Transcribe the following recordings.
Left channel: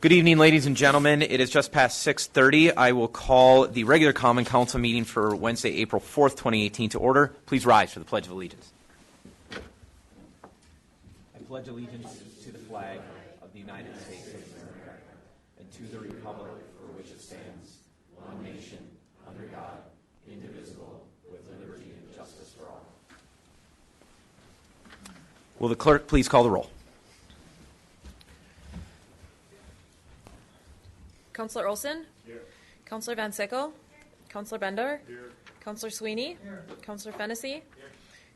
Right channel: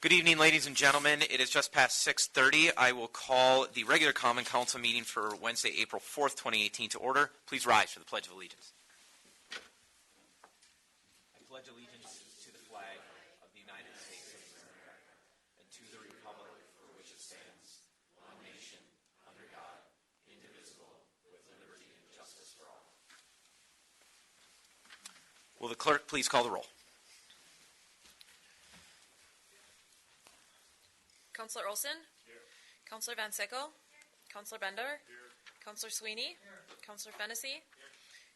Good evening, ladies and gentlemen. It is just past 6:30. I will call the regular Common Council meeting for Wednesday, April 4th, 2018 to order. Please rise for the Pledge of Allegiance. I pledge allegiance to the flag of the United States of America and to the republic for which it stands, one nation, under God, indivisible, with liberty and justice for all. Will the clerk please call the roll? Councillor Olson? Here. Councillor Van Sickle? Here. Councillor Bender? Here. Councillor Sweeney? Here. Councillor Fennessy? Here.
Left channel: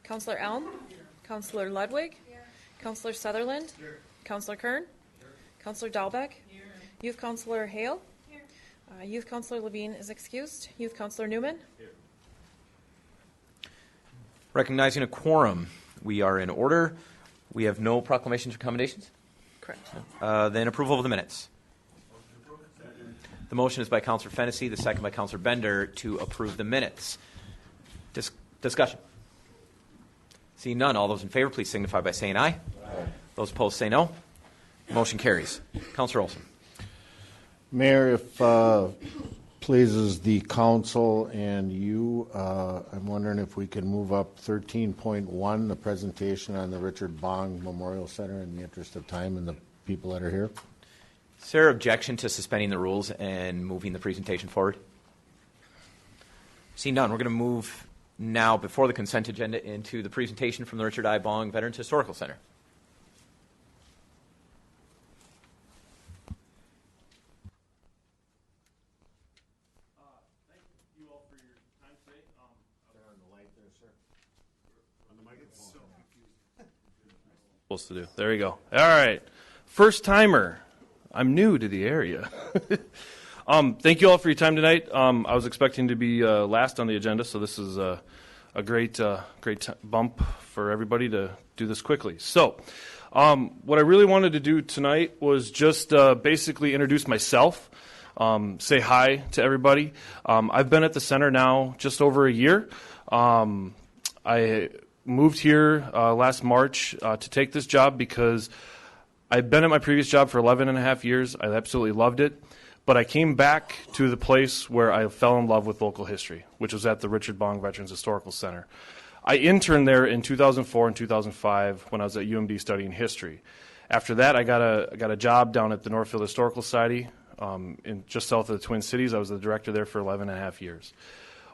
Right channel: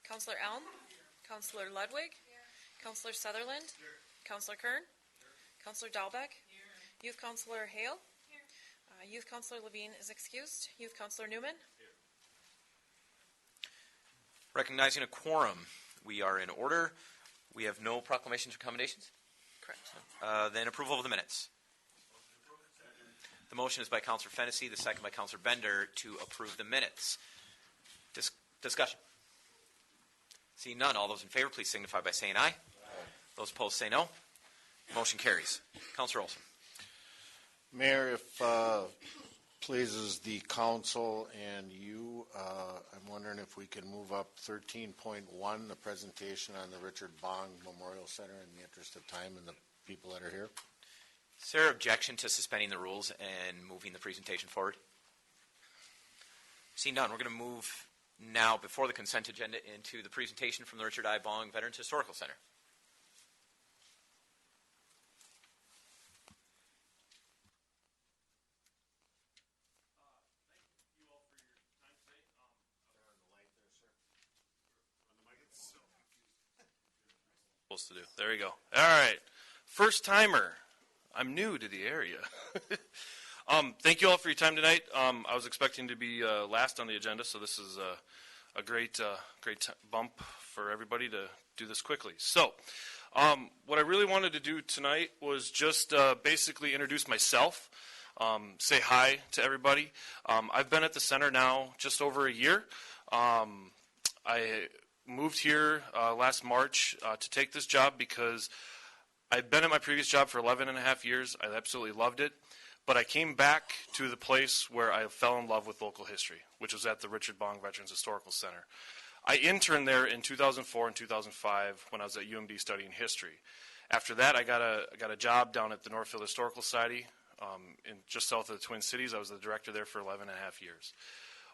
Councillor Elm? Here. Councillor Ludwig? Here. Councillor Sutherland? Here. Councillor Kern? Here. Councillor Dahlbeck? Here. Youth Councillor Hale? Here. Youth Councillor Levine is excused. Youth Councillor Newman? Here. Recognizing a quorum, we are in order. We have no proclamations or commendations? Correct. Then approval of the minutes. The motion is by Councillor Fennessy, the second by Councillor Bender to approve the minutes. Discussion. Seeing none, all those in favor, please signify by saying aye. Aye. Those opposed say no. Motion carries. Councillor Olson. Mayor, if pleases the council and you, I'm wondering if we can move up 13.1, the presentation on the Richard Bong Memorial Center, in the interest of time and the people that are here. Is there objection to suspending the rules and moving the presentation forward? Seeing none, we're going to move now before the consent agenda into the presentation from the Richard I. Bong Veterans Historical Center. Thank you all for your time today. They're on the light there, sir. On the mic, it's so confusing. Supposed to do. There you go. All right. First timer. I'm new to the area. Thank you all for your time tonight. I was expecting to be last on the agenda, so this is a great bump for everybody to do this quickly. So what I really wanted to do tonight was just basically introduce myself, say hi to everybody. I've been at the center now just over a year. I moved here last March to take this job because I'd been at my previous job for 11 and a half years. I absolutely loved it. But I came back to the place where I fell in love with local history, which was at the Richard Bong Veterans Historical Center. I interned there in 2004 and 2005 when I was at UMD studying history. After that, I got a job down at the Northfield Historical Society just south of the Twin Cities. I was the director there for 11 and a half years.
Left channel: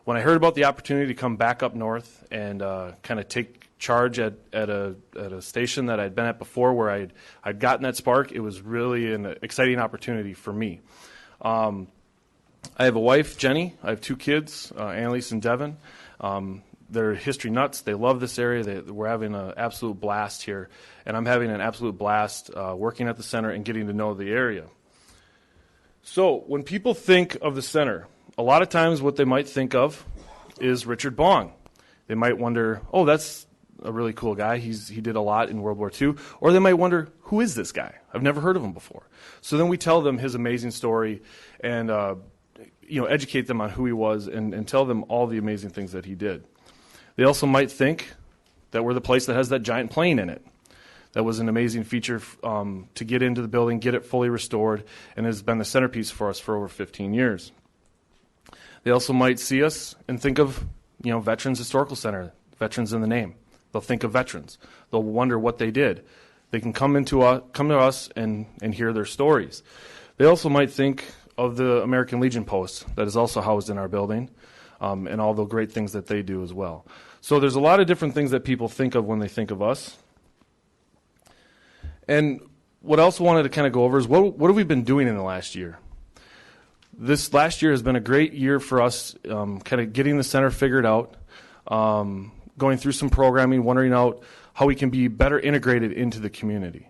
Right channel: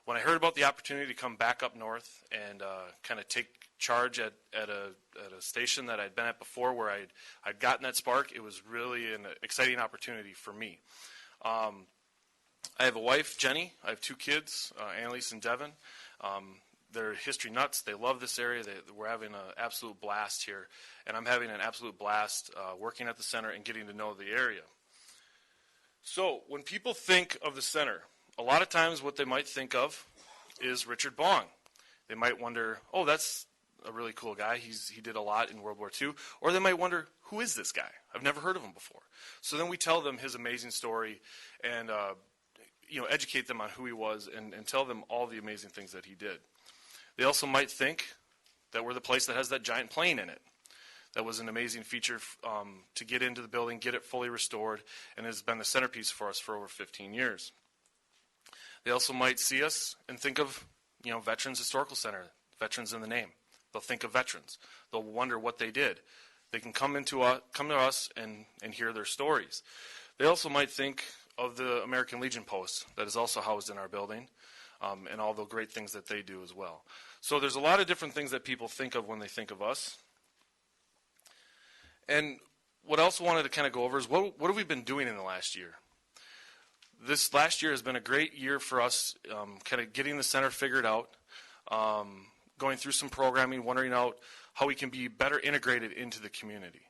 When I heard about the opportunity to come back up north and kind of take charge at a station that I'd been at before where I'd gotten that spark, it was really an exciting opportunity for me. I have a wife, Jenny. I have two kids, Annalise and Devin. They're history nuts. They love this area. We're having an absolute blast here, and I'm having an absolute blast working at the center and getting to know the area. So when people think of the center, a lot of times what they might think of is Richard Bong. They might wonder, oh, that's a really cool guy. He did a lot in World War II. Or they might wonder, who is this guy? I've never heard of him before. So then we tell them his amazing story and educate them on who he was and tell them all the amazing things that he did. They also might think that we're the place that has that giant plane in it. That was an amazing feature to get into the building, get it fully restored, and has been the centerpiece for us for over 15 years. They also might see us and think of, Veterans Historical Center, veterans in the name. They'll think of veterans. They'll wonder what they did. They can come to us and hear their stories. They also might think of the American Legion Post that is also housed in our building and all the great things that they do as well. So there's a lot of different things that people think of when they think of us. And what I also wanted to kind of go over is what have we been doing in the last year? This last year has been a great year for us, kind of getting the center figured out, going through some programming, wondering out how we can be better integrated into the community.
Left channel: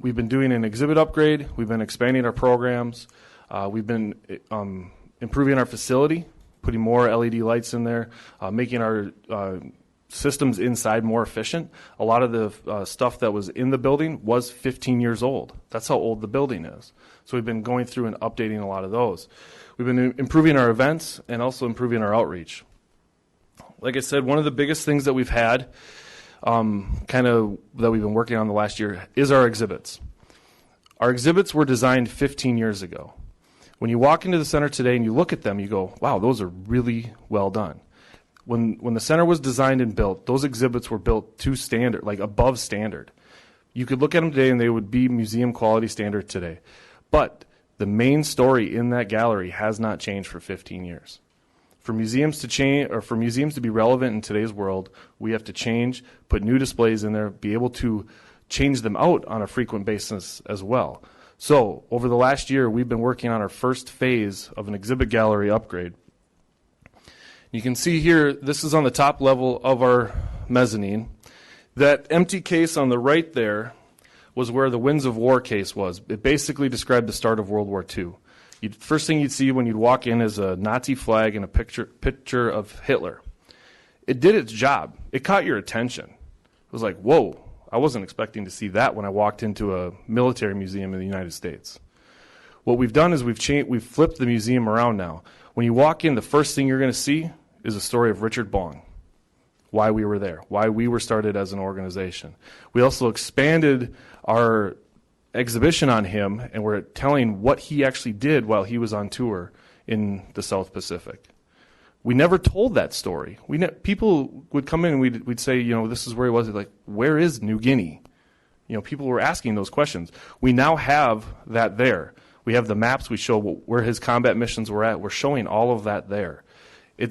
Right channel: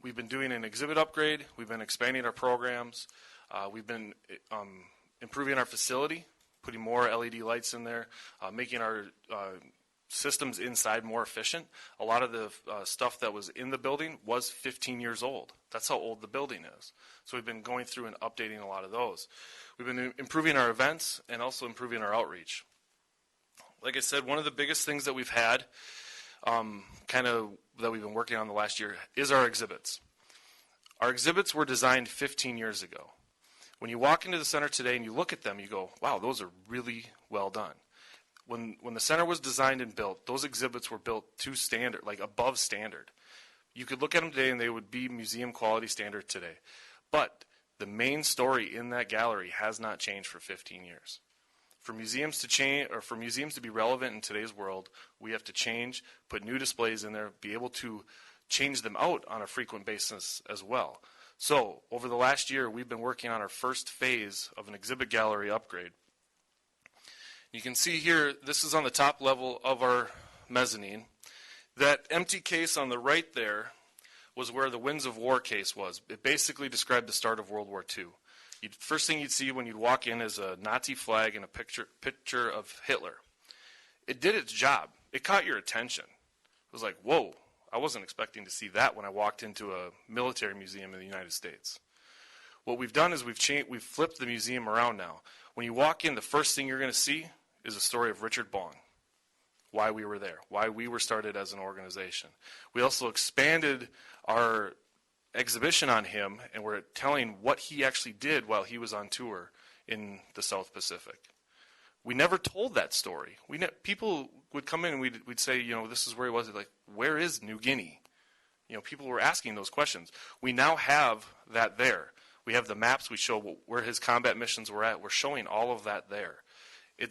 We've been doing an exhibit upgrade. We've been expanding our programs. We've been improving our facility, putting more LED lights in there, making our systems inside more efficient. A lot of the stuff that was in the building was 15 years old. That's how old the building is. So we've been going through and updating a lot of those. We've been improving our events and also improving our outreach. Like I said, one of the biggest things that we've had, that we've been working on the last year, is our exhibits. Our exhibits were designed 15 years ago. When you walk into the center today and you look at them, you go, wow, those are really well done. When the center was designed and built, those exhibits were built to standard, like above standard. You could look at them today and they would be museum quality standard today. But the main story in that gallery has not changed for 15 years. For museums to change, or for museums to be relevant in today's world, we have to change, put new displays in there, be able to change them out on a frequent basis as well. So over the last year, we've been working on our first phase of an exhibit gallery upgrade. You can see here, this is on the top level of our mezzanine. That empty case on the right there was where the Winds of War case was. It basically described the start of World War II. First thing you'd see when you'd walk in is a Nazi flag and a picture of Hitler. It did its job. It caught your attention. It was like, whoa, I wasn't expecting to see that when I walked into a military museum in the United States. What we've done is we've flipped the museum around now. When you walk in, the first thing you're going to see is a story of Richard Bong, why we were there, why we were started as an organization. We also expanded our exhibition on him, and we're telling what he actually did while he was on tour in the South Pacific. We never told that story. People would come in and we'd say, this is where he was. Like, where is New Guinea? People were asking those questions. We now have that there. We have the maps. We show where his combat missions were at. We're showing all of that there.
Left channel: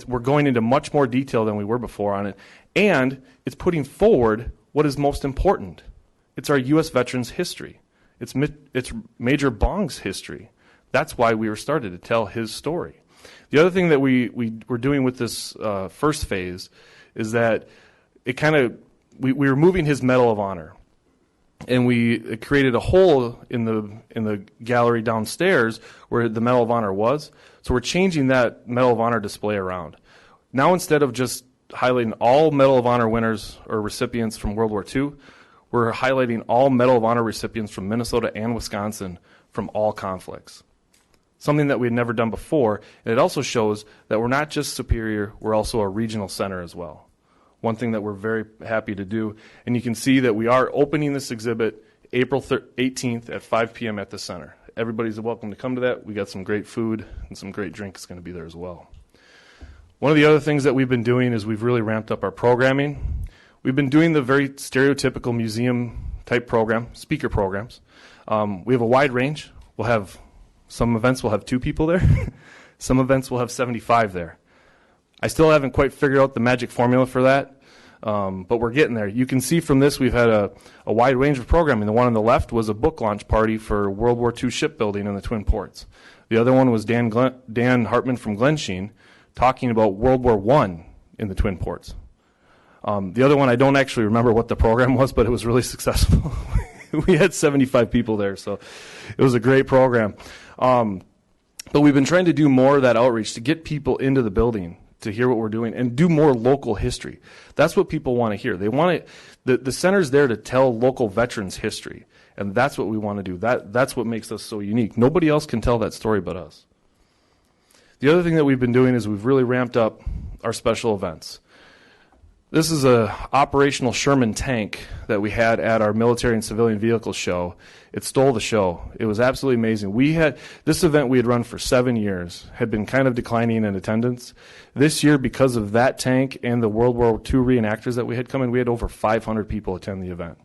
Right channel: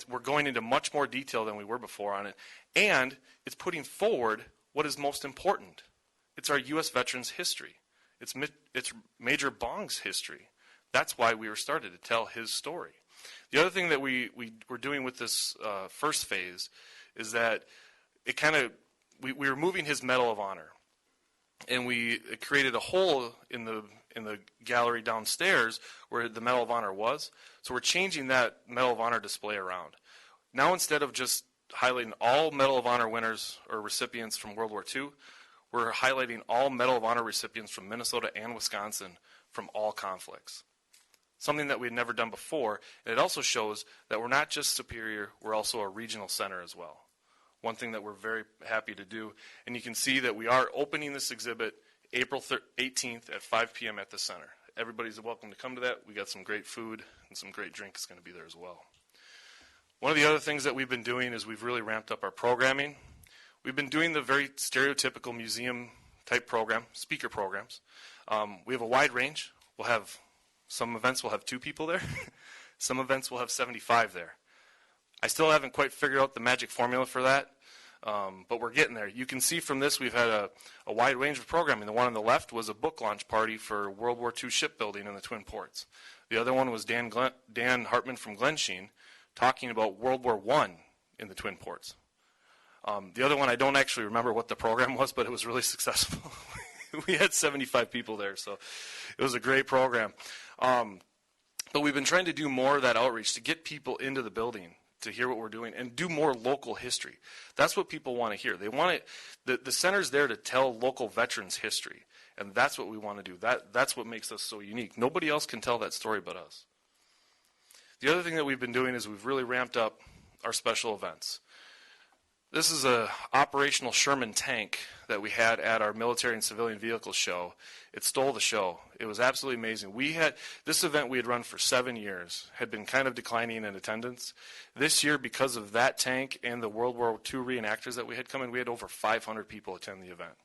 We're going into much more detail than we were before on it, and it's putting forward what is most important. It's our U.S. veterans' history. It's Major Bong's history. That's why we were started, to tell his story. The other thing that we were doing with this first phase is that we were moving his Medal of Honor, and we created a hole in the gallery downstairs where the Medal of Honor was. So we're changing that Medal of Honor display around. Now, instead of just highlighting all Medal of Honor winners or recipients from World War II, we're highlighting all Medal of Honor recipients from Minnesota and Wisconsin from all conflicts. Something that we had never done before. And it also shows that we're not just Superior, we're also a regional center as well. One thing that we're very happy to do. And you can see that we are opening this exhibit April 18th at 5 p.m. at the center. Everybody's welcome to come to that. We got some great food and some great drinks going to be there as well. One of the other things that we've been doing is we've really ramped up our programming. We've been doing the very stereotypical museum-type program, speaker programs. We have a wide range. Some events will have 2 people there. Some events will have 75 there. I still haven't quite figured out the magic formula for that, but we're getting there. You can see from this we've had a wide range of programming. The one on the left was a book launch party for World War II shipbuilding in the Twin Ports. The other one was Dan Hartman from Glensheen talking about World War I in the Twin Ports. The other one, I don't actually remember what the program was, but it was really successful. We had 75 people there, so it was a great program. But we've been trying to do more of that outreach to get people into the building to hear what we're doing and do more local history. That's what people want to hear. They want the center's there to tell local veterans' history, and that's what we want to do. That's what makes us so unique. Nobody else can tell that story but us. The other thing that we've been doing is we've really ramped up our special events. This is a operational Sherman tank that we had at our military and civilian vehicle show. It stole the show. It was absolutely amazing. This event we had run for 7 years, had been kind of declining in attendance. This year, because of that tank and the World War II reenactors that we had come in, we had over 500 people attend the event.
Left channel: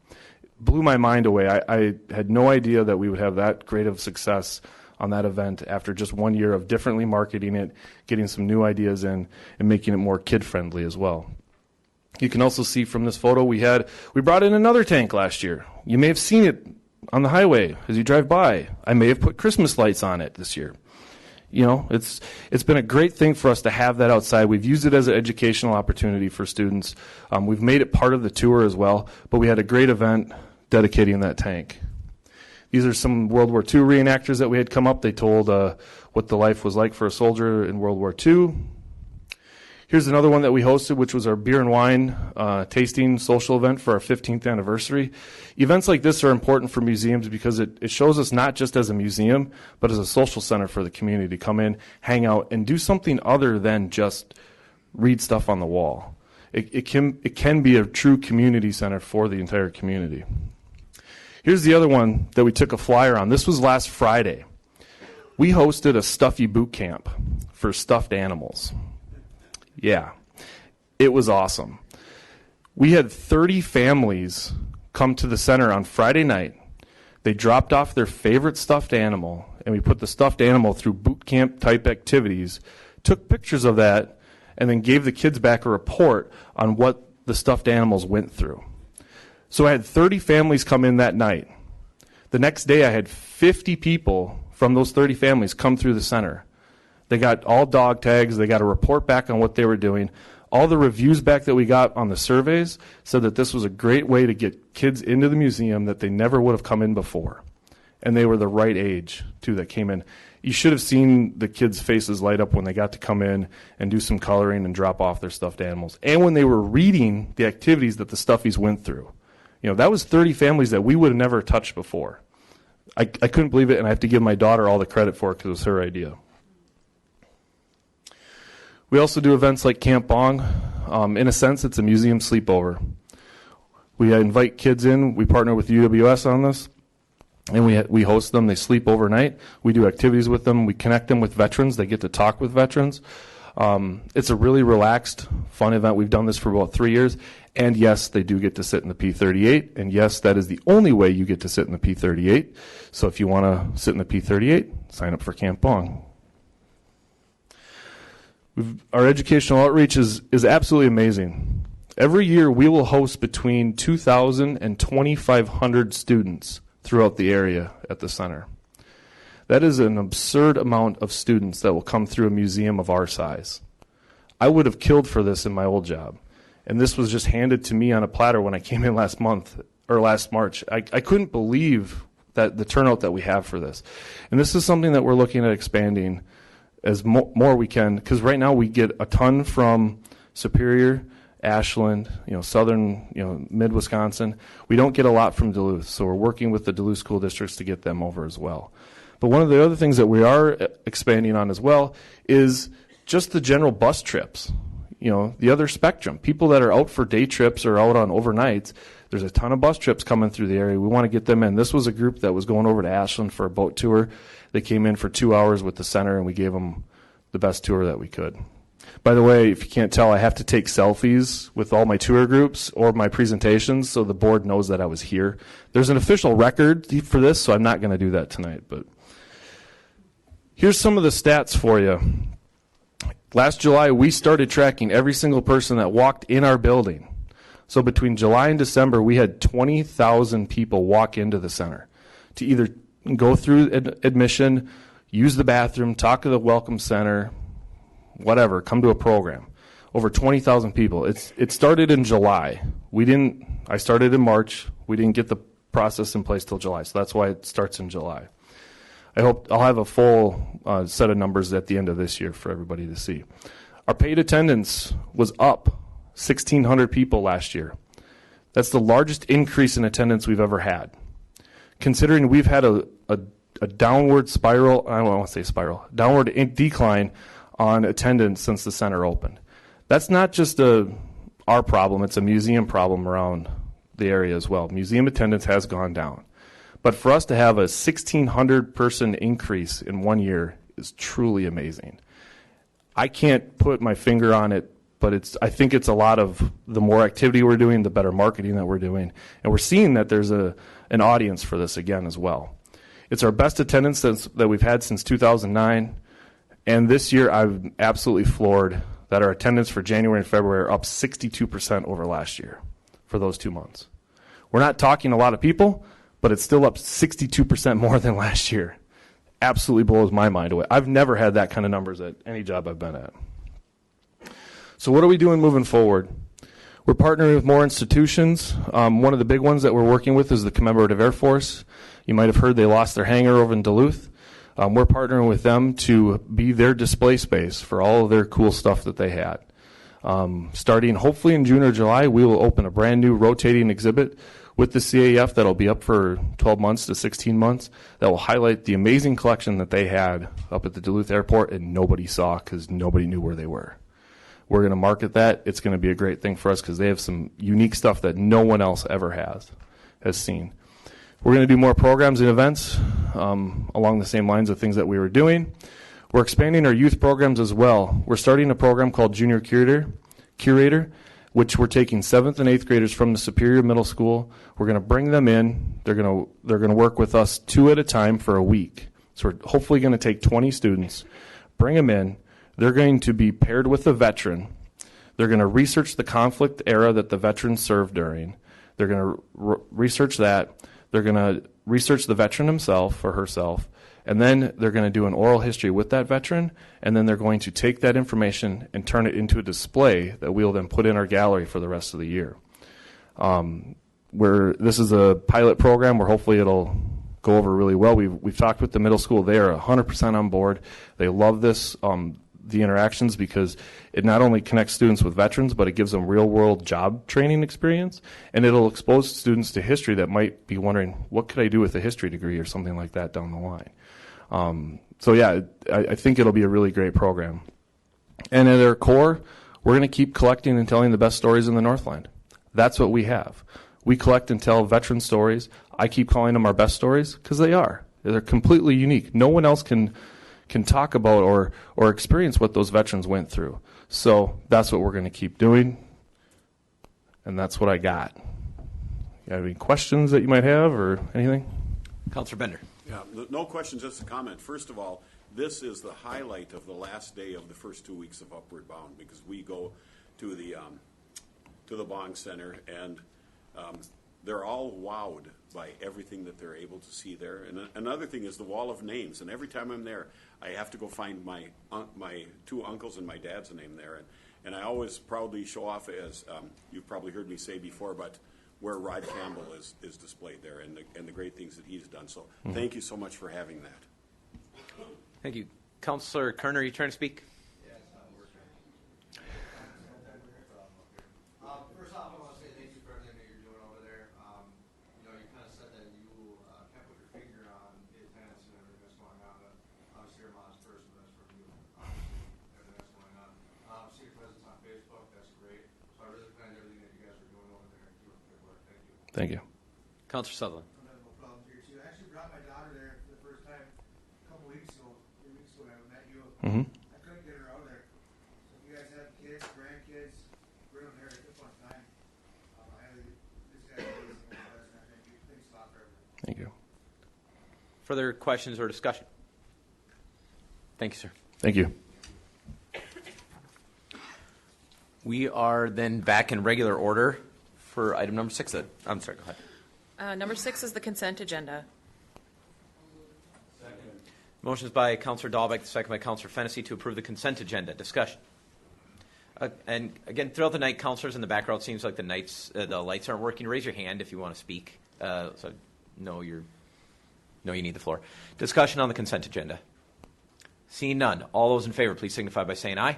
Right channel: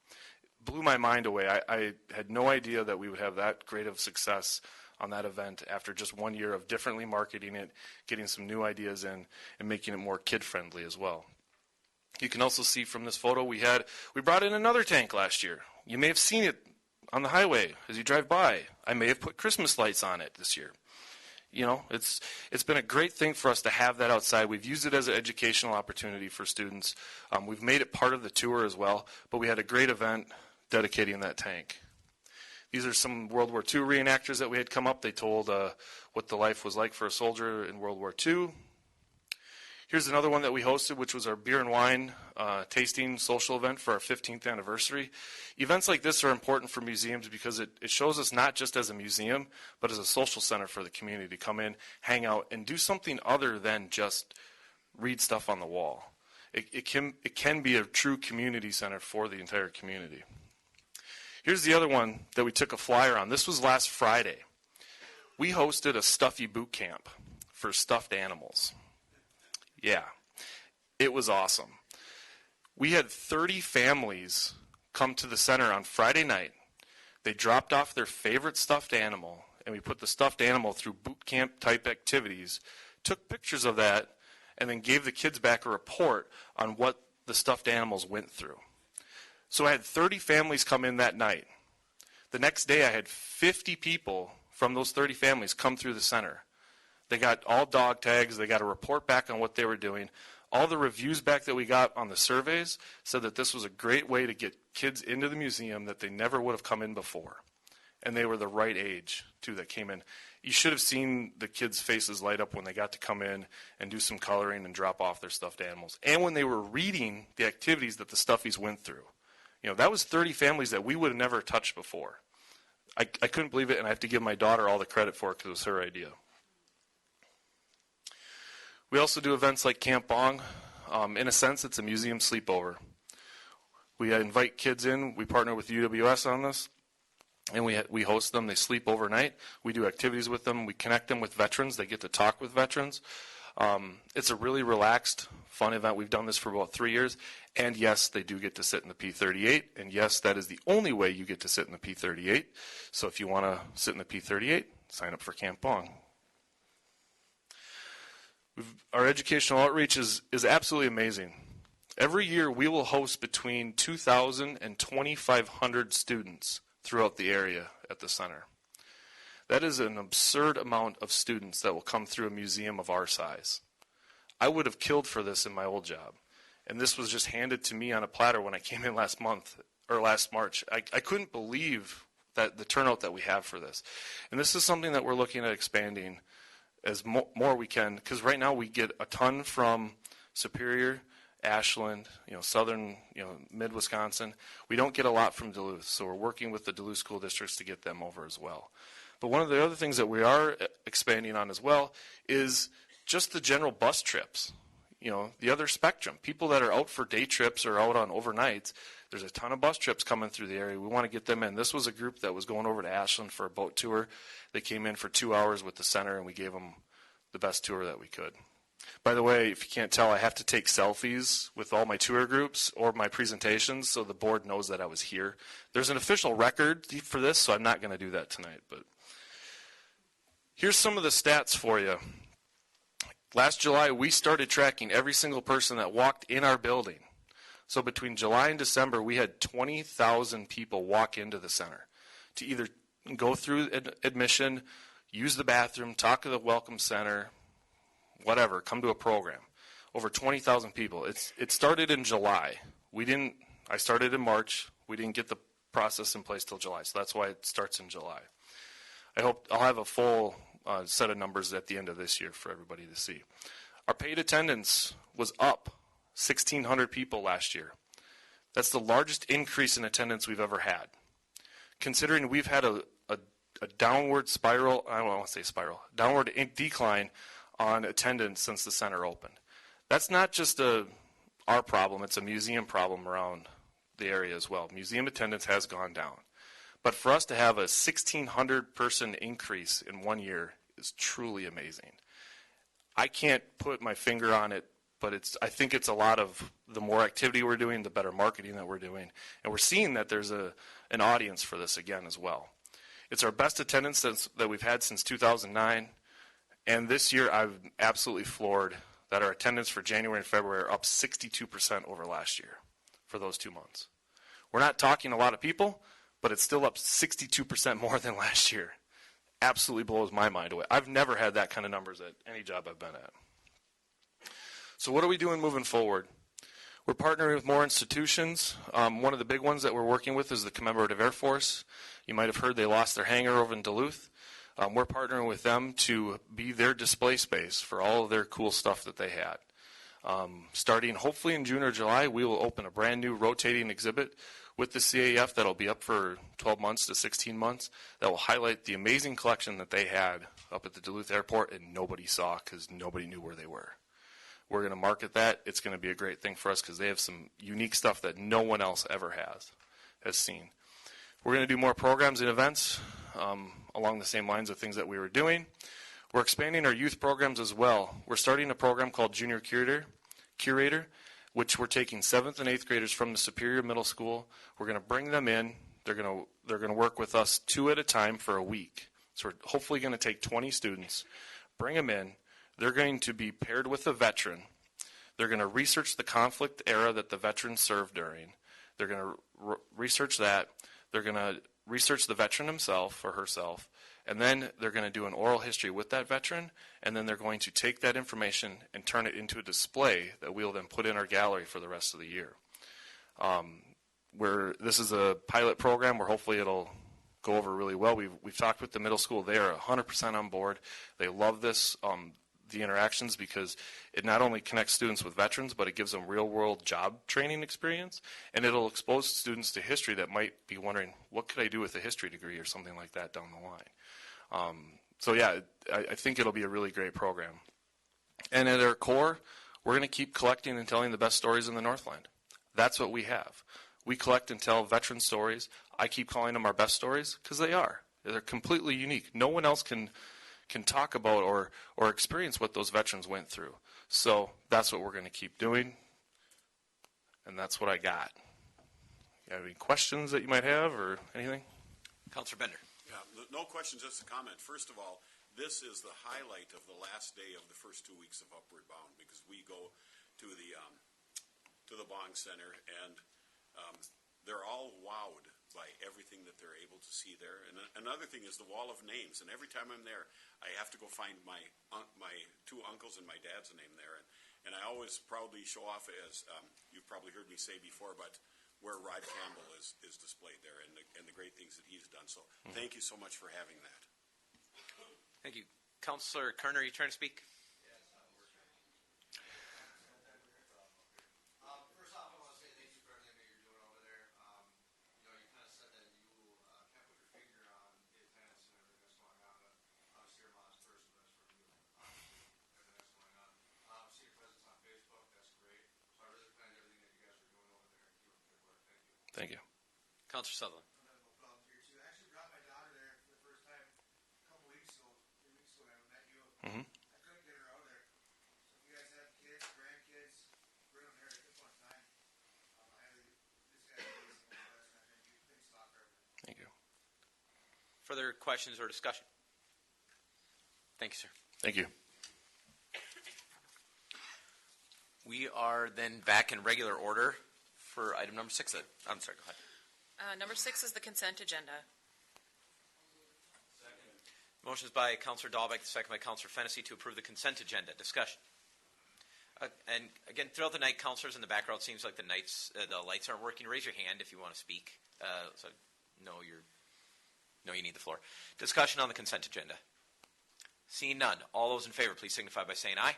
It blew my mind away. I had no idea that we would have that great of success on that event after just 1 year of differently marketing it, getting some new ideas in, and making it more kid-friendly as well. You can also see from this photo we brought in another tank last year. You may have seen it on the highway as you drive by. I may have put Christmas lights on it this year. It's been a great thing for us to have that outside. We've used it as an educational opportunity for students. We've made it part of the tour as well, but we had a great event dedicating that tank. These are some World War II reenactors that we had come up. They told what the life was like for a soldier in World War II. Here's another one that we hosted, which was our beer and wine tasting social event for our 15th anniversary. Events like this are important for museums because it shows us not just as a museum, but as a social center for the community to come in, hang out, and do something other than just read stuff on the wall. It can be a true community center for the entire community. Here's the other one that we took a flyer on. This was last Friday. We hosted a stuffy boot camp for stuffed animals. Yeah, it was awesome. We had 30 families come to the center on Friday night. They dropped off their favorite stuffed animal, and we put the stuffed animal through boot camp type activities, took pictures of that, and then gave the kids back a report on what the stuffed animals went through. So I had 30 families come in that night. The next day I had 50 people from those 30 families come through the center. They got all dog tags. They got a report back on what they were doing. All the reviews back that we got on the surveys said that this was a great way to get kids into the museum that they never would have come in before. And they were the right age, too, that came in. You should have seen the kids' faces light up when they got to come in and do some coloring and drop off their stuffed animals. And when they were reading the activities that the stuffies went through. You know, that was 30 families that we would have never touched before. I couldn't believe it, and I have to give my daughter all the credit for it because it was her idea. We also do events like Camp Bong. In a sense, it's a museum sleepover. We invite kids in. We partner with UWS on this, and we host them. They sleep overnight. We do activities with them. We connect them with veterans. They get to talk with veterans. It's a really relaxed, fun event. We've done this for about 3 years. And yes, they do get to sit in the P-38. And yes, that is the only way you get to sit in the P-38. So if you want to sit in the P-38, sign up for Camp Bong. Our educational outreach is absolutely amazing. Every year we will host between 2,000 and 2,500 students throughout the area at the center. That is an absurd amount of students that will come through a museum of our size. I would have killed for this in my old job. And this was just handed to me on a platter when I came in last March. I couldn't believe that the turnout that we have for this. And this is something that we're looking at expanding as more we can, because right now we get a ton from Superior, Ashland, southern, mid-Wisconsin. We don't get a lot from Duluth, so we're working with the Duluth school districts to get them over as well. But one of the other things that we are expanding on as well is just the general bus trips. The other spectrum. People that are out for day trips or out on overnights, there's a ton of bus trips coming through the area. We want to get them in. This was a group that was going over to Ashland for a boat tour. They came in for 2 hours with the center, and we gave them the best tour that we could. By the way, if you can't tell, I have to take selfies with all my tour groups or my presentations so the board knows that I was here. There's an official record for this, so I'm not going to do that tonight. But here's some of the stats for you. Last July, we started tracking every single person that walked in our building. So between July and December, we had 20,000 people walk into the center to either go through admission, use the bathroom, talk to the welcome center, whatever, come to a program. Over 20,000 people. It started in July. I started in March. We didn't get the process in place till July, so that's why it starts in July. I hope I'll have a full set of numbers at the end of this year for everybody to see. Our paid attendance was up 1,600 people last year. That's the largest increase in attendance we've ever had. Considering we've had a downward spiral, I don't want to say spiral, downward decline on attendance since the center opened. That's not just our problem, it's a museum problem around the area as well. Museum attendance has gone down. But for us to have a 1,600 person increase in 1 year is truly amazing. I can't put my finger on it, but I think it's a lot of the more activity we're doing, the better marketing that we're doing. And we're seeing that there's an audience for this again as well. It's our best attendance that we've had since 2009. And this year I'm absolutely floored that our attendance for January and February are up 62% over last year for those 2 months. We're not talking a lot of people, but it's still up 62% more than last year. Absolutely blows my mind away. I've never had that kind of numbers at any job I've been at. So what are we doing moving forward? We're partnering with more institutions. One of the big ones that we're working with is the Commemorative Air Force. You might have heard they lost their hangar over in Duluth. We're partnering with them to be their display space for all of their cool stuff that they had. Starting hopefully in June or July, we will open a brand new rotating exhibit with the CAF that'll be up for 12 months to 16 months that will highlight the amazing collection that they had up at the Duluth airport and nobody saw because nobody knew where they were. We're going to market that. It's going to be a great thing for us because they have some unique stuff that no one else ever has seen. We're going to do more programs and events along the same lines of things that we were doing. We're expanding our youth programs as well. We're starting a program called Junior Curator, which we're taking 7th and 8th graders from the Superior Middle School. We're going to bring them in. They're going to work with us 2 at a time for a week. So we're hopefully going to take 20 students, bring them in. They're going to be paired with a veteran. They're going to research the conflict era that the veterans served during. They're going to research that. They're going to research the veteran himself or herself. And then they're going to do an oral history with that veteran, and then they're going to take that information and turn it into a display that we'll then put in our gallery for the rest of the year. This is a pilot program where hopefully it'll go over really well. We've talked with the middle school. They are 100% on board. They love this, the interactions, because it not only connects students with veterans, but it gives them real-world job training experience, and it'll expose students to history that might be wondering, what could I do with a history degree or something like that down the line. So yeah, I think it'll be a really great program. And at our core, we're going to keep collecting and telling the best stories in the Northland. That's what we have. We collect and tell veteran stories. I keep calling them our best stories because they are. They're completely unique. No one else can talk about or experience what those veterans went through. So that's what we're going to keep doing. And that's what I got. You have any questions that you might have or anything? Councilor Bender. Yeah, no question, just a comment. First of all, this is the highlight of the last day of the first 2 weeks of Upward Bound, because we go to the Bong Center, and they're all wowed by everything that they're able to see there. And another thing is the wall of names, and every time I'm there, I have to go find my 2 uncles and my dad's name there, and I always proudly show off, as you've probably heard me say before, but where Rod Campbell is displayed there, and the great things that he's done. So thank you so much for having that. Thank you. Councilor Kerner, are you trying to speak? First off, I want to say thank you for everything that you're doing over there. You kind of said that you can't put your finger on the attendance and everything that's going on. Obviously, you're a modest person, but that's from you. Everything that's going on. See your presence on Facebook. That's great. So I really commend everything that you guys are doing over there. Keep up the good work. Thank you. Thank you. Councilor Sutherland. I don't have no problem here too. I actually brought my daughter there for the first time a couple weeks ago, 3 weeks ago. I met you. Mm-hmm. I couldn't get her out there. So if you guys have kids, grandkids, bring them here. It's a fun time. This guy's amazing. Thank you. Thanks a lot for everything. Thank you. Further questions or discussion? Thank you, sir. Thank you. We are then back in regular order for item number 6. I'm sorry, go ahead. Number 6 is the consent agenda. Motion is by Councilor Dahlbeck, second by Councilor Fennessy to approve the consent agenda. Discussion. And again, throughout the night, councilors in the background, it seems like the lights aren't working. Raise your hand if you want to speak. So no, you need the floor. Discussion on the consent agenda. Seeing none, all those in favor, please signify by saying aye. Aye.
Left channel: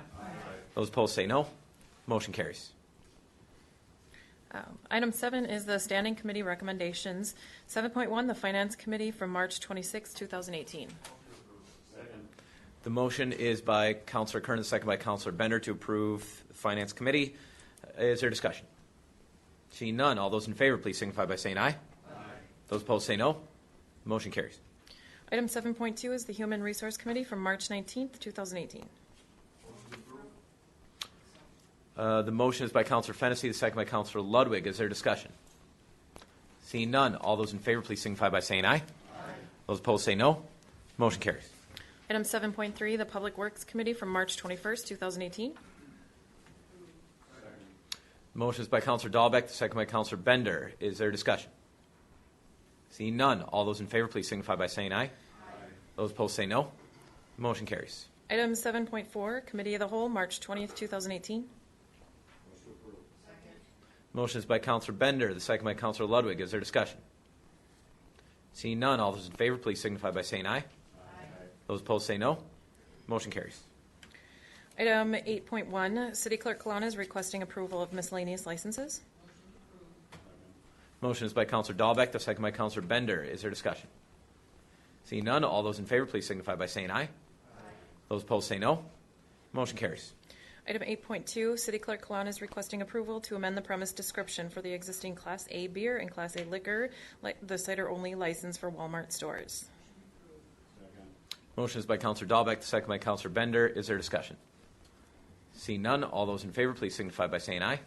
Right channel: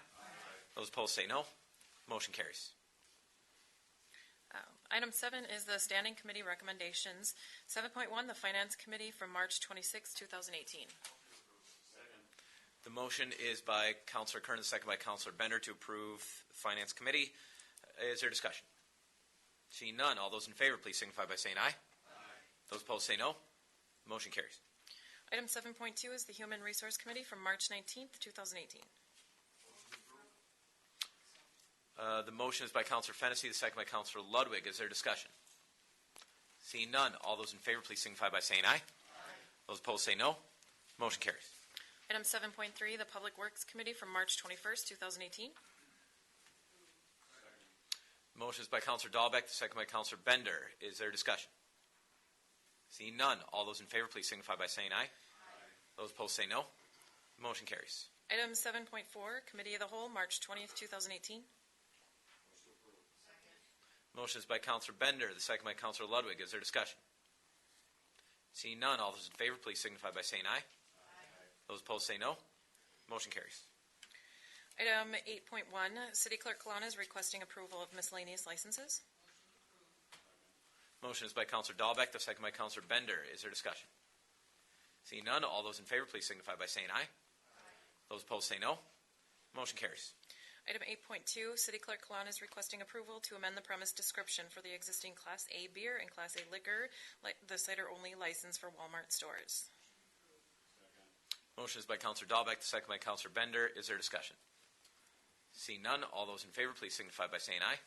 Those opposed say no. Motion carries. Item 7 is the standing committee recommendations. 7.1, the Finance Committee from March 26, 2018. The motion is by Councilor Kern, second by Councilor Bender to approve the Finance Committee. Is there discussion? Seeing none, all those in favor, please signify by saying aye. Aye. Those opposed say no. Motion carries. Item 7.2 is the Human Resource Committee from March 19, 2018. The motion is by Councilor Fennessy, the second by Councilor Ludwig. Is there discussion? Seeing none, all those in favor, please signify by saying aye. Aye. Those opposed say no. Motion carries. Item 7.3, the Public Works Committee from March 21, 2018. Motion is by Councilor Dahlbeck, the second by Councilor Bender. Is there discussion? Seeing none, all those in favor, please signify by saying aye. Aye. Those opposed say no. Motion carries. Item 7.4, Committee of the Whole, March 20th, 2018. Motion is by Councilor Bender, the second by Councilor Ludwig. Is there discussion? Seeing none, all those in favor, please signify by saying aye. Aye. Those opposed say no. Motion carries. Item 8.1, City Clerk Kalana is requesting approval of miscellaneous licenses. Motion is by Councilor Dahlbeck, the second by Councilor Bender. Is there discussion? Seeing none, all those in favor, please signify by saying aye. Aye. Those opposed say no. Motion carries. Item 8.2, City Clerk Kalana is requesting approval to amend the premise description for the existing Class A beer and Class A liquor, the cider-only license for Walmart stores. Motion is by Counselor Dahlbeck, the second by Counselor Bender. Is there discussion? Seeing none, all those in favor, please signify by saying aye.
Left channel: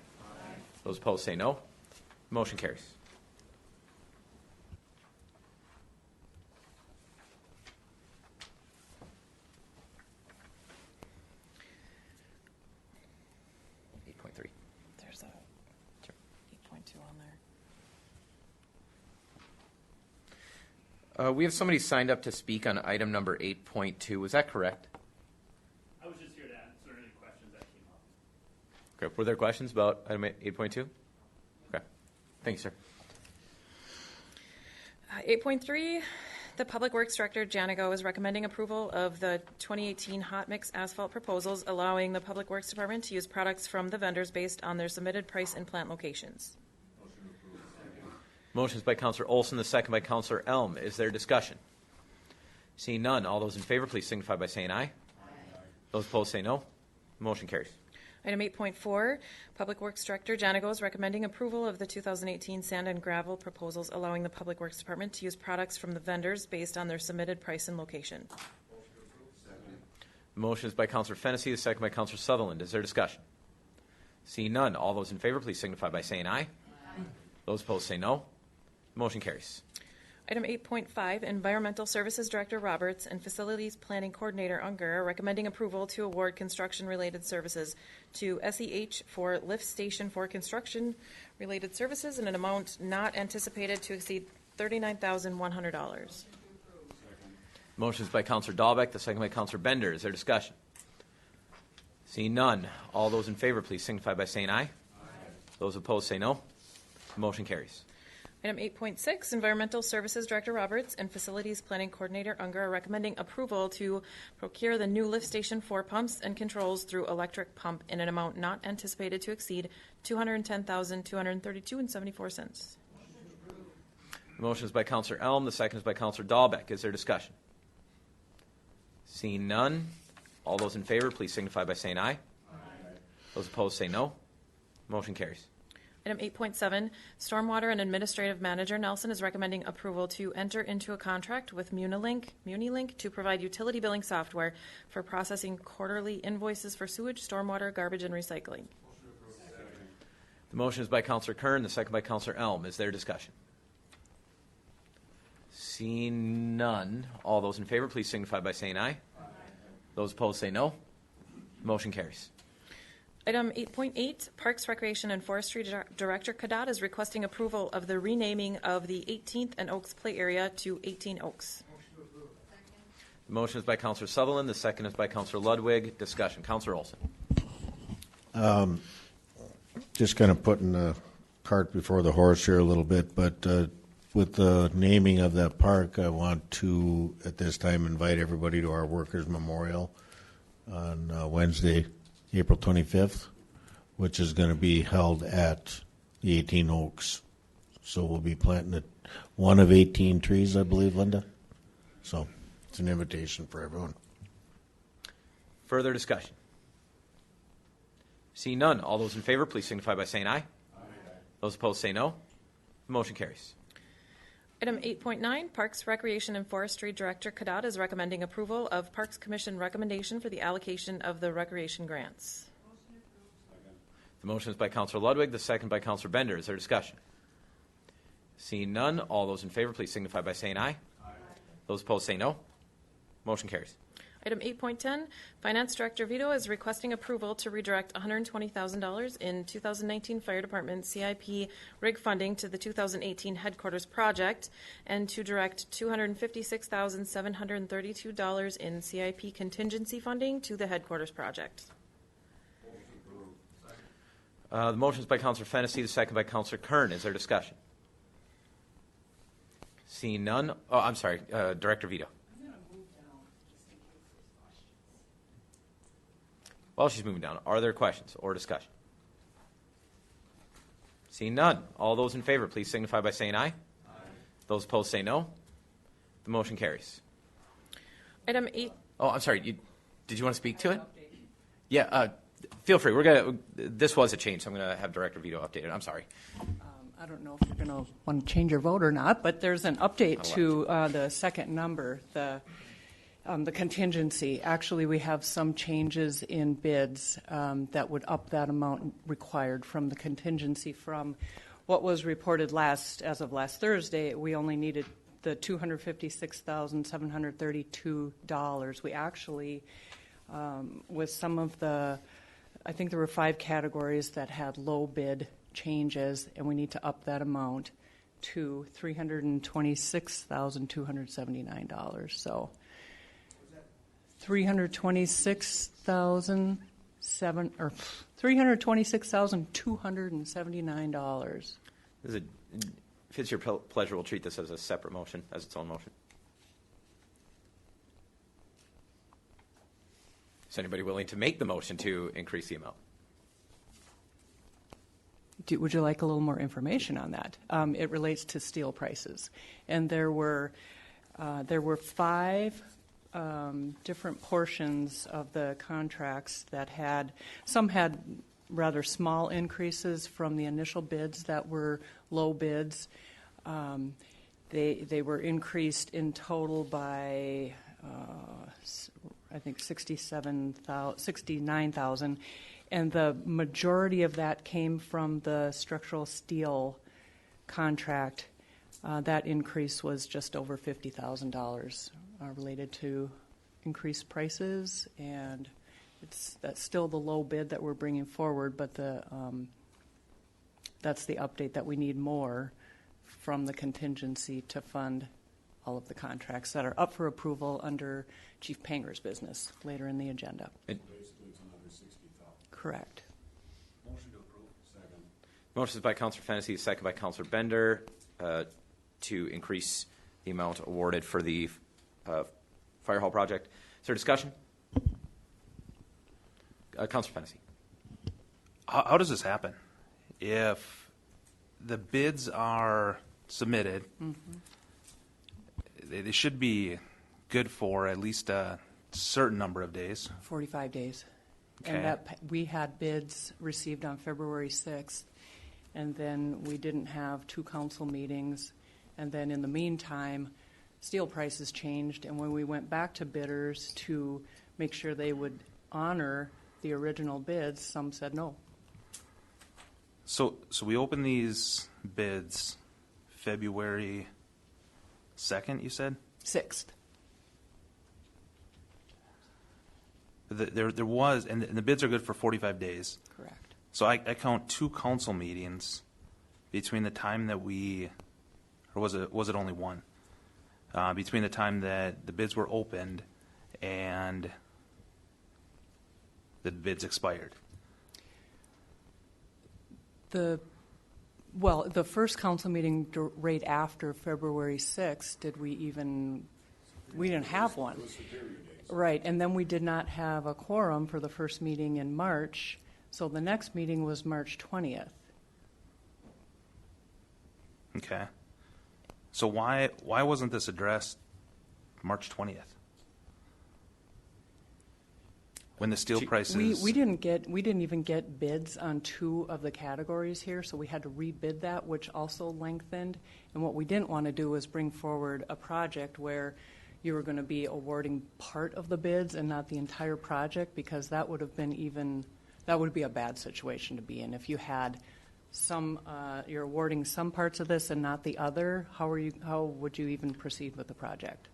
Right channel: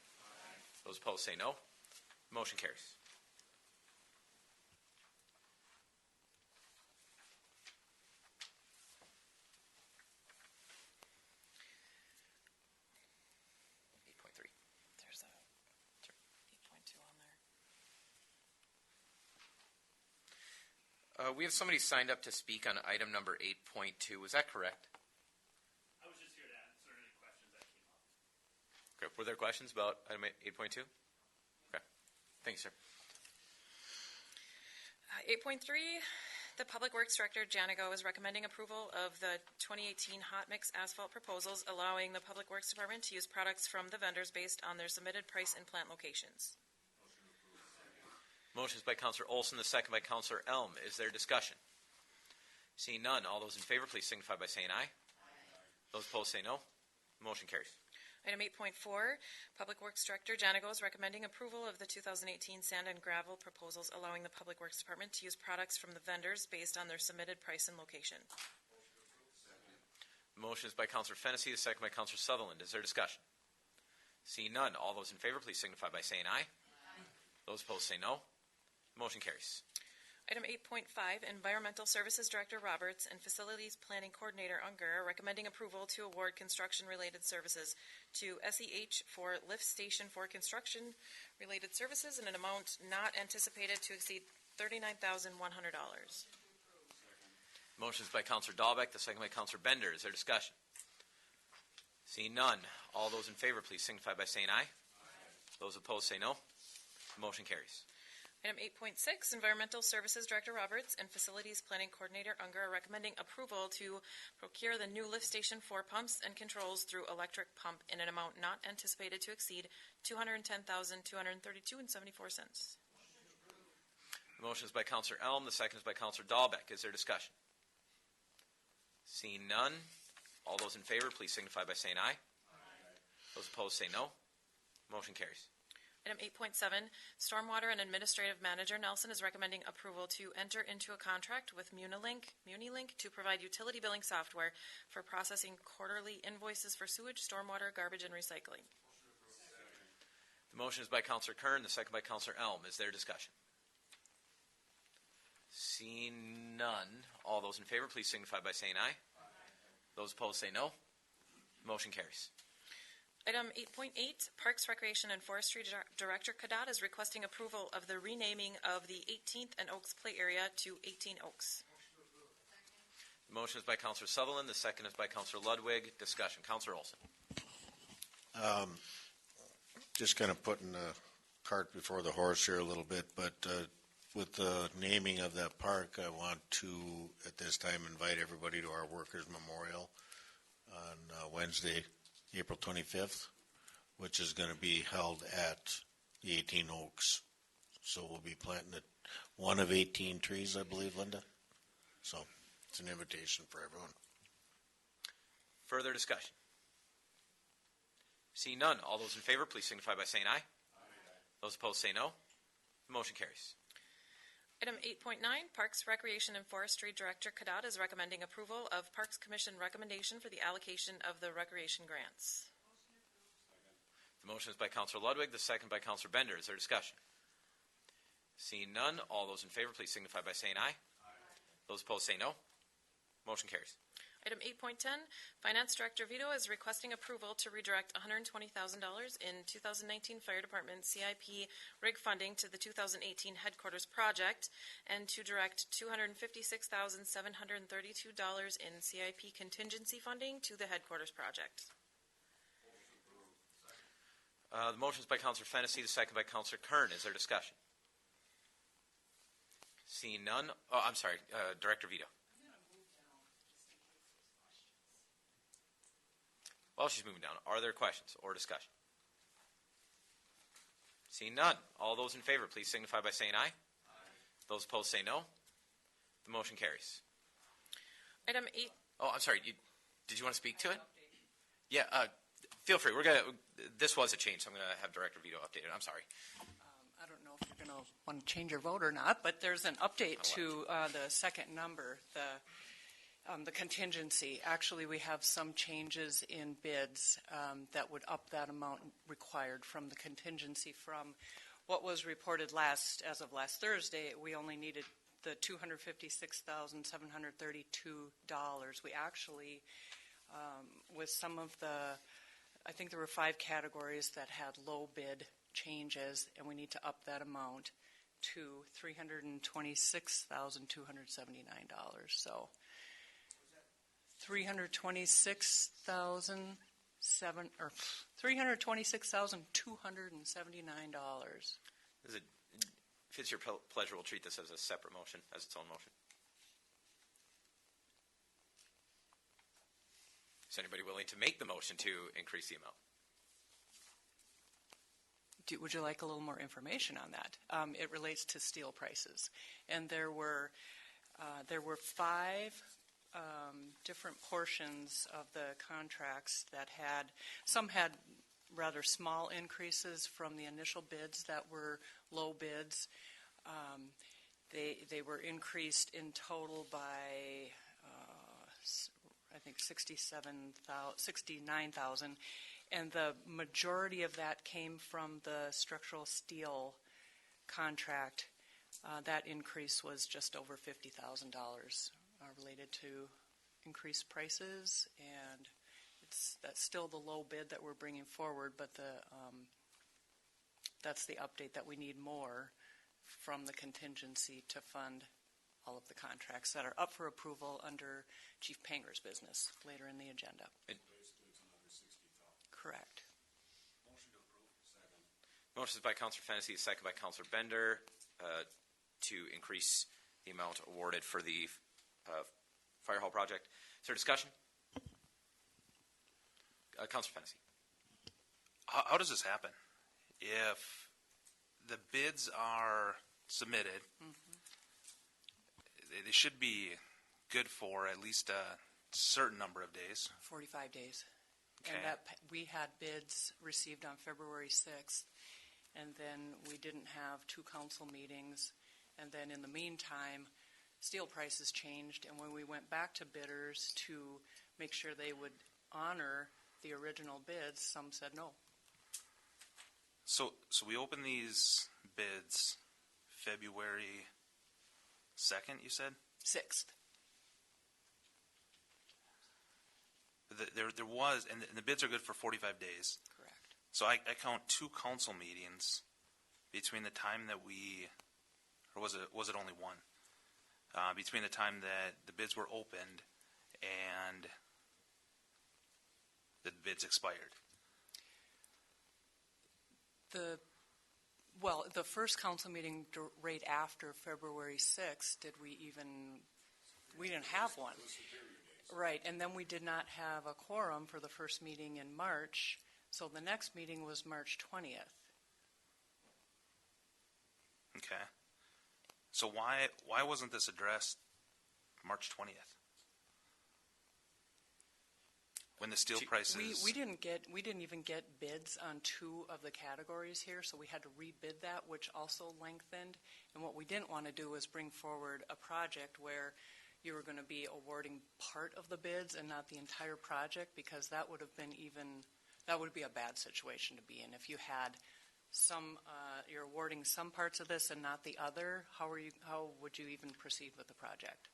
Those opposed say no. Motion carries. There's a 8.2 on there. We have somebody signed up to speak on item number 8.2. Is that correct? I was just here to answer any questions that came up. Okay. Were there questions about item 8.2? Okay. Thank you, sir. 8.3, the Public Works Director, Janigo, is recommending approval of the 2018 hot mix asphalt proposals, allowing the Public Works Department to use products from the vendors based on their submitted price and plant locations. Motion is by Counselor Olson, the second by Counselor Elm. Is there discussion? Seeing none, all those in favor, please signify by saying aye. Those opposed say no. Motion carries. Item 8.4, Public Works Director Janigo is recommending approval of the 2018 sand and gravel proposals, allowing the Public Works Department to use products from the vendors based on their submitted price and location. Motion is by Counselor Fennessy, the second by Counselor Sutherland. Is there discussion? Seeing none, all those in favor, please signify by saying aye. Those opposed say no. Motion carries. Item 8.5, Environmental Services Director Roberts and Facilities Planning Coordinator Unger are recommending approval to award construction-related services to SEH for lift station for construction-related services in an amount not anticipated to exceed $39,100. Motion is by Counselor Dahlbeck, the second by Counselor Bender. Is there discussion? Seeing none, all those in favor, please signify by saying aye. Those opposed say no. Motion carries. Item 8.6, Environmental Services Director Roberts and Facilities Planning Coordinator Unger are recommending approval to procure the new lift station for pumps and controls through electric pump in an amount not anticipated to exceed $210,232.74. Motion is by Counselor Elm, the second is by Counselor Dahlbeck. Is there discussion? Seeing none, all those in favor, please signify by saying aye. Those opposed say no. Motion carries. Item 8.7, Stormwater and Administrative Manager Nelson is recommending approval to enter into a contract with Munilink to provide utility billing software for processing quarterly invoices for sewage, stormwater, garbage, and recycling. The motion is by Counselor Kern, the second by Counselor Elm. Is there discussion? Seeing none, all those in favor, please signify by saying aye. Those opposed say no. Motion carries. Item 8.8, Parks, Recreation, and Forestry Director Kadat is requesting approval of the renaming of the 18th and Oaks Play Area to 18 Oaks. The motion is by Counselor Sutherland. The second is by Counselor Ludwig. Discussion. Counselor Olson. Just kind of putting the cart before the horse here a little bit, but with the naming of that park, I want to, at this time, invite everybody to our Workers' Memorial on Wednesday, April 25th, which is going to be held at the 18 Oaks. So we'll be planting one of 18 trees, I believe, Linda. So it's an invitation for everyone. Further discussion. Seeing none, all those in favor, please signify by saying aye. Those opposed say no. The motion carries. Item 8.9, Parks, Recreation, and Forestry Director Kadat is recommending approval of Parks Commission recommendation for the allocation of the recreation grants. The motion is by Counselor Ludwig, the second by Counselor Bender. Is there discussion? Seeing none, all those in favor, please signify by saying aye. Those opposed say no. Motion carries. Item 8.10, Finance Director Vito is requesting approval to redirect $120,000 in 2019 Fire Department CIP rig funding to the 2018 headquarters project and to direct $256,732 in CIP contingency funding to the headquarters project. The motion is by Counselor Fennessy, the second by Counselor Kern. Is there discussion? Seeing none. Oh, I'm sorry, Director Vito. While she's moving down, are there questions or discussion? Seeing none, all those in favor, please signify by saying aye. Those opposed say no. The motion carries. Item 8. Oh, I'm sorry. Did you want to speak to it? Yeah. feel free. This was a change, so I'm going to have Director Vito update it. I'm sorry. I don't know if you're going to want to change your vote or not, but there's an update to the second number, the contingency. Actually, we have some changes in bids that would up that amount required from the contingency from what was reported as of last Thursday. We only needed the $256,732. We actually, with some of I think there were 5 categories that had low bid changes, and we need to up that amount to $326,279. So $326,279. If it's your pleasure, we'll treat this as a separate motion, as its own motion. Is anybody willing to make the motion to increase the amount? Would you like a little more information on that? It relates to steel prices, and there were 5 different portions of the contracts that some had rather small increases from the initial bids that were low bids. They were increased in total by I think 69,000. And the majority of that came from the structural steel contract. That increase was just over $50,000 related to increased prices, and that's still the low bid that we're bringing forward, but that's the update that we need more from the contingency to fund all of the contracts that are up for approval under Chief Panger's business later in the agenda. Correct. Motion to approve. Second. Motion is by Councilor Fennessy, second by Councilor Bender, to increase the amount awarded for the fire hall project. Is there discussion? Councilor Fennessy. How does this happen? If the bids are submitted, they should be good for at least a certain number of days. 45 days. Okay. And we had bids received on February 6th, and then we didn't have 2 council meetings. And then in the meantime, steel prices changed, and when we went back to bidders to make sure they would honor the original bids, some said no. So we opened these bids February 2nd, you said? 6th. There was, and the bids are good for 45 days. Correct. So I count 2 council meetings between the time that or was it only one? Between the time that the bids were opened and the bids expired. The first council meeting right after February 6th, we didn't have one. Right, and then we did not have a quorum for the first meeting in March, so the next meeting was March 20th. Okay. So why wasn't this addressed March 20th? When the steel prices... We didn't even get bids on 2 of the categories here, so we had to rebid that, which also lengthened. And what we didn't want to do was bring forward a project where you were going to be awarding part of the bids and not the entire project, because that would be a bad situation to be in. If you had you're awarding some parts of this and not the other, how would you even proceed with the project?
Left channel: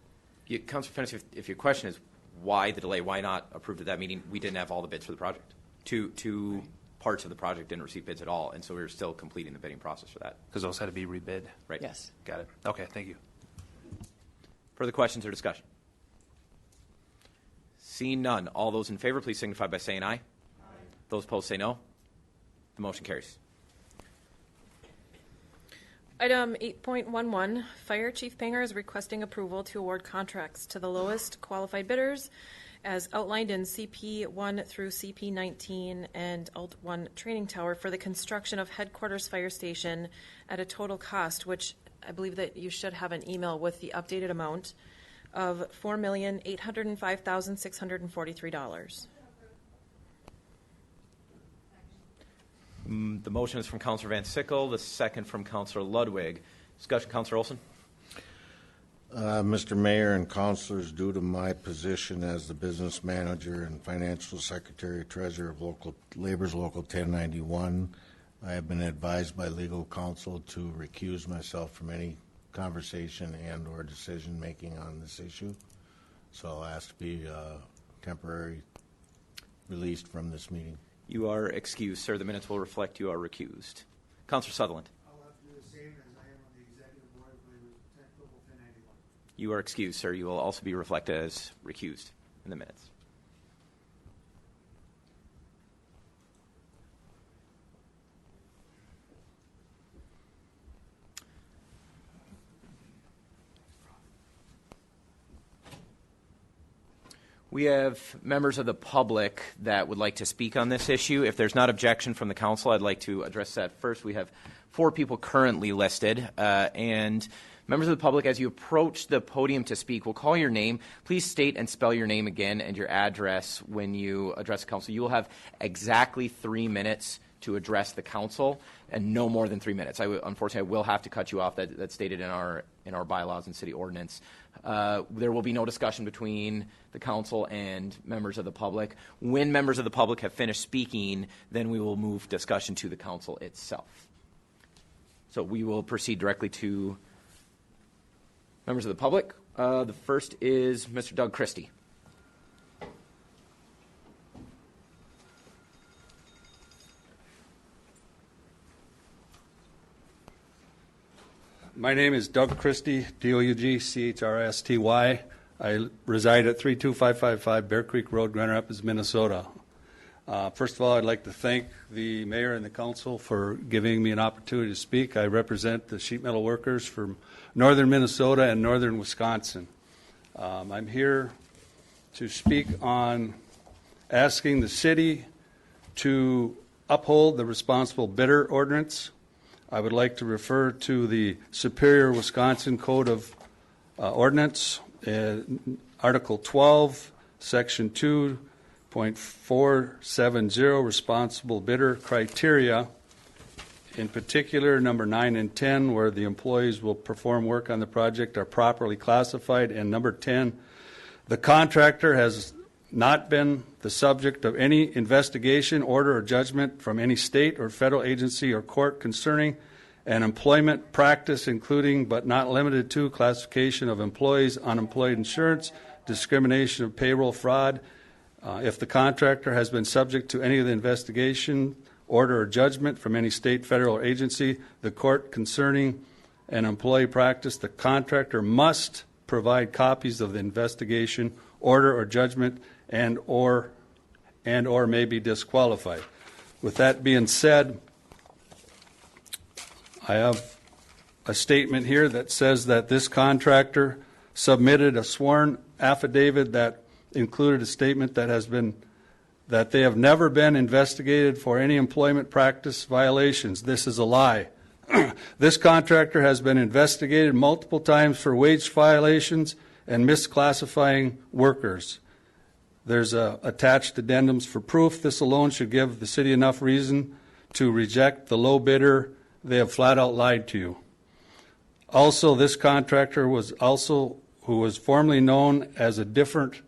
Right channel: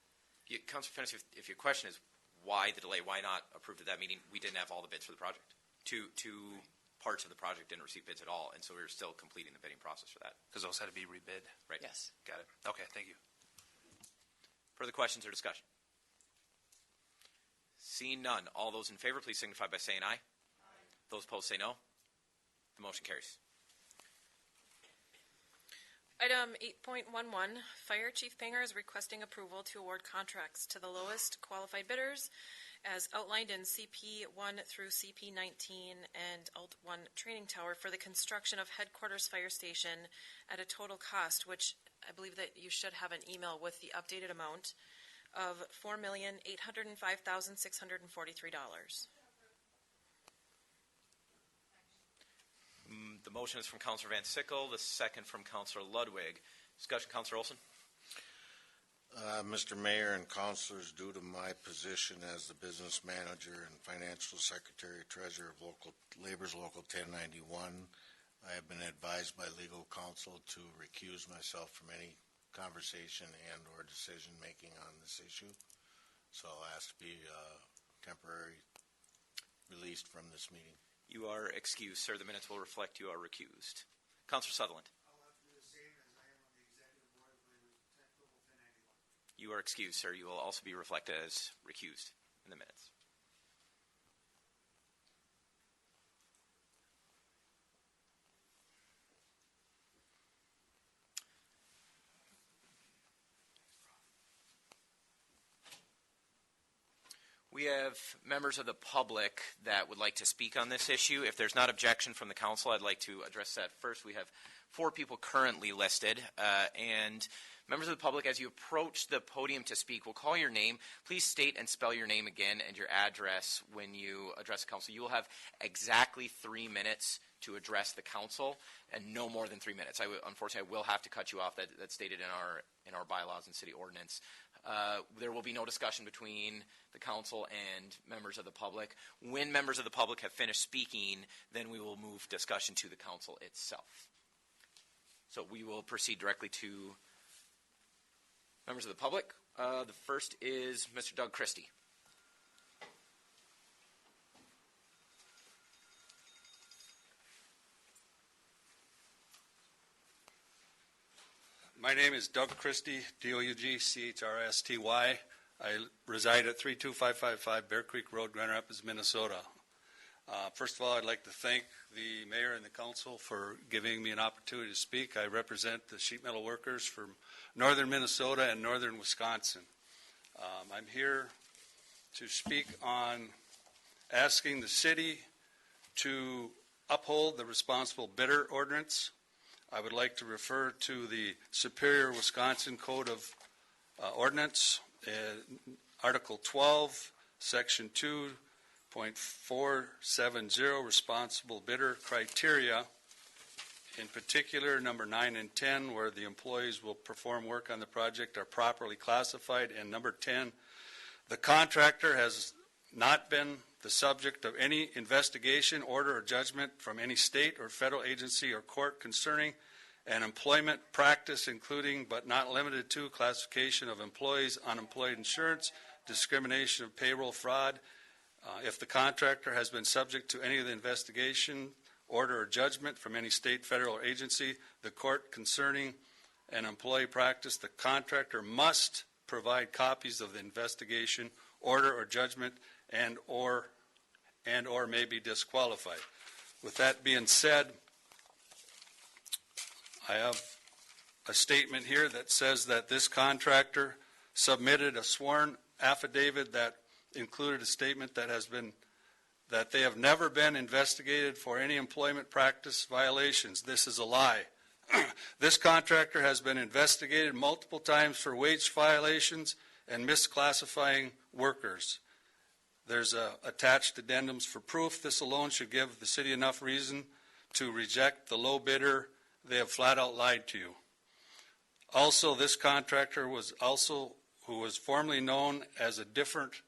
Councilor Fennessy, if your question is why the delay, why not approved at that meeting, we didn't have all the bids for the project. Two parts of the project didn't receive bids at all, and so we were still completing the bidding process for that. Because those had to be rebid. Right. Yes. Got it. Okay, thank you. Further questions or discussion? Seeing none, all those in favor, please signify by saying aye. Aye. Those opposed say no. The motion carries. Item 8.11, Fire Chief Panger is requesting approval to award contracts to the lowest qualified bidders as outlined in CP 1 through CP 19 and Alt 1 Training Tower for the construction of Headquarters Fire Station at a total cost, which I believe that you should have an email with the updated amount of $4,805,643. The motion is from Counselor Van Sickle, the second from Counselor Ludwig. Discussion, Counselor Olson? Mr. Mayor and councilors, due to my position as the business manager and financial secretary treasurer of Labor's Local 1091, I have been advised by legal counsel to recuse myself from any conversation and or decision making on this issue. So I'll ask to be temporarily released from this meeting. You are excused, sir. The minutes will reflect you are recused. Counselor Sutherland? I'll have to do the same as I am on the executive board of Local 1091. You are excused, sir. You will also be reflected as recused in the minutes. We have members of the public that would like to speak on this issue. If there's not objection from the council, I'd like to address that first. We have 4 people currently listed, and members of the public, as you approach the podium to speak, we'll call your name. Please state and spell your name again and your address when you address the council. You will have exactly 3 minutes to address the council, and no more than 3 minutes. Unfortunately, I will have to cut you off. That's stated in our bylaws and city ordinance. There will be no discussion between the council and members of the public. When members of the public have finished speaking, then we will move discussion to the council itself. So we will proceed directly to members of the public. The first is Mr. Doug Christie. My name is Doug Christie, D-O-U-G-C-H-R-S-T-Y. I reside at 32555 Bear Creek Road, Grand Rapids, Minnesota. First of all, I'd like to thank the mayor and the council for giving me an opportunity to speak. I represent the sheet metal workers from northern Minnesota and northern Wisconsin. I'm here to speak on asking the city to uphold the responsible bidder ordinance. I would like to refer to the Superior Wisconsin Code of Ordinance, Article 12, Section 2.470, responsible bidder criteria, in particular number 9 and 10, where the employees will perform work on the project are properly classified, and number 10, the contractor has not been the subject of any investigation, order, or judgment from any state or federal agency or court concerning an employment practice, including but not limited to classification of employees, unemployed insurance, discrimination of payroll fraud. If the contractor has been subject to any of the investigation, order, or judgment from any state, federal, or agency, the court concerning an employee practice, the contractor must provide copies of the investigation, order, or judgment, and or may be disqualified. With that being said, I have a statement here that says that this contractor submitted a sworn affidavit that included a statement that they have never been investigated for any employment practice violations. This is a lie. This contractor has been investigated multiple times for wage violations and misclassifying workers. There's attached addendums for proof. This alone should give the city enough reason to reject the low bidder. They have flat out lied to you. Also, this contractor who was formerly known as a different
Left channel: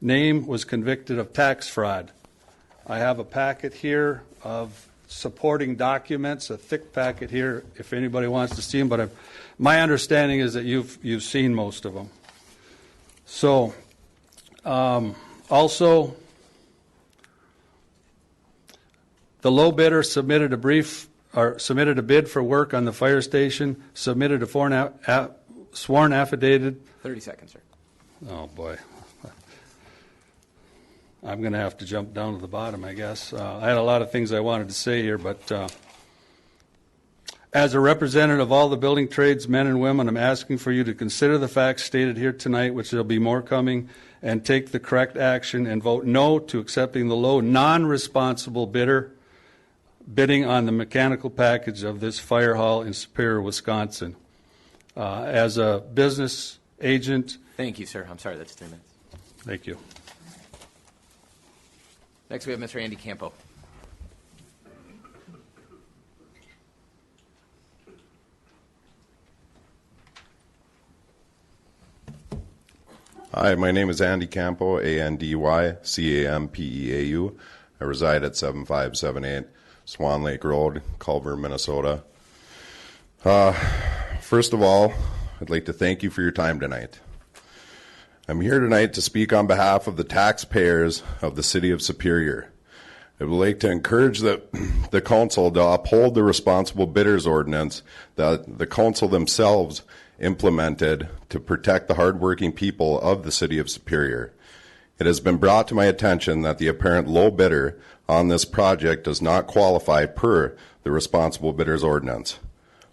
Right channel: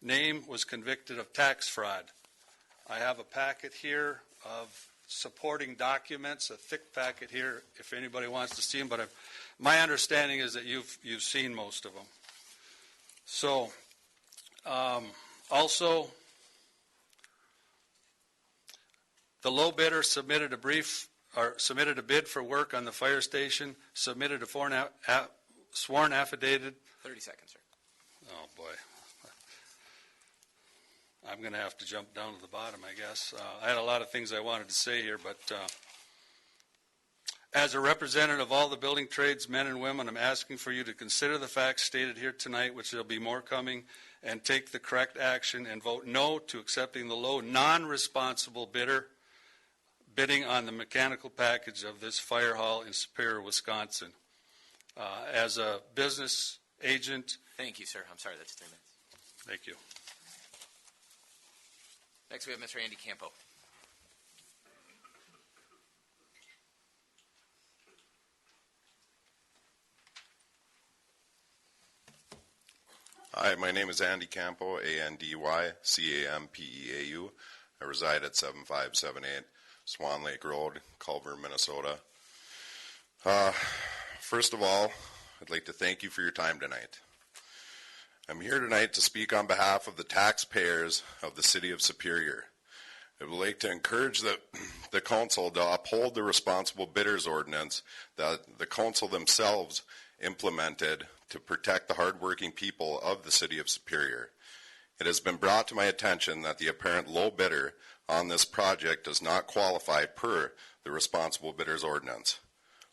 name, was convicted of tax fraud. I have a packet here of supporting documents, a thick packet here if anybody wants to see them, but my understanding is that you've seen most of them. So, also, the low bidder submitted a bid for work on the fire station, submitted a sworn affidavit. 30 seconds, sir. Oh, boy. I'm going to have to jump down to the bottom, I guess. I had a lot of things I wanted to say here, but as a representative of all the building trades, men and women, I'm asking for you to consider the facts stated here tonight, which there'll be more coming, and take the correct action and vote no to accepting the low non-responsible bidder bidding on the mechanical package of this fire hall in Superior, Wisconsin. As a business agent. Thank you, sir. I'm sorry, that's 3 minutes. Thank you. Next, we have Mr. Andy Campo. Hi, my name is Andy Campo, ANDYCAMPEAU. I reside at 7578 Swan Lake Road, Culver, Minnesota. First of all, I'd like to thank you for your time tonight. I'm here tonight to speak on behalf of the taxpayers of the City of Superior. I would like to encourage the council to uphold the responsible bidders ordinance that the council themselves implemented to protect the hardworking people of the City of Superior. It has been brought to my attention that the apparent low bidder on this project does not qualify per the responsible bidders ordinance.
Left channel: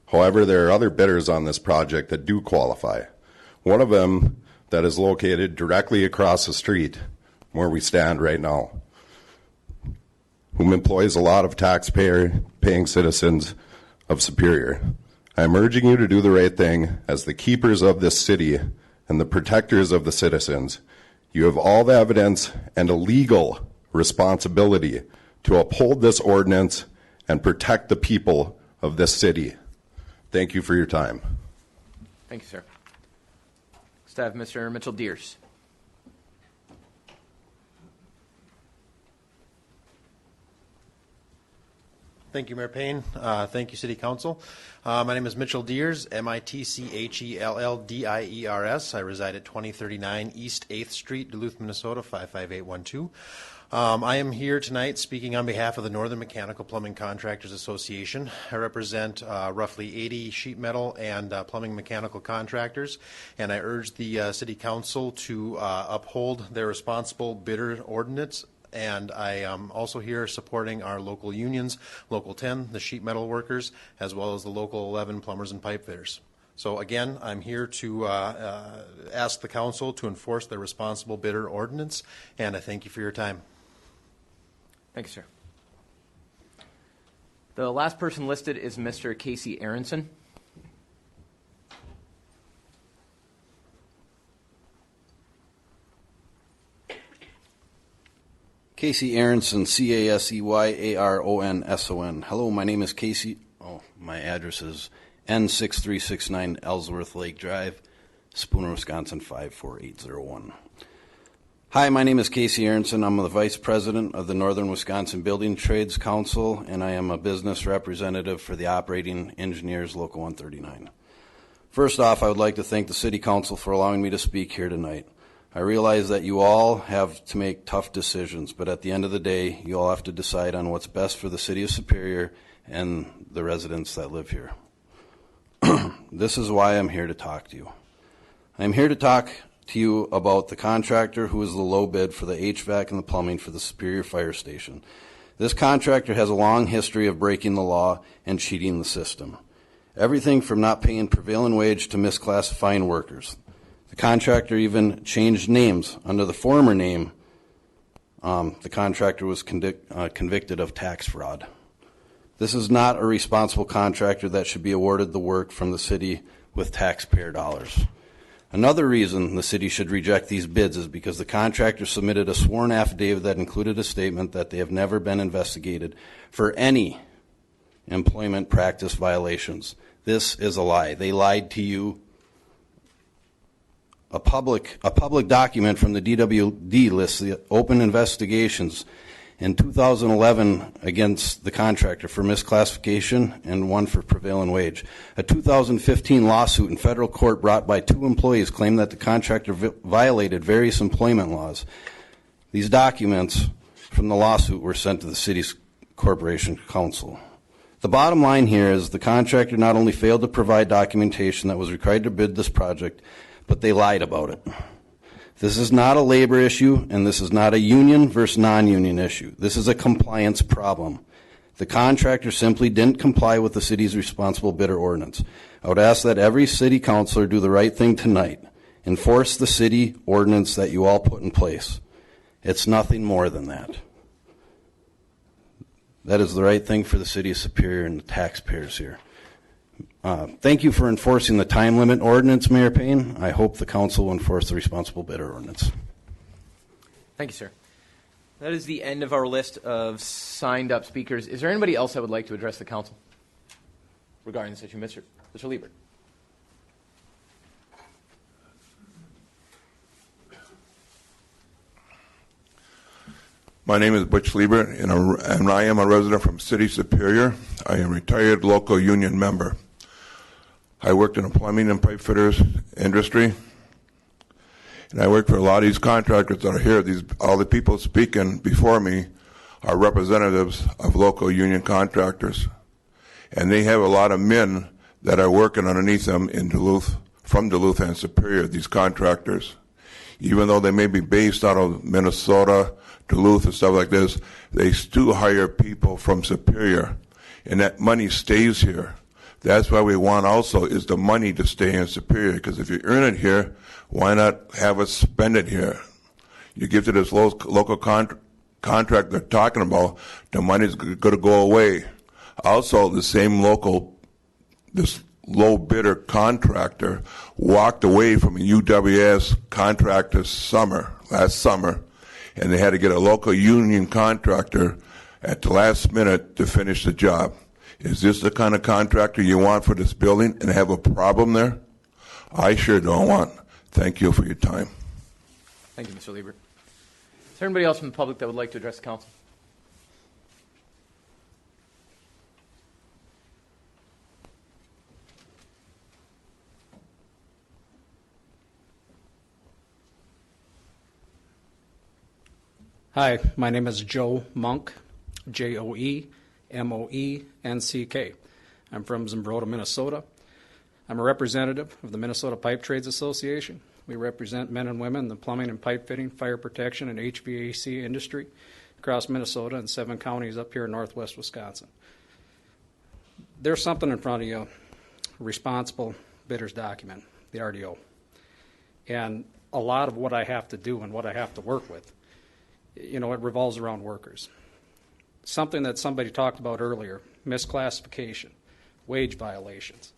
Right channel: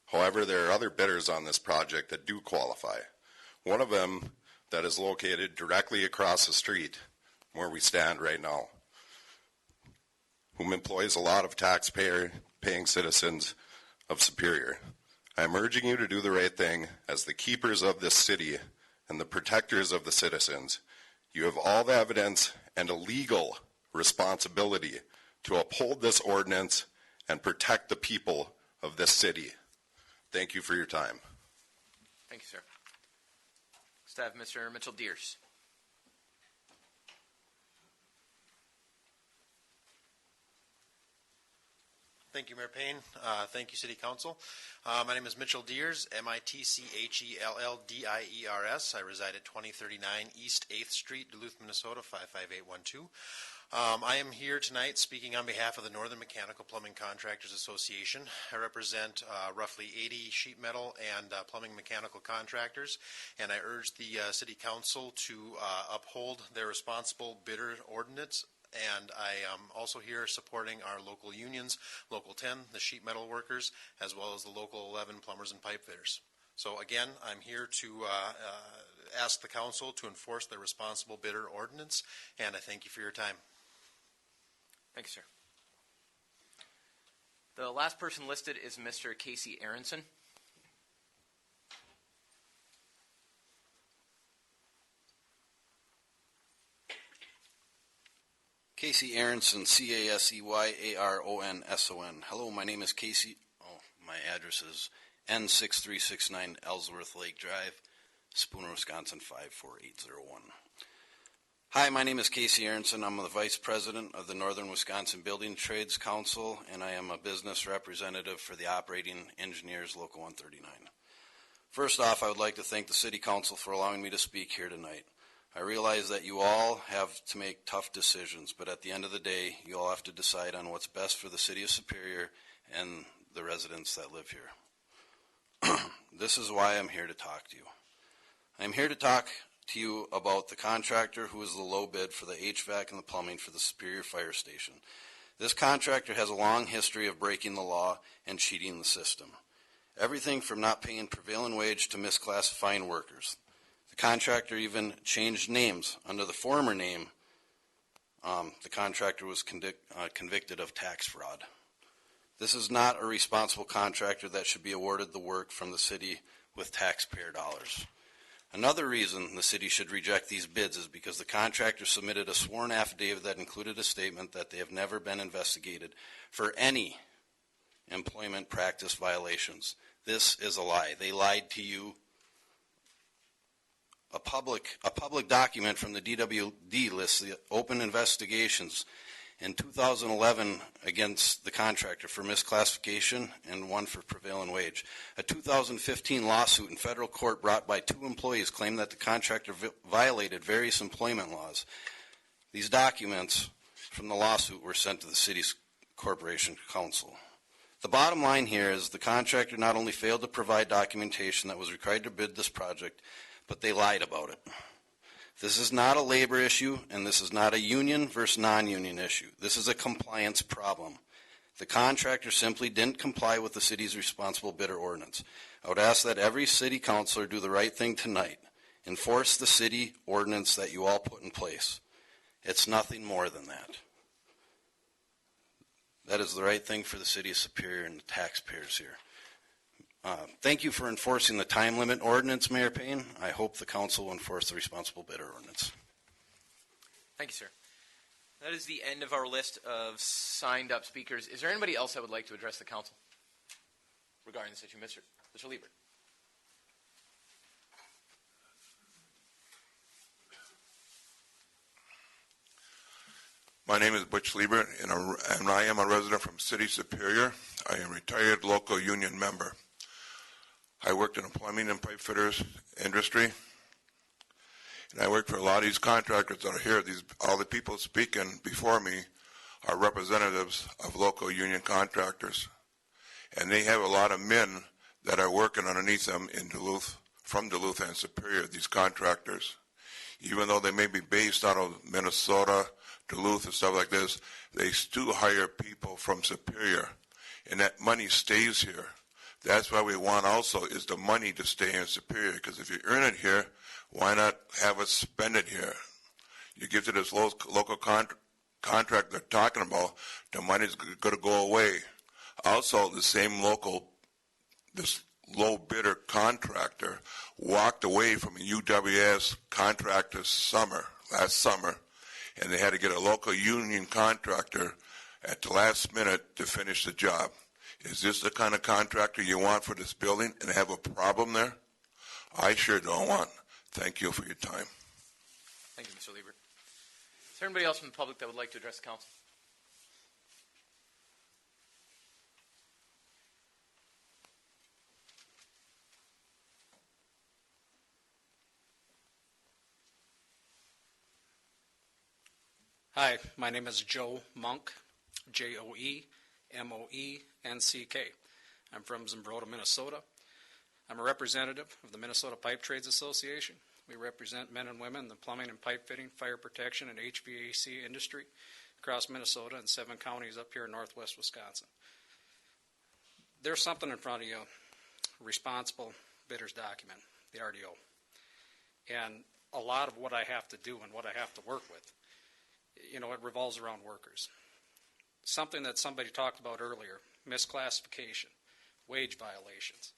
However, there are other bidders on this project that do qualify. One of them that is located directly across the street where we stand right now, whom employs a lot of taxpayer-paying citizens of Superior. I am urging you to do the right thing as the keepers of this city and the protectors of the citizens. You have all the evidence and a legal responsibility to uphold this ordinance and protect the people of this city. Thank you for your time. Thank you, sir. Next, I have Mr. Mitchell-Deers. Thank you, Mayor Payne. Thank you, City Council. My name is Mitchell Deers, Mitchelldiers. I reside at 2039 East 8th Street, Duluth, Minnesota, 55812. I am here tonight speaking on behalf of the Northern Mechanical Plumbing Contractors Association. I represent roughly 80 sheet metal and plumbing mechanical contractors, and I urge the City Council to uphold their responsible bidder ordinance. And I am also here supporting our local unions, Local 10, the sheet metal workers, as well as the Local 11 plumbers and pipe fitters. So again, I'm here to ask the council to enforce their responsible bidder ordinance, and I thank you for your time. Thank you, sir. The last person listed is Mr. Casey Aronson. Casey Aronson, CaseyAronson. Hello, my name is Casey. Oh, my address is N6369 Ellsworth Lake Drive, Spooner, Wisconsin 54801. Hi, my name is Casey Aronson. I'm the Vice President of the Northern Wisconsin Building Trades Council, and I am a business representative for the Operating Engineers Local 139. First off, I would like to thank the City Council for allowing me to speak here tonight. I realize that you all have to make tough decisions, but at the end of the day, you all have to decide on what's best for the City of Superior and the residents that live here. This is why I'm here to talk to you. I'm here to talk to you about the contractor who is the low bid for the HVAC and the plumbing for the Superior Fire Station. This contractor has a long history of breaking the law and cheating the system. Everything from not paying prevailing wage to misclassifying workers. The contractor even changed names. Under the former name, the contractor was convicted of tax fraud. This is not a responsible contractor that should be awarded the work from the city with taxpayer dollars. Another reason the city should reject these bids is because the contractor submitted a sworn affidavit that included a statement that they have never been investigated for any employment practice violations. This is a lie. They lied to you. A public document from the DWD lists the open investigations in 2011 against the contractor for misclassification and one for prevailing wage. A 2015 lawsuit in federal court brought by 2 employees claimed that the contractor violated various employment laws. These documents from the lawsuit were sent to the city's corporation council. The bottom line here is the contractor not only failed to provide documentation that was required to bid this project, but they lied about it. This is not a labor issue, and this is not a union versus non-union issue. This is a compliance problem. The contractor simply didn't comply with the city's responsible bidder ordinance. I would ask that every city councilor do the right thing tonight. Enforce the city ordinance that you all put in place. It's nothing more than that. That is the right thing for the city of Superior and the taxpayers here. Thank you for enforcing the time limit ordinance, Mayor Payne. I hope the council will enforce the responsible bidder ordinance. Thank you, sir. That is the end of our list of signed up speakers. Is there anybody else that would like to address the council regarding this issue? Mr. Liebert. My name is Butch Lieber, and I am a resident from City Superior. I am a retired local union member. I worked in the plumbing and pipe fitters industry, and I work for a lot of these contractors that are here. All the people speaking before me are representatives of local union contractors, and they have a lot of men that are working underneath them in Duluth, from Duluth and Superior, these contractors. Even though they may be based out of Minnesota, Duluth, and stuff like this, they still hire people from Superior, and that money stays here. That's why we want also is the money to stay in Superior, because if you earn it here, why not have us spend it here? You give to this local contract they're talking about, the money's going to go away. Also, the same this low bidder contractor walked away from a UWS contract last summer, and they had to get a local union contractor at the last minute to finish the job. Is this the kind of contractor you want for this building and have a problem there? I sure don't want. Thank you for your time. Thank you, Mr. Lieber. Is there anybody else from the public that would like to address the council? Hi, my name is Joe Monk, Joemonck. I'm from Zumbrota, Minnesota. I'm a representative of the Minnesota Pipe Trades Association. We represent men and women in the plumbing and pipe fitting, fire protection, and HVAC industry across Minnesota and 7 counties up here in northwest Wisconsin. There's something in front of you, responsible bidders document, the RDO. And a lot of what I have to do and what I have to work with, it revolves around workers. Something that somebody talked about earlier, misclassification, wage violations.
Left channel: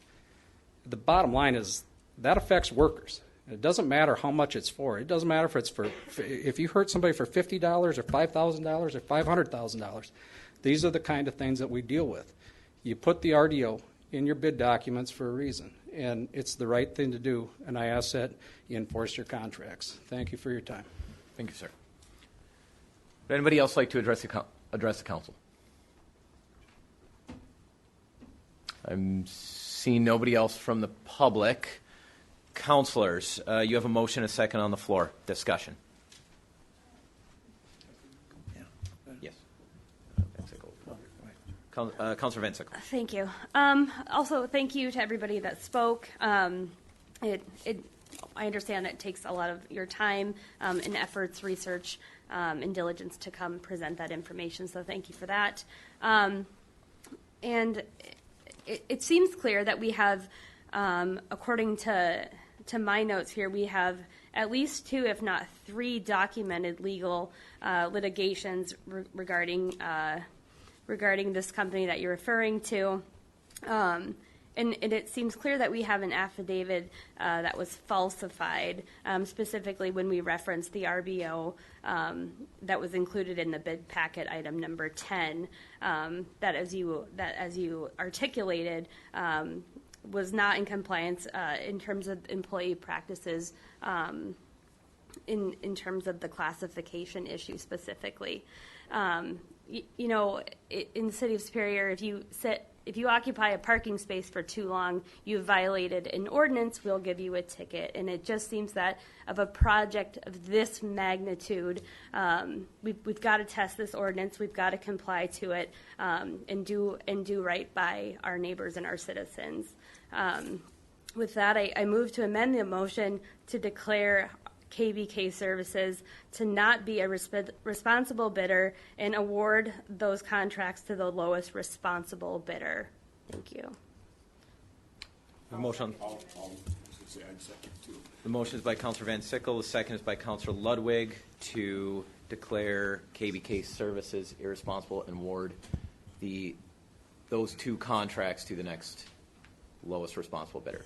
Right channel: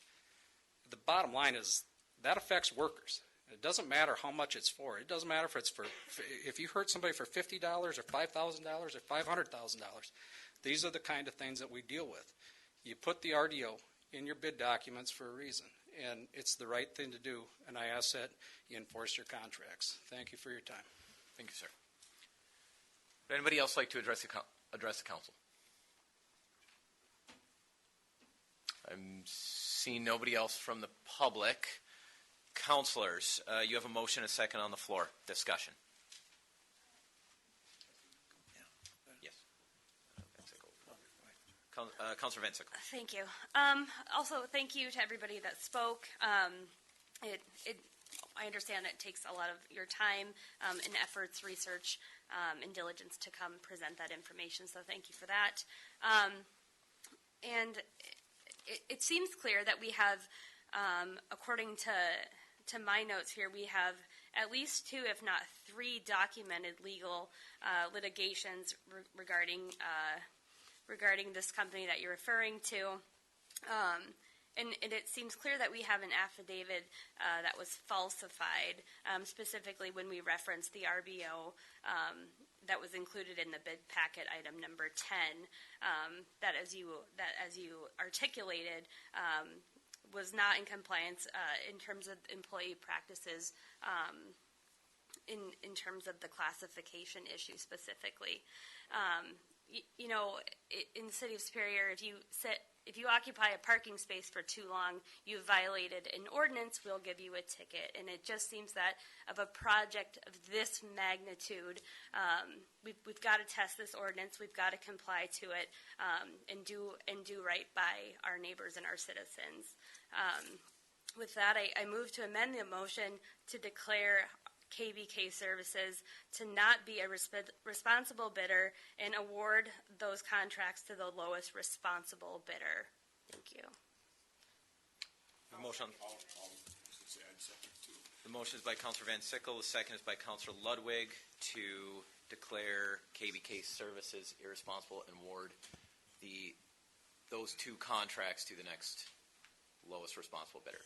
The bottom line is that affects workers. It doesn't matter how much it's for. It doesn't matter if you hurt somebody for $50 or $5,000 or $500,000. These are the kind of things that we deal with. You put the RDO in your bid documents for a reason, and it's the right thing to do, and I ask that you enforce your contracts. Thank you for your time. Thank you, sir. Would anybody else like to address the council? I'm seeing nobody else from the public. Councilors, you have a motion, a second on the floor. Discussion. Yes. Councilor Van Sickle. Thank you. Also, thank you to everybody that spoke. I understand it takes a lot of your time and efforts, research, and diligence to come present that information, so thank you for that. And it seems clear that we have, according to my notes here, we have at least 2, if not 3, documented legal litigations regarding this company that you're referring to. And it seems clear that we have an affidavit that was falsified, specifically when we referenced the RBO that was included in the bid packet item number 10, that as you articulated was not in compliance in terms of employee practices, in terms of the classification issue specifically. In the city of Superior, if you occupy a parking space for too long, you've violated an ordinance, we'll give you a ticket. And it just seems that of a project of this magnitude, we've got to test this ordinance, we've got to comply to it, and do right by our neighbors and our citizens. With that, I move to amend the motion to declare KBK Services to not be a responsible bidder and award those contracts to the lowest responsible bidder. Thank you. The motion. The motion is by Councilor Van Sickle. The second is by Councilor Ludwig to declare KBK Services irresponsible and award those 2 contracts to the next lowest responsible bidder,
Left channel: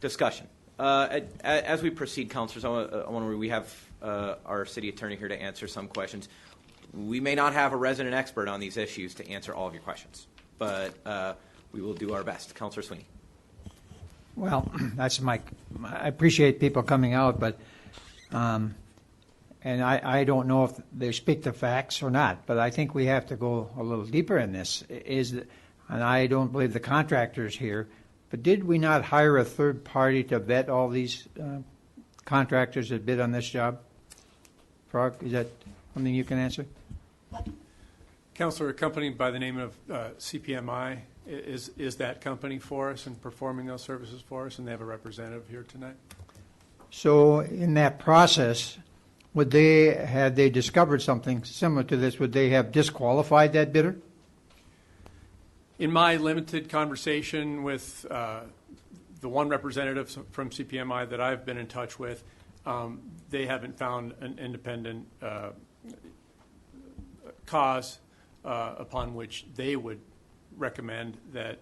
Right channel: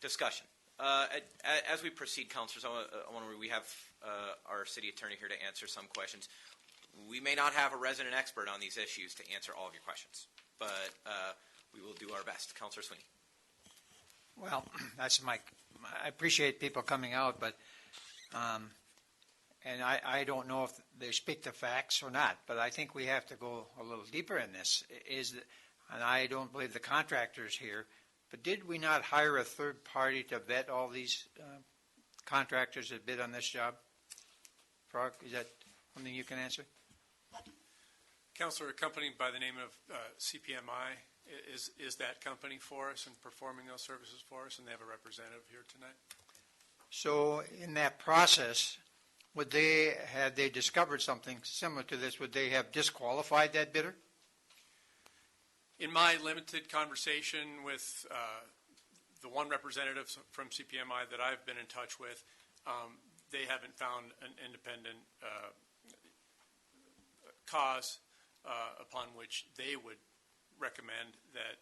Discussion. As we proceed, councilors, we have our city attorney here to answer some questions. We may not have a resident expert on these issues to answer all of your questions, but we will do our best. Councilor Sweeney. Well, I appreciate people coming out, but and I don't know if they speak the facts or not, but I think we have to go a little deeper in this. And I don't believe the contractor's here, but did we not hire a third party to vet all these contractors that bid on this job? Frog, is that something you can answer? Counselor, a company by the name of CPMI is that company for us and performing those services for us, and they have a representative here tonight. So in that process, would they, had they discovered something similar to this, would they have disqualified that bidder? In my limited conversation with the one representative from CPMI that I've been in touch with, they haven't found an independent cause upon which they would recommend that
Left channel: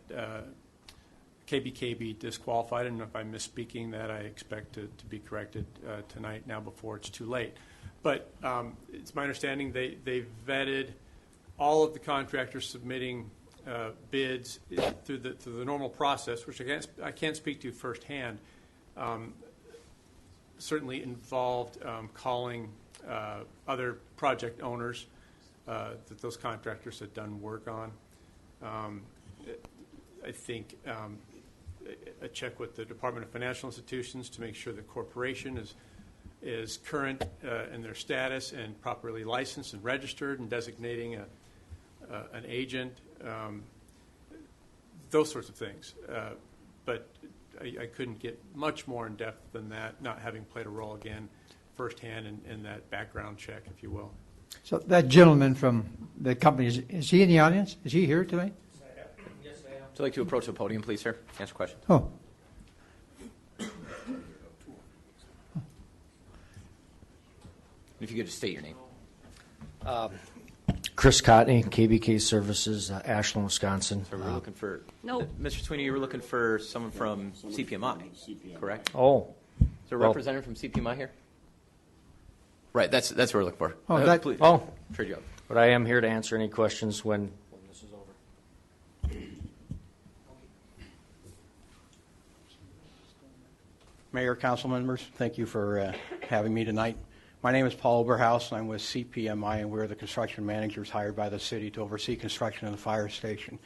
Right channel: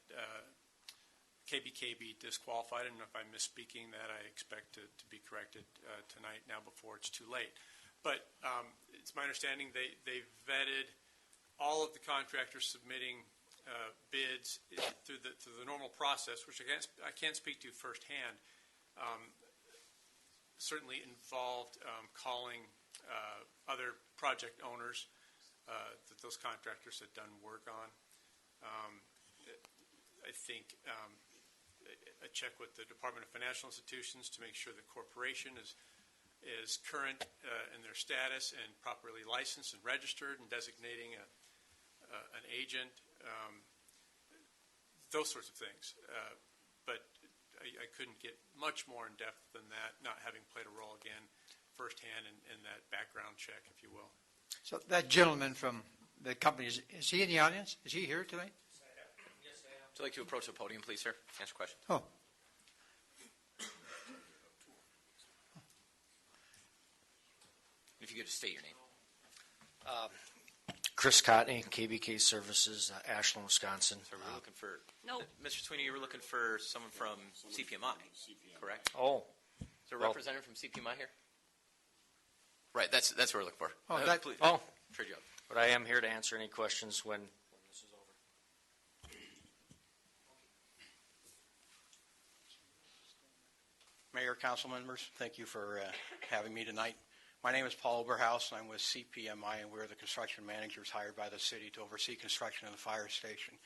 KBK be disqualified. And if I'm misspeaking that, I expect to be corrected tonight now before it's too late. But it's my understanding they vetted all of the contractors submitting bids through the normal process, which I can't speak to firsthand. Certainly involved calling other project owners that those contractors had done work on. I think a check with the Department of Financial Institutions to make sure the corporation is current in their status and properly licensed and registered, and designating an agent, those sorts of things. But I couldn't get much more in depth than that, not having played a role again firsthand in that background check, if you will. So that gentleman from the company, is he in the audience? Is he here tonight? Would you like to approach the podium, please, sir? Answer questions. Oh. If you could just state your name. Chris Cotney, KBK Services, Ashland, Wisconsin. So we're looking for... No. Mr. Sweeney, you were looking for someone from CPMI, correct? Oh. Is there a Well- representative from CPMI here? Right, that's what we're looking for. Oh, please. Oh. Trade you up. But I am here to answer any questions when this is over. Mayor, council members, thank you for having me tonight. My name is Paul Oberhaus, and I'm with CPMI, and we're the construction managers hired by the city to oversee construction of the fire station.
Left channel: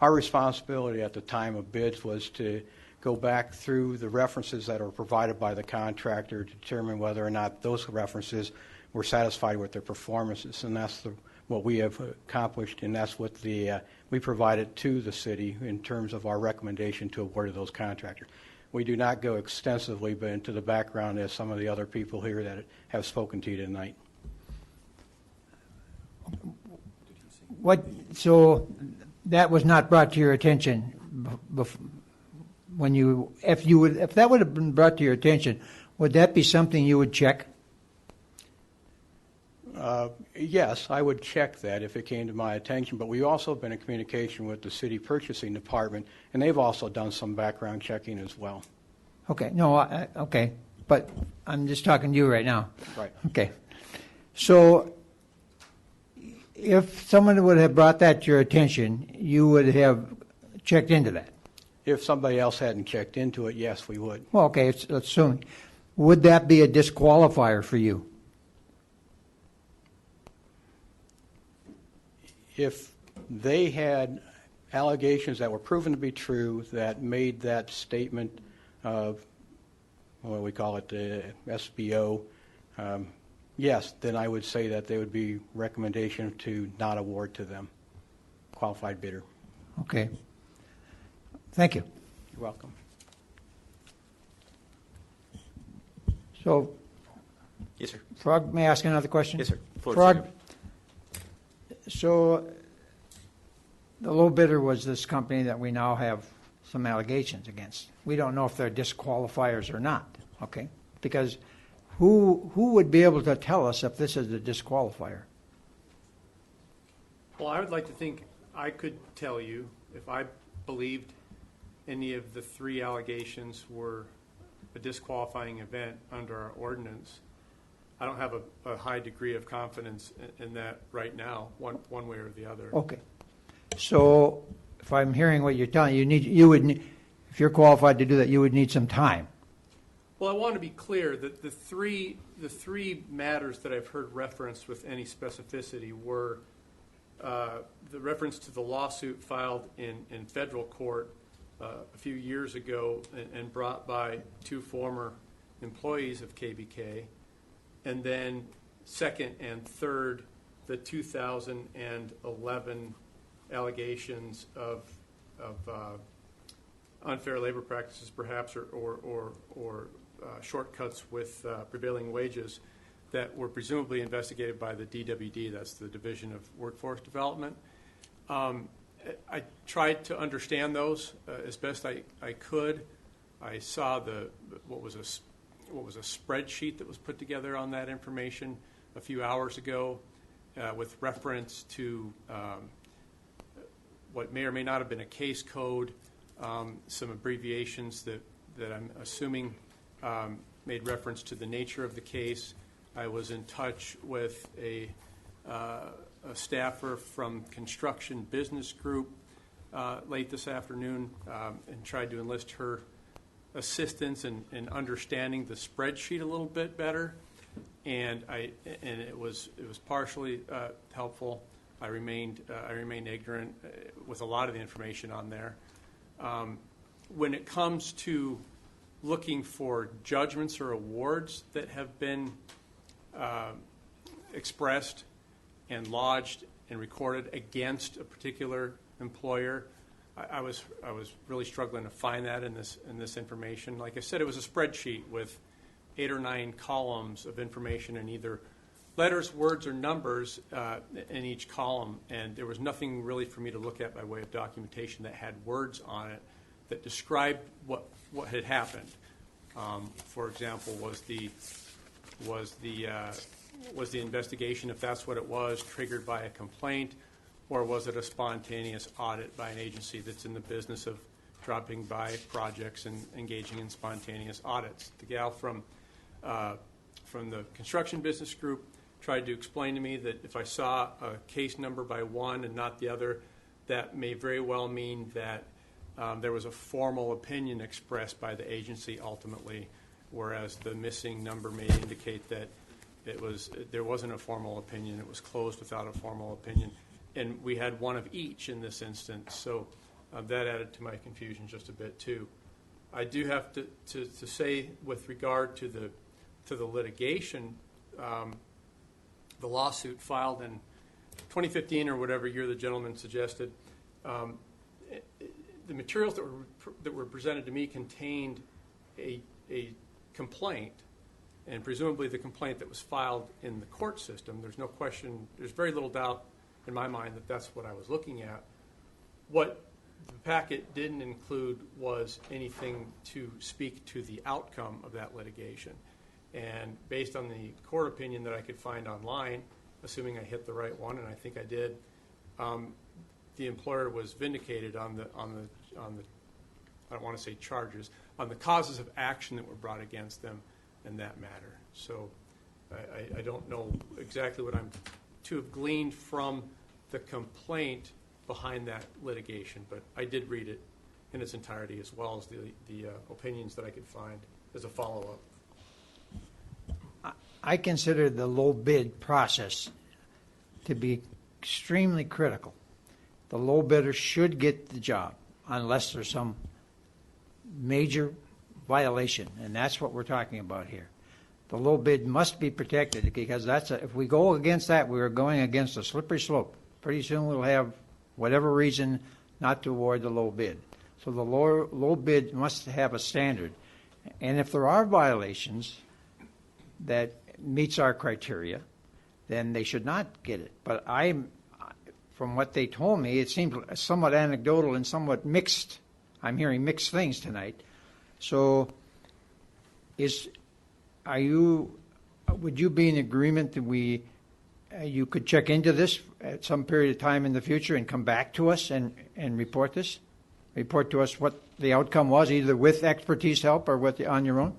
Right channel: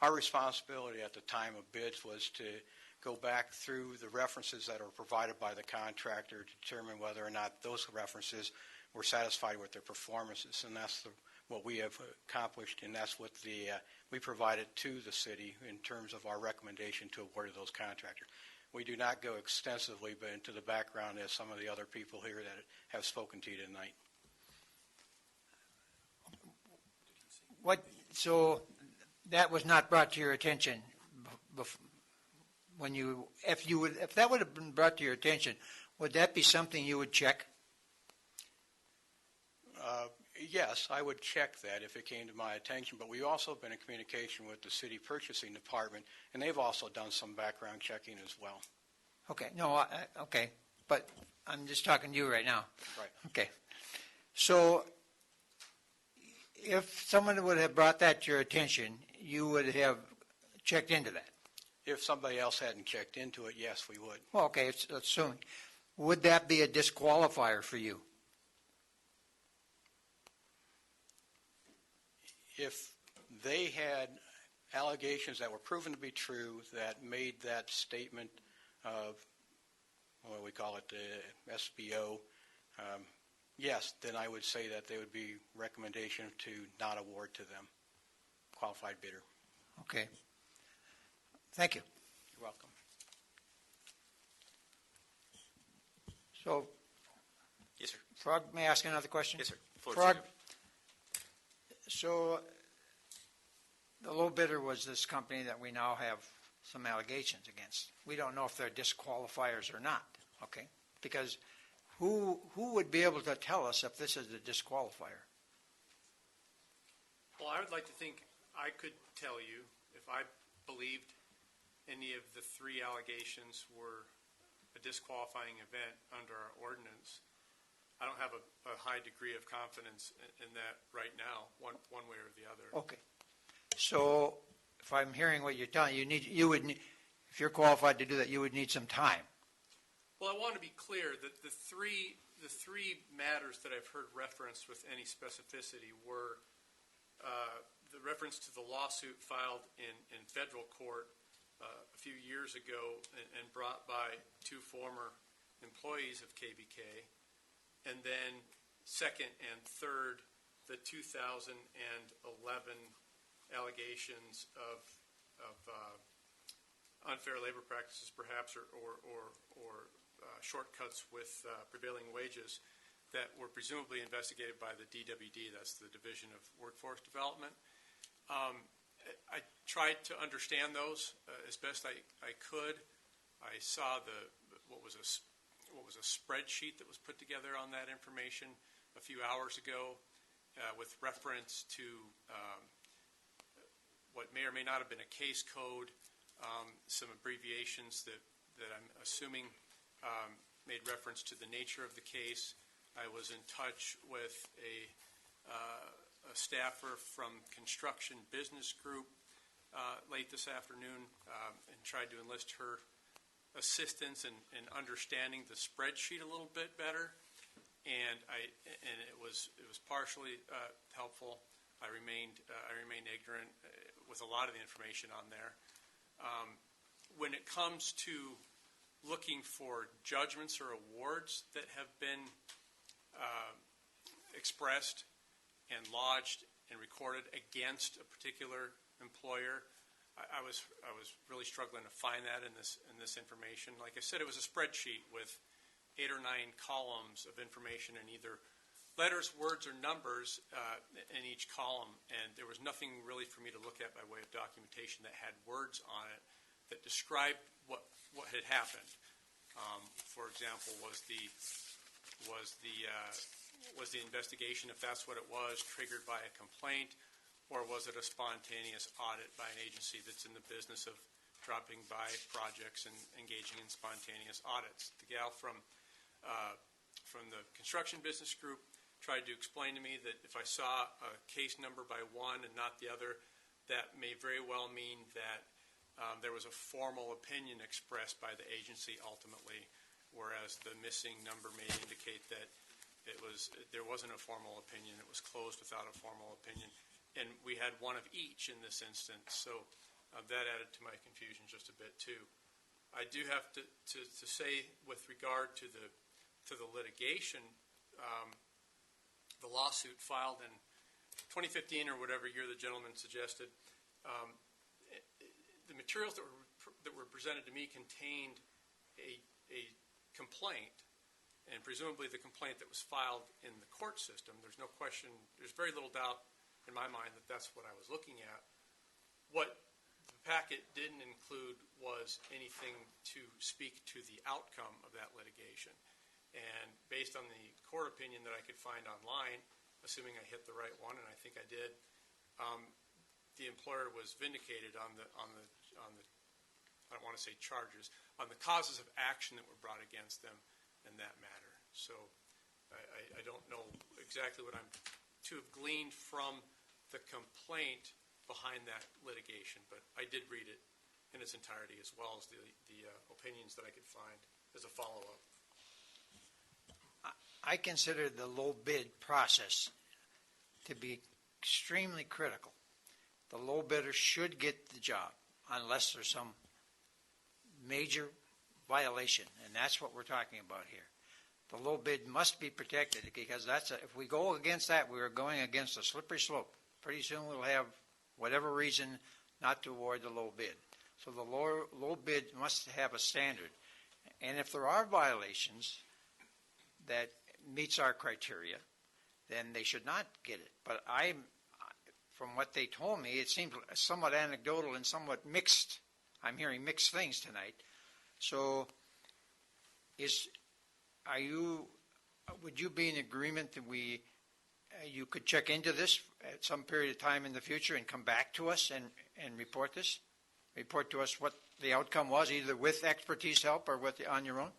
Our responsibility at the time of bids was to go back through the references that are provided by the contractor to determine whether or not those references were satisfied with their performances, and that's what we have accomplished, and that's what we provided to the city in terms of our recommendation to award to those contractors. We do not go extensively but into the background as some of the other people here that have spoken to you tonight. So that was not brought to your attention if that would have been brought to your attention, would that be something you would check? Yes, I would check that if it came to my attention, but we've also been in communication with the city purchasing department, and they've also done some background checking as well. Okay, no, okay, but I'm just talking to you right now. Right. Okay. So if someone would have brought that to your attention, you would have checked into that? If somebody else hadn't checked into it, yes, we would. Well, okay, assuming. Would that be a disqualifier for you? If they had allegations that were proven to be true that made that statement of, what we call it, the SBO, yes, then I would say that there would be recommendation to not award to them, qualified bidder. Okay. Thank you. You're welcome. So, yes, sir. Frog, may I ask another question? Yes, sir. Floor is Frog, yours. so the low bidder was this company that we now have some allegations against. We don't know if they're disqualifiers or not, okay? Because who would be able to tell us if this is a disqualifier? Well, I would like to think I could tell you if I believed any of the three allegations were a disqualifying event under our ordinance. I don't have a high degree of confidence in that right now, one way or the other. Okay. So if I'm hearing what you're telling, if you're qualified to do that, you would need some time. Well, I want to be clear that the three matters that I've heard referenced with any specificity were the reference to the lawsuit filed in federal court a few years ago and brought by 2 former employees of KBK, and then second and third, the 2011 allegations of unfair labor practices, perhaps, or shortcuts with prevailing wages that were presumably investigated by the DWD, that's the Division of Workforce Development. I tried to understand those as best I could. I saw what was a spreadsheet that was put together on that information a few hours ago with reference to what may or may not have been a case code, some abbreviations that I'm assuming made reference to the nature of the case. I was in touch with a staffer from Construction Business Group late this afternoon and tried to enlist her assistance in understanding the spreadsheet a little bit better, and it was partially helpful. I remained ignorant with a lot of the information on there. When it comes to looking for judgments or awards that have been expressed and lodged and recorded against a particular employer, I was really struggling to find that in this information. Like I said, it was a spreadsheet with 8 or 9 columns of information in either letters, words, or numbers in each column, and there was nothing really for me to look at by way of documentation that had words on it that described what had happened. For example, was the investigation, if that's what it was, triggered by a complaint, or was it a spontaneous audit by an agency that's in the business of dropping by projects and engaging in spontaneous audits? The gal from the Construction Business Group tried to explain to me that if I saw a case number by one and not the other, that may very well mean that there was a formal opinion expressed by the agency ultimately, whereas the missing number may indicate that there wasn't a formal opinion. It was closed without a formal opinion. And we had one of each in this instance, so that added to my confusion just a bit too. I do have to say, with regard to the litigation, the lawsuit filed in 2015 or whatever year the gentleman suggested, the materials that were presented to me contained a complaint, and presumably the complaint that was filed in the court system. There's no question, there's very little doubt in my mind that that's what I was looking at. What the packet didn't include was anything to speak to the outcome of that litigation. And based on the court opinion that I could find online, assuming I hit the right one, and I think I did, the employer was vindicated on the I don't want to say charges, on the causes of action that were brought against them in that matter. So I don't know exactly what I'm to have gleaned from the complaint behind that litigation, but I did read it in its entirety, as well as the opinions that I could find as a follow-up. I consider the low bid process to be extremely critical. The low bidder should get the job unless there's some major violation, and that's what we're talking about here. The low bid must be protected, because if we go against that, we're going against a slippery slope. Pretty soon we'll have whatever reason not to award the low bid. So the low bid must have a standard. And if there are violations that meets our criteria, then they should not get it. But from what they told me, it seems somewhat anecdotal and somewhat mixed. I'm hearing mixed things tonight. So would you be in agreement that you could check into this at some period of time in the future and come back to us and report this? Report to us what the outcome was, either with expertise help or on your own?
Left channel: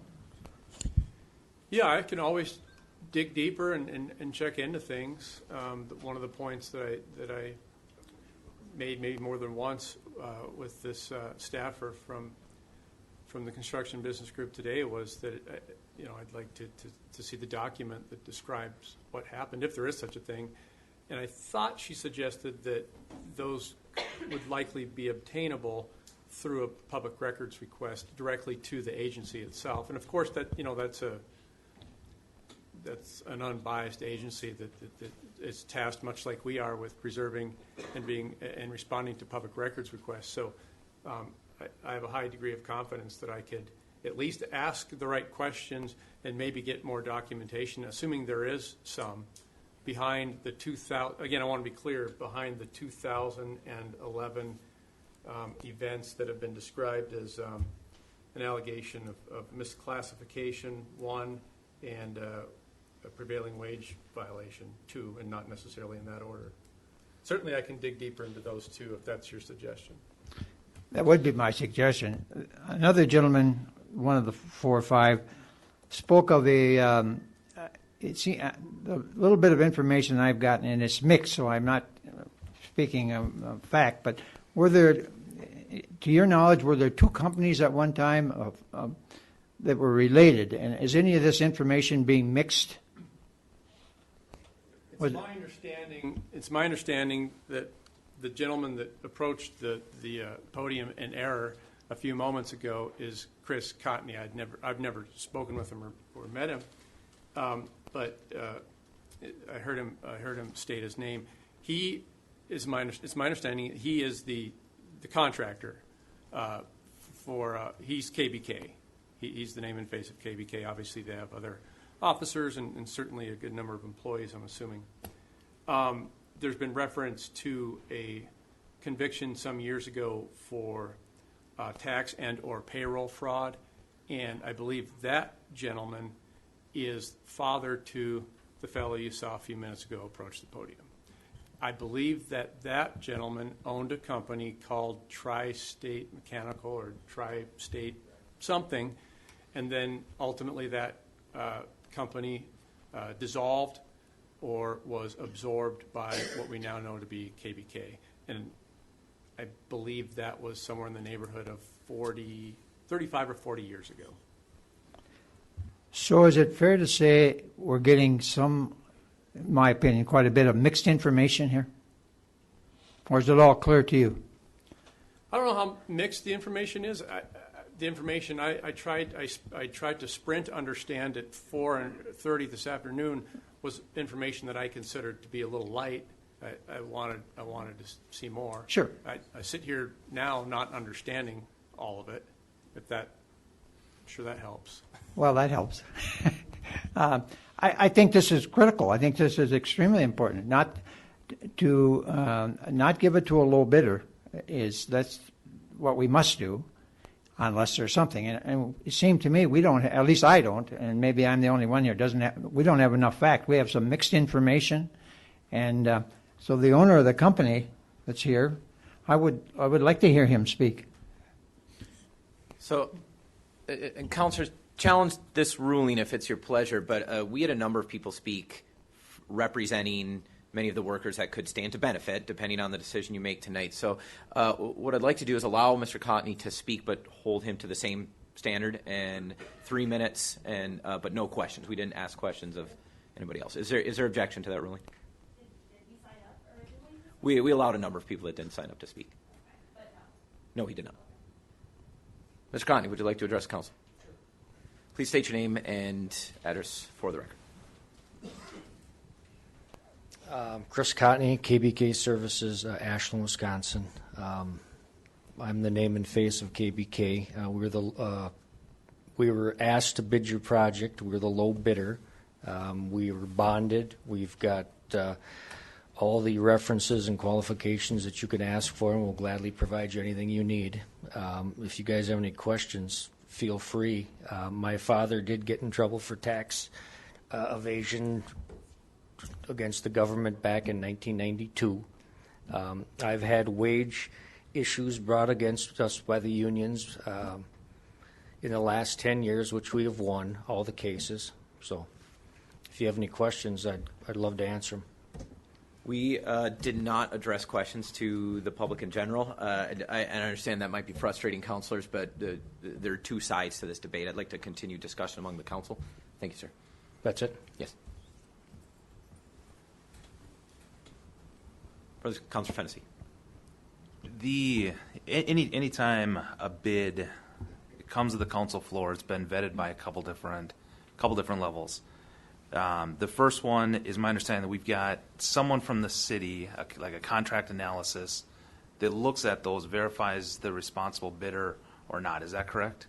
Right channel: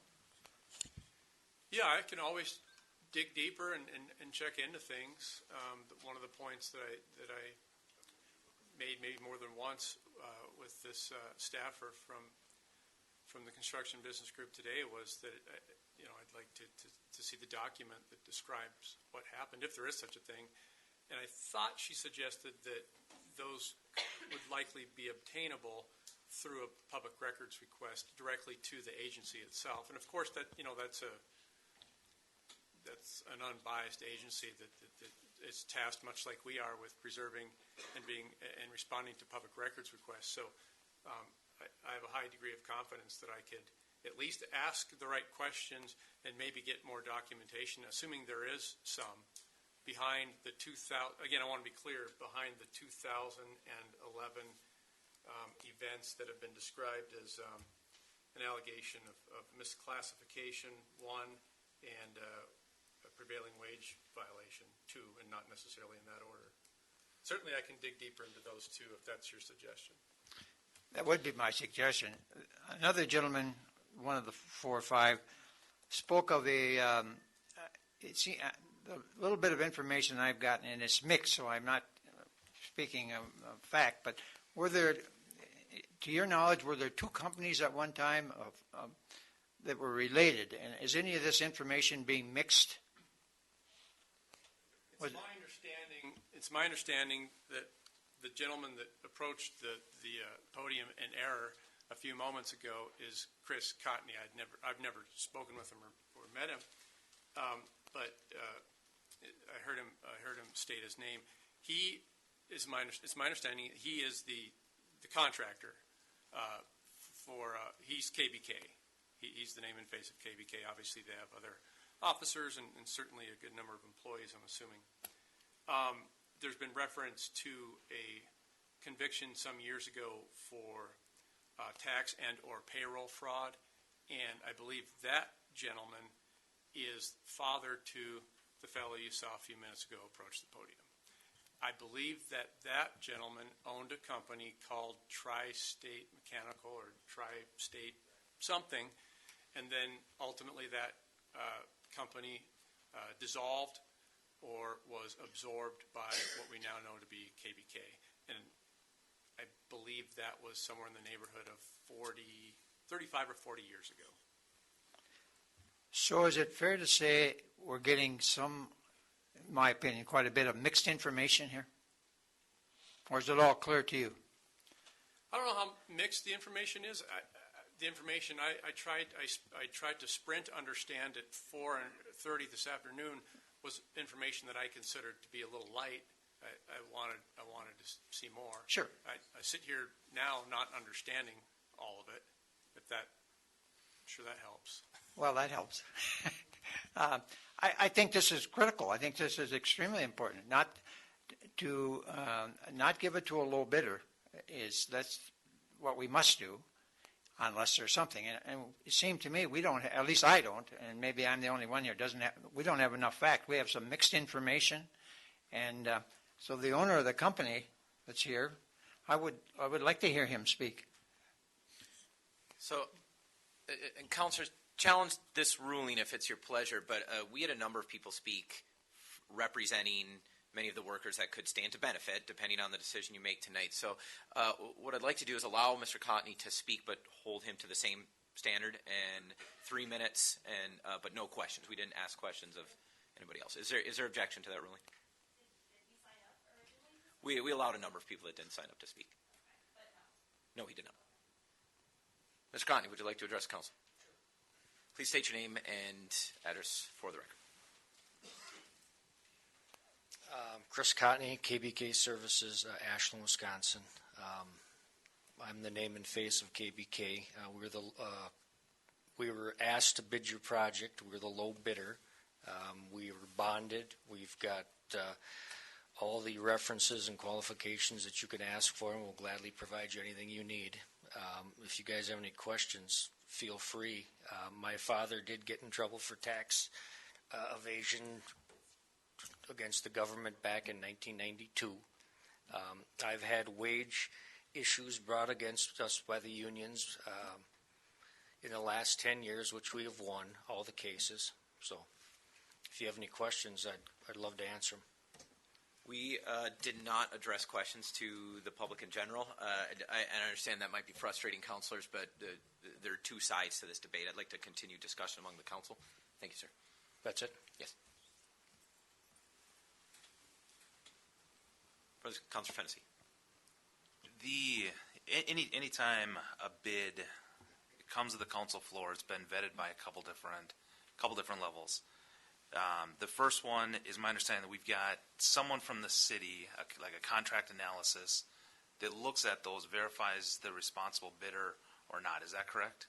Yeah, I can always dig deeper and check into things. One of the points that I made maybe more than once with this staffer from the construction business group today was that, I'd like to see the document that describes what happened, if there is such a thing. And I thought she suggested that those would likely be obtainable through a public records request directly to the agency itself. And of course, that's an unbiased agency that is tasked, much like we are, with preserving and responding to public records requests. So I have a high degree of confidence that I could at least ask the right questions and maybe get more documentation, assuming there is some, behind the 2000, again, I want to be clear, behind the 2011 events that have been described as an allegation of misclassification, 1, and a prevailing wage violation, 2, and not necessarily in that order. Certainly I can dig deeper into those 2 if that's your suggestion. That would be my suggestion. Another gentleman, one of the 4 or 5, spoke of a little bit of information I've gotten, and it's mixed, so I'm not speaking of fact, but were there, to your knowledge, were there 2 companies at one time that were related? And is any of this information being mixed? It's my understanding that the gentleman that approached the podium in error a few moments ago is Chris Cotney. I've never spoken with him or met him, but I heard him state his name. It's my understanding he is the contractor he's KBK. He's the name and face of KBK. Obviously, they have other officers and certainly a good number of employees, I'm assuming. There's been reference to a conviction some years ago for tax and or payroll fraud, and I believe that gentleman is father to the fellow you saw a few minutes ago approach the podium. I believe that gentleman owned a company called Tri-State Mechanical or Tri-State something, and then ultimately that company dissolved or was absorbed by what we now know to be KBK. And I believe that was somewhere in the neighborhood of 35 or 40 years ago. So is it fair to say we're getting some, in my opinion, quite a bit of mixed information here? Or is it all clear to you? I don't know how mixed the information is. The information I tried to sprint understand at 4:30 this afternoon was information that I considered to be a little light. I wanted to see more. Sure. I sit here now not understanding all of it. I'm sure that helps. Well, that helps. I think this is critical. I think this is extremely important. Not give it to a low bidder that's what we must do, unless there's something. And it seemed to me we don't, at least I don't, and maybe I'm the only one here, we don't have enough fact. We have some mixed information, and so the owner of the company that's here, I would like to hear him speak. So, and councilors, challenge this ruling if it's your pleasure, but we had a number of people speak representing many of the workers that could stand to benefit, depending on the decision you make tonight. So what I'd like to do is allow Mr. Cotney to speak, but hold him to the same standard, and 3 minutes, and but no questions. We didn't ask questions of anybody else. Is there objection to that ruling? Did you sign up originally? We allowed a number of people that didn't sign up to speak. Okay, but No, he did not. Mr. Cotney, would you like to address council? Sure. Please state your name and address for the record. Chris Cotney, KBK Services, Ashland, Wisconsin. I'm the name and face of KBK. We were asked to bid your project. We're the low bidder. We were bonded. We've got all the references and qualifications that you can ask for, and we'll gladly provide you anything you need. If you guys have any questions, feel free. My father did get in trouble for tax evasion against the government back in 1992. I've had wage issues brought against us by the unions in the last 10 years, which we have won all the cases. So if you have any questions, I'd love to answer them. We did not address questions to the public in general. And I understand that might be frustrating, councilors, but there are two sides to this debate. I'd like to continue discussion among the council. Thank you, sir. That's it? Yes. Councilor Fennessy. Anytime a bid comes to the council floor, it's been vetted by a couple different levels. The first one is my understanding that we've got someone from the city, like a contract analysis, that looks at those, verifies the responsible bidder or not. Is that correct?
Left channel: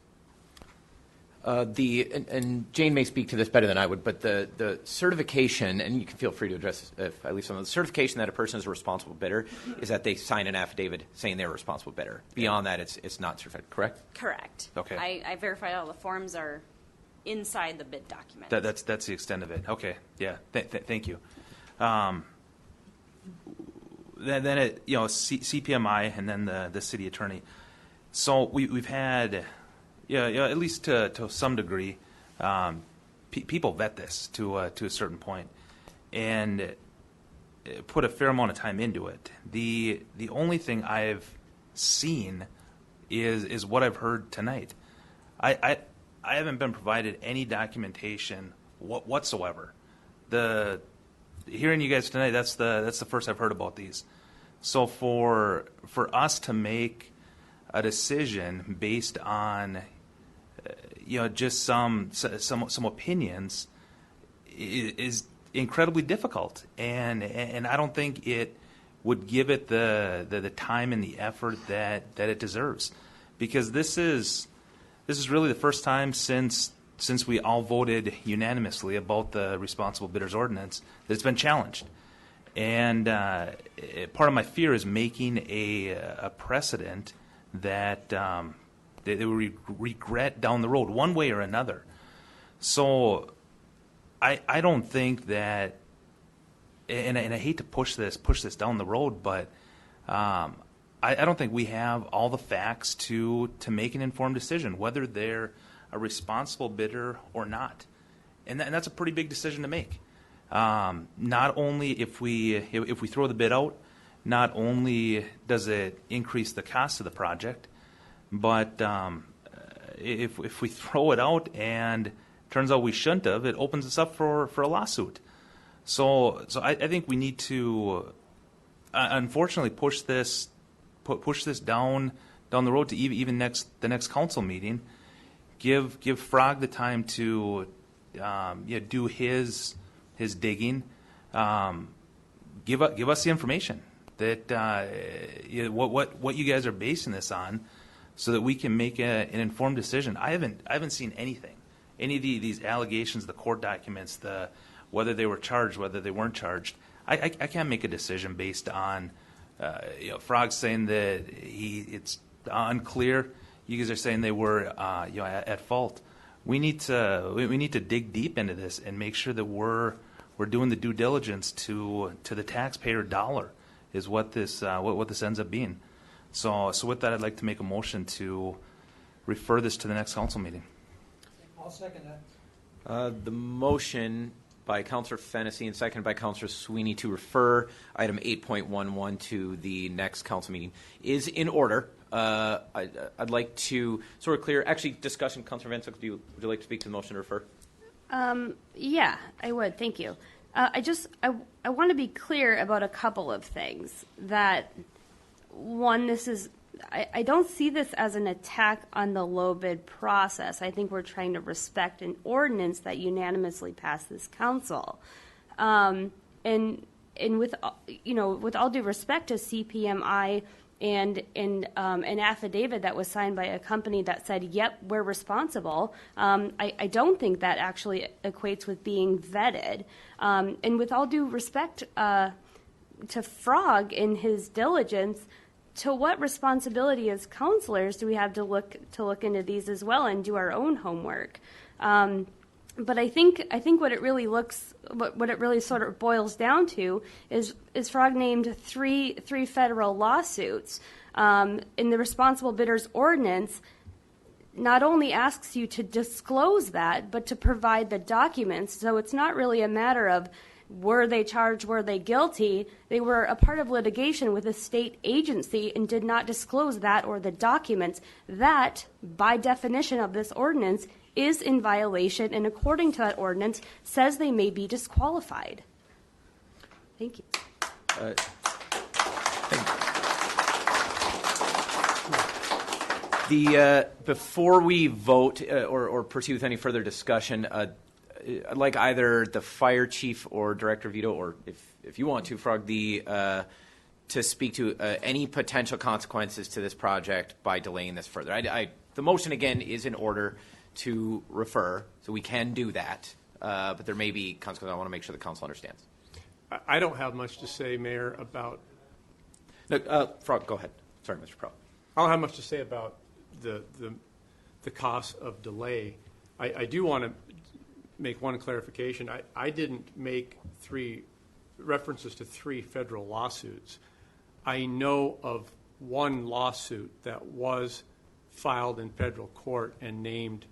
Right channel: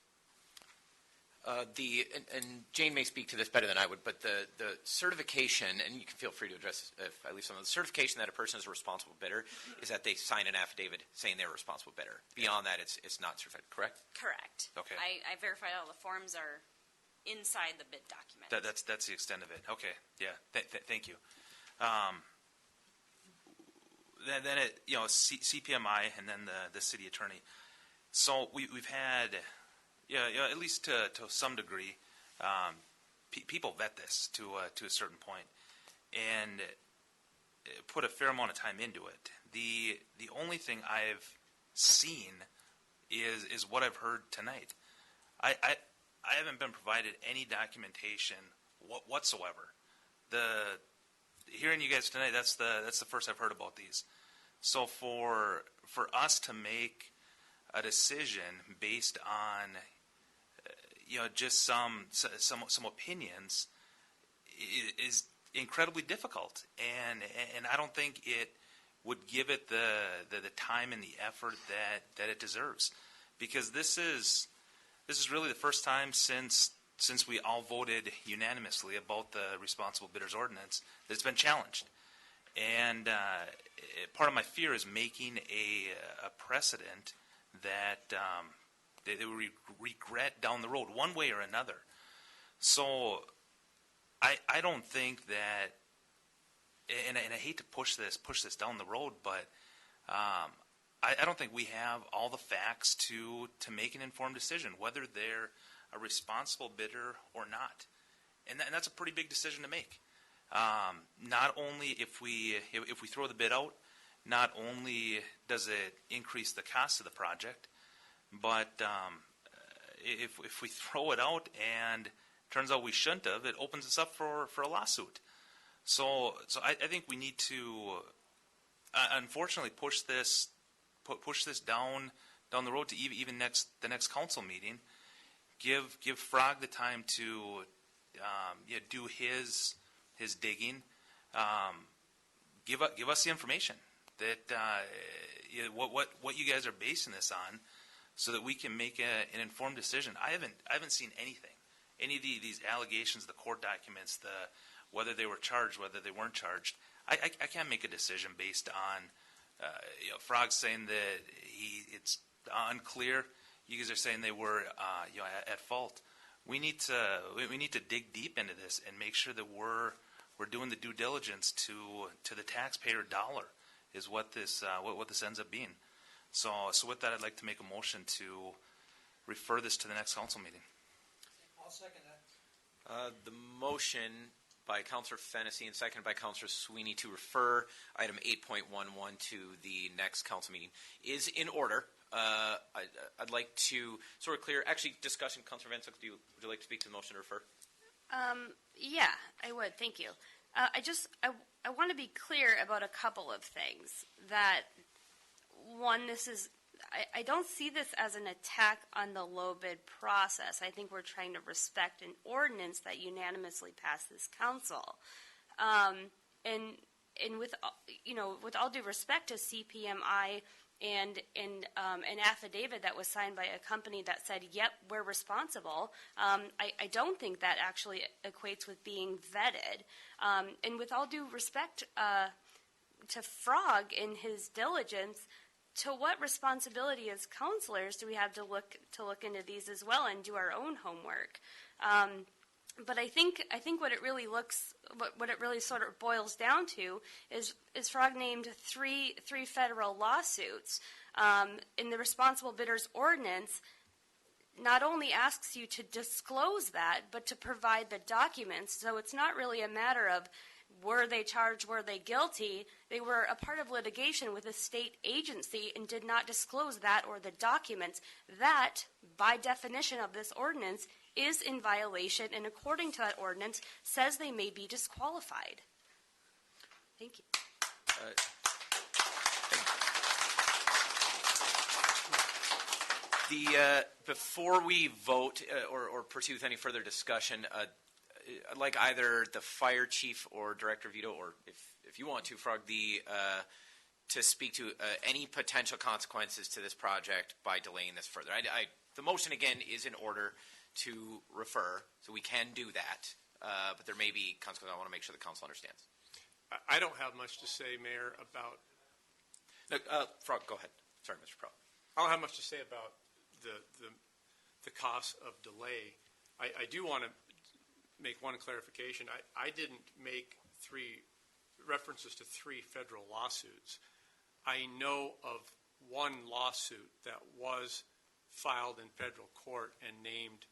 And Jane may speak to this better than I would, but the certification, and you can feel free to address if I leave some of the certification that a person is a responsible bidder is that they sign an affidavit saying they're a responsible bidder. Beyond that, it's not certified, correct? Correct. Okay. I verified all the forms are inside the bid document. That's the extent of it. Okay. Yeah. Thank you. Then it, CPMI and then the city attorney. So we've had. Yeah, at least to some degree, people vet this to a certain point, and put a fair amount of time into it. The only thing I've seen is what I've heard tonight. I haven't been provided any documentation whatsoever. Hearing you guys tonight, that's the first I've heard about these. So for us to make a decision based on just some opinions is incredibly difficult, and I don't think it would give it the time and the effort that it deserves, because this is really the first time since we all voted unanimously about the responsible bidders ordinance that it's been challenged, and part of my fear is making a precedent that they will regret down the road one way or another. So I don't think that, and I hate to push this down the road, but I don't think we have all the facts to make an informed decision whether they're a responsible bidder or not, and that's a pretty big decision to make. Not only if we throw the bid out, not only does it increase the cost of the project, but if we throw it out and turns out we shouldn't have, it opens us up for a lawsuit. So I think we need to unfortunately push this down the road to even the next council meeting. Give Frog the time to do his digging. Give us the information that what you guys are basing this on, so that we can make an informed decision. I haven't seen anything, any of these allegations, the court documents, whether they were charged, whether they weren't charged. I can't make a decision based on Frog saying that it's unclear. You guys are saying they were at fault. We need to dig deep into this and make sure that we're doing the due diligence to the taxpayer dollar is what this ends up being. So with that, I'd like to make a motion to refer this to the next council meeting. I'll second that. The motion by Councilor Fennessy and seconded by Councilor Sweeney to refer item 8.11 to the next council meeting is in order. I'd like to sort of clear, actually, discussion. Councilor Van Sickle, would you like to speak to the motion to refer? Yeah, I would. Thank you. I want to be clear about a couple of things. That one, I don't see this as an attack on the low bid process. I think we're trying to respect an ordinance that unanimously passed this council. And with all due respect to CPMI and an affidavit that was signed by a company that said, yep, we're responsible, I don't think that actually equates with being vetted. And with all due respect to Frog in his diligence, to what responsibility as counselors do we have to look into these as well and do our own homework? But I think what it really sort of boils down to is Frog named three federal lawsuits. In the responsible bidders ordinance, not only asks you to disclose that, but to provide the documents. So it's not really a matter of were they charged, were they guilty? They were a part of litigation with a state agency and did not disclose that or the documents. That, by definition of this ordinance, is in violation, and according to that ordinance, says they may be disqualified. Thank you. Before we vote or proceed with any further discussion, I'd like either the fire chief or Director Vito, or if you want to, Frog, to speak to any potential consequences to this project by delaying this further. The motion, again, is in order to refer, so we can do that, but there may be consequences. I want to make sure the council understands. I don't have much to say, Mayor, about... No, Frog, go ahead. Sorry, Mr. Pro. I don't have much to say about the cost of delay. I do want to make one clarification. I didn't make references to 3 federal lawsuits. I know of one lawsuit that was filed in federal court and named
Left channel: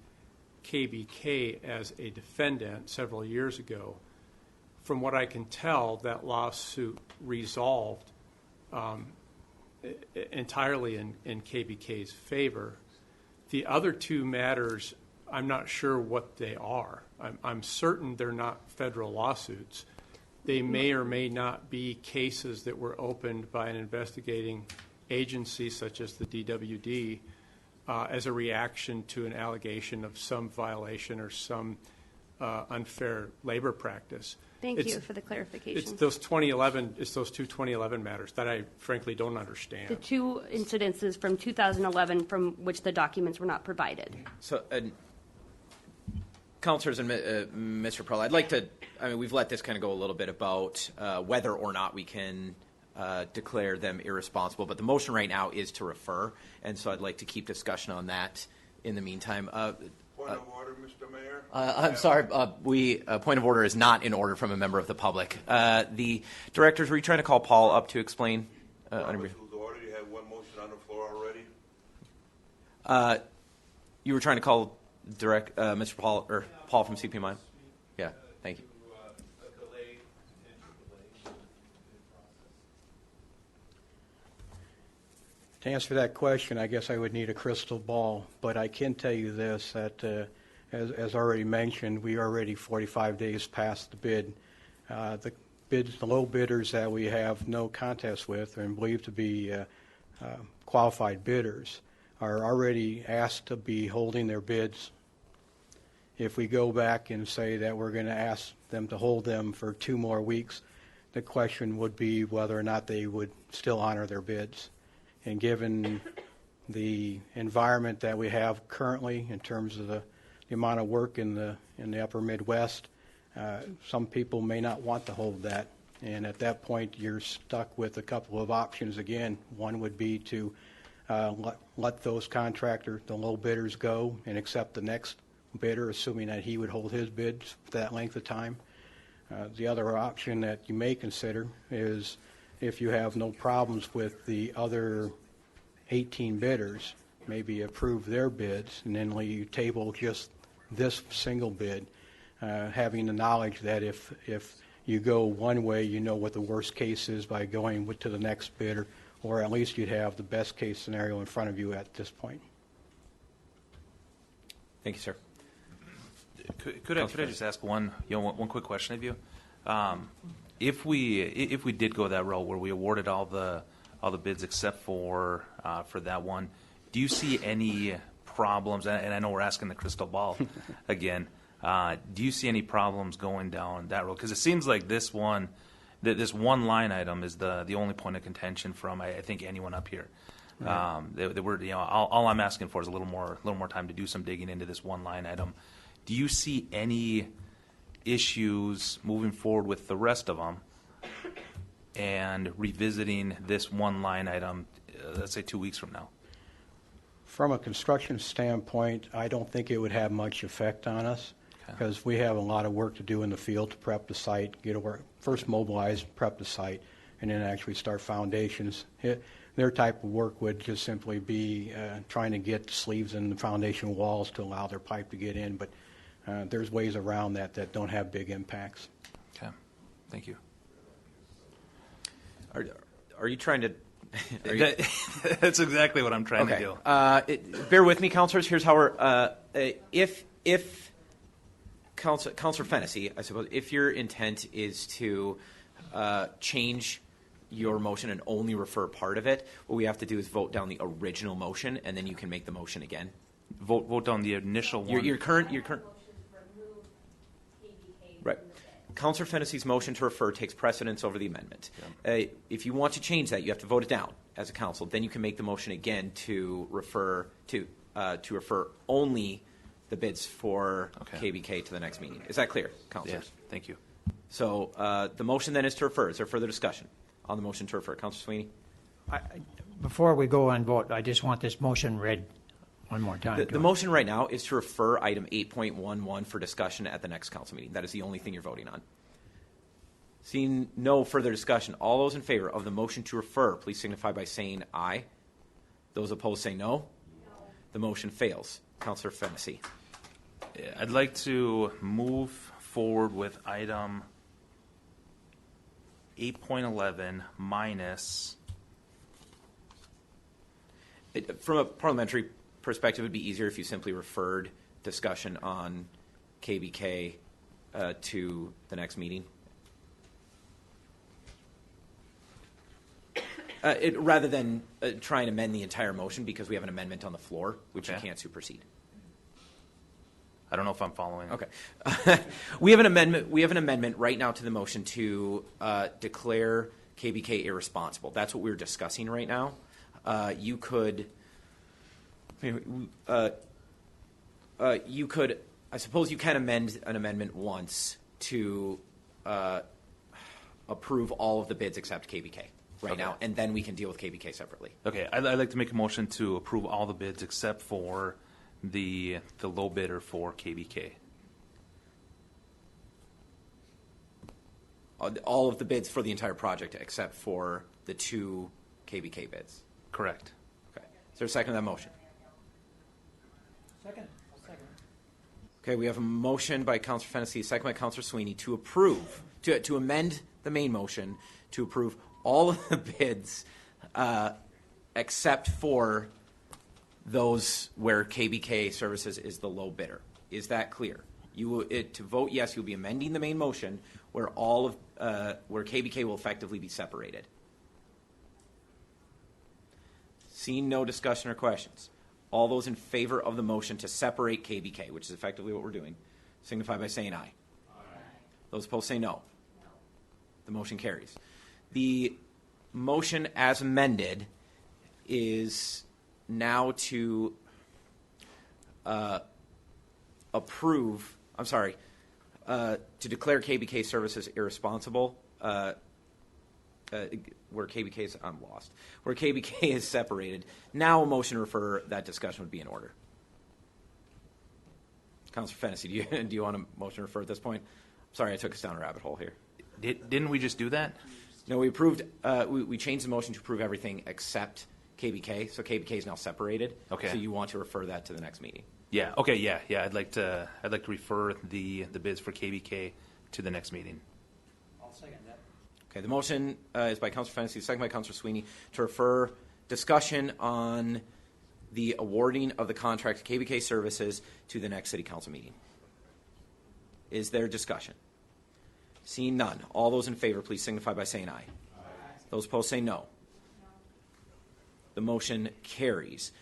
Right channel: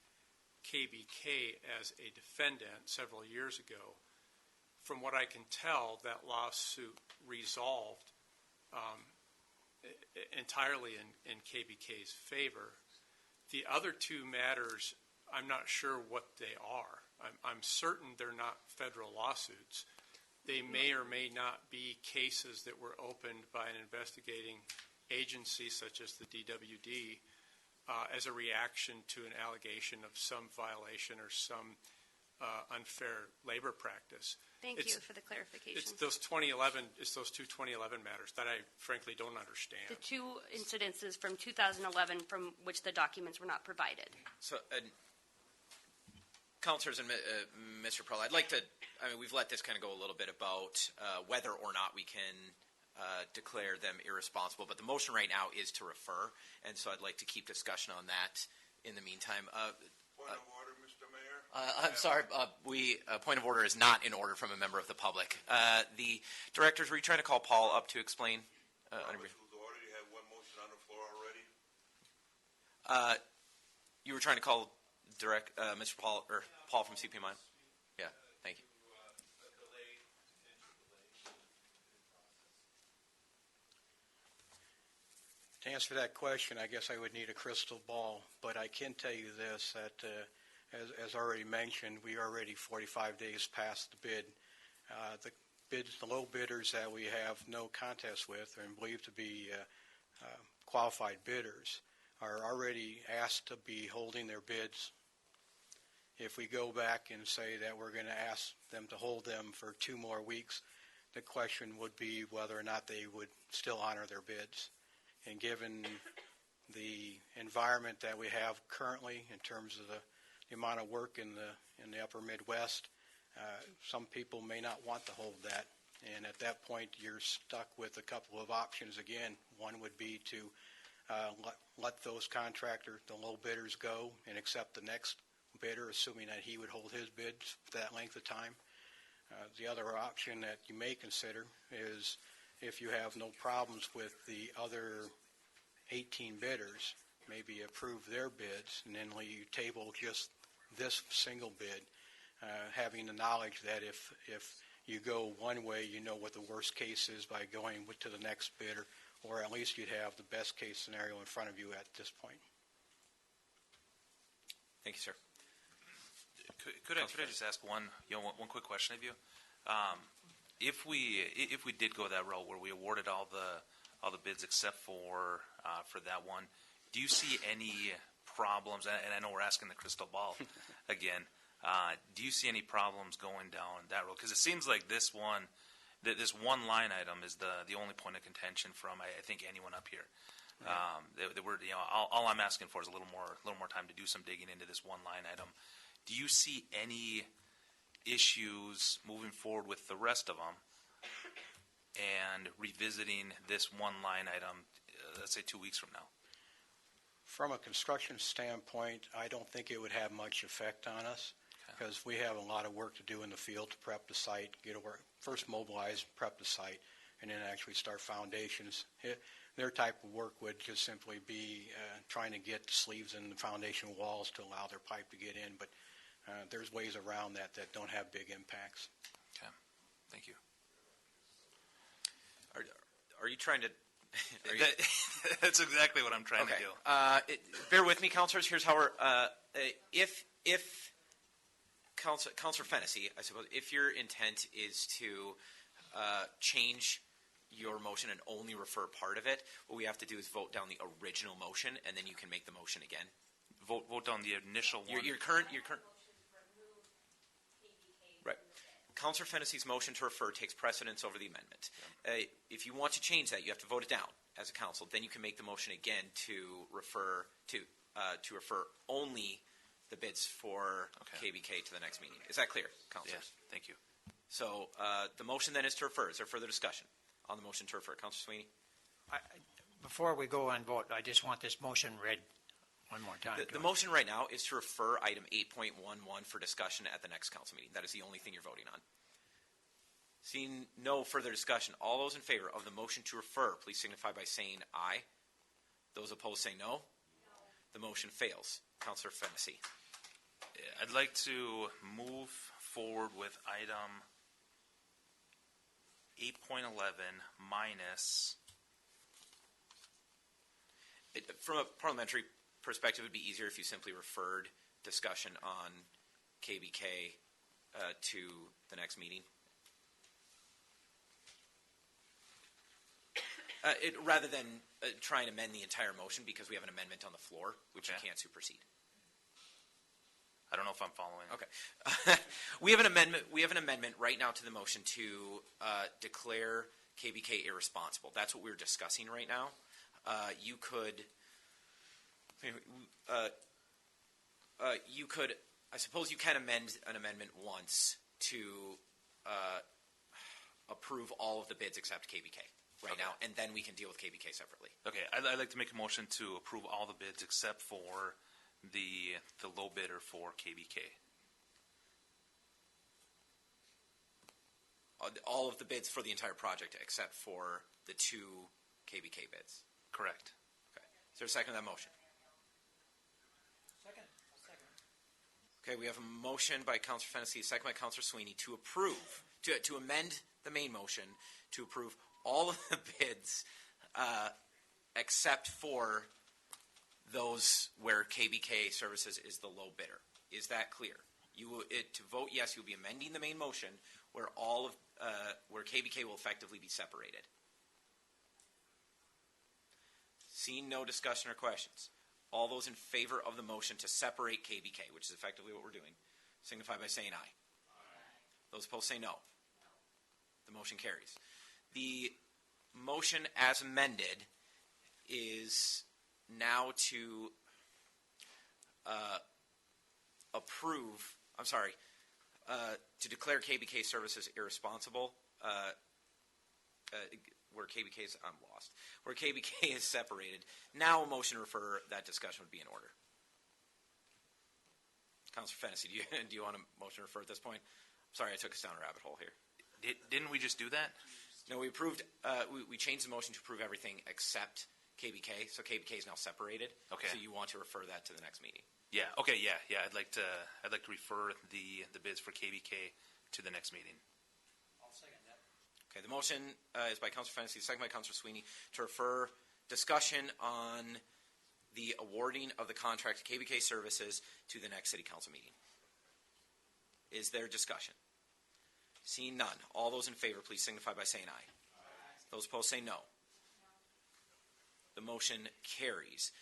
KBK as a defendant several years ago. From what I can tell, that lawsuit resolved entirely in KBK's favor. The other 2 matters, I'm not sure what they are. I'm certain they're not federal lawsuits. They may or may not be cases that were opened by an investigating agency such as the DWD as a reaction to an allegation of some violation or some unfair labor practice. Thank you for the clarification. It's those 2 2011 matters that I frankly don't understand. The 2 incidences from 2011 from which the documents were not provided. So, councilors and Mr. Pearl, I'd like to, we've let this kind of go a little bit about whether or not we can declare them irresponsible, but the motion right now is to refer, and so I'd like to keep discussion on that in the meantime. Point of order, Mr. Mayor. I'm sorry, point of order is not in order from a member of the public. The directors, were you trying to call Paul up to explain? Robert's rules of order, you have one motion on the floor already. You were trying to call Mr. Paul from CPMI? Yeah, thank you. To answer that question, I guess I would need a crystal ball, but I can tell you this, that as already mentioned, we are already 45 days past the bid. The low bidders that we have no contest with and believed to be qualified bidders are already asked to be holding their bids. If we go back and say that we're going to ask them to hold them for 2 more weeks, the question would be whether or not they would still honor their bids. And given the environment that we have currently in terms of the amount of work in the upper Midwest, some people may not want to hold that. And at that point, you're stuck with a couple of options again. One would be to let those contractors, the low bidders, go and accept the next bidder, assuming that he would hold his bids for that length of time. The other option that you may consider is, if you have no problems with the other 18 bidders, maybe approve their bids and then you table just this single bid, having the knowledge that if you go one way, you know what the worst case is by going to the next bidder, or at least you'd have the best case scenario in front of you at this point. Thank you, sir. Could I just ask one quick question of you? If we did go that route where we awarded all the bids except for that one, do you see any problems? And I know we're asking the crystal ball again. Do you see any problems going down that road? Because it seems like this one line item is the only point of contention from I think anyone up here. Right. All I'm asking for is a little more time to do some digging into this one line item. Do you see any issues moving forward with the rest of them and revisiting this one line item, let's say 2 weeks from now? From a construction standpoint, I don't think it would have much effect on us, because we have a lot of work to do in the field to prep the site, first mobilize, prep the site, and then actually start foundations. Their type of work would just simply be trying to get sleeves in the foundation walls to allow their pipe to get in, but there's ways around that don't have big impacts. Okay. Thank you. Are you trying to? That's exactly what I'm trying to do. Bear with me, councilors. Here's how we're. If Councilor Fennessy, I suppose, if your intent is to change your motion and only refer part of it, what we have to do is vote down the original motion, and then you can make the motion again. Vote down the initial one. Your current. Right. Councilor Fennessy's motion to refer takes precedence over the amendment. If you want to change that, you have to vote it down as a council. Then you can make the motion again to refer only the bids for KBK to the next meeting. Is that clear, councilors? Yes. Thank you. So the motion then is to refer. Is there further discussion on the motion to refer? Councilor Sweeney? Before we go and vote, I just want this motion read one more time. The motion right now is to refer item 8.11 for discussion at the next council meeting. That is the only thing you're voting on. Seeing no further discussion, all those in favor of the motion to refer, please signify by saying aye. Those opposed say no. The motion fails. Councilor Fennessy. I'd like to move forward with item 8.11 minus. From a parliamentary perspective, it would be easier if you simply referred discussion on KBK to the next meeting. Rather than try and amend the entire motion, because we have an amendment on the floor, which you can't supersede. I don't know if I'm following. Okay. We have an amendment right now to the motion to declare KBK irresponsible. That's what we're discussing right now. You could, I suppose you can amend an amendment once to approve all of the bids except KBK now, and then we can deal with KBK separately. Okay, I'd like to make a motion to approve all the bids except for the low bidder for KBK. All of the bids for the entire project except for the 2 KBK bids. Correct. Okay. Is there a second to that motion? Second. Okay, we have a motion by Councilor Fennessy, second by Councilor Sweeney to approve, to amend the main motion to approve all of the bids except for those where KBK Services is the low bidder. Is that clear? To vote yes, you'll be amending the main motion where where KBK will effectively be separated. Seeing no discussion or questions, all those in favor of the motion to separate KBK, which is effectively what we're doing, signify by saying aye. Those opposed say no. The motion carries. The motion as amended is now to to declare KBK Services irresponsible, where KBK is, I'm lost, where KBK is separated. Now a motion to refer, that discussion would be in order. Councilor Fennessy, do you want a motion to refer at this point? Sorry, I took us down a rabbit hole here. Didn't we just do that? No, we approved, we changed the motion to approve everything except KBK, so KBK is now separated. Okay. So you want to refer that to the next meeting. Yeah. Okay. Yeah. I'd like to refer the bids for KBK to the next meeting. I'll second that. Okay. The motion is by Councilor Fennessy, second by Councilor Sweeney to refer discussion on the awarding of the contract to KBK Services to the next City Council meeting. Is there discussion? Seeing none, all those in favor, please signify by saying aye. Those opposed say no. The motion carries.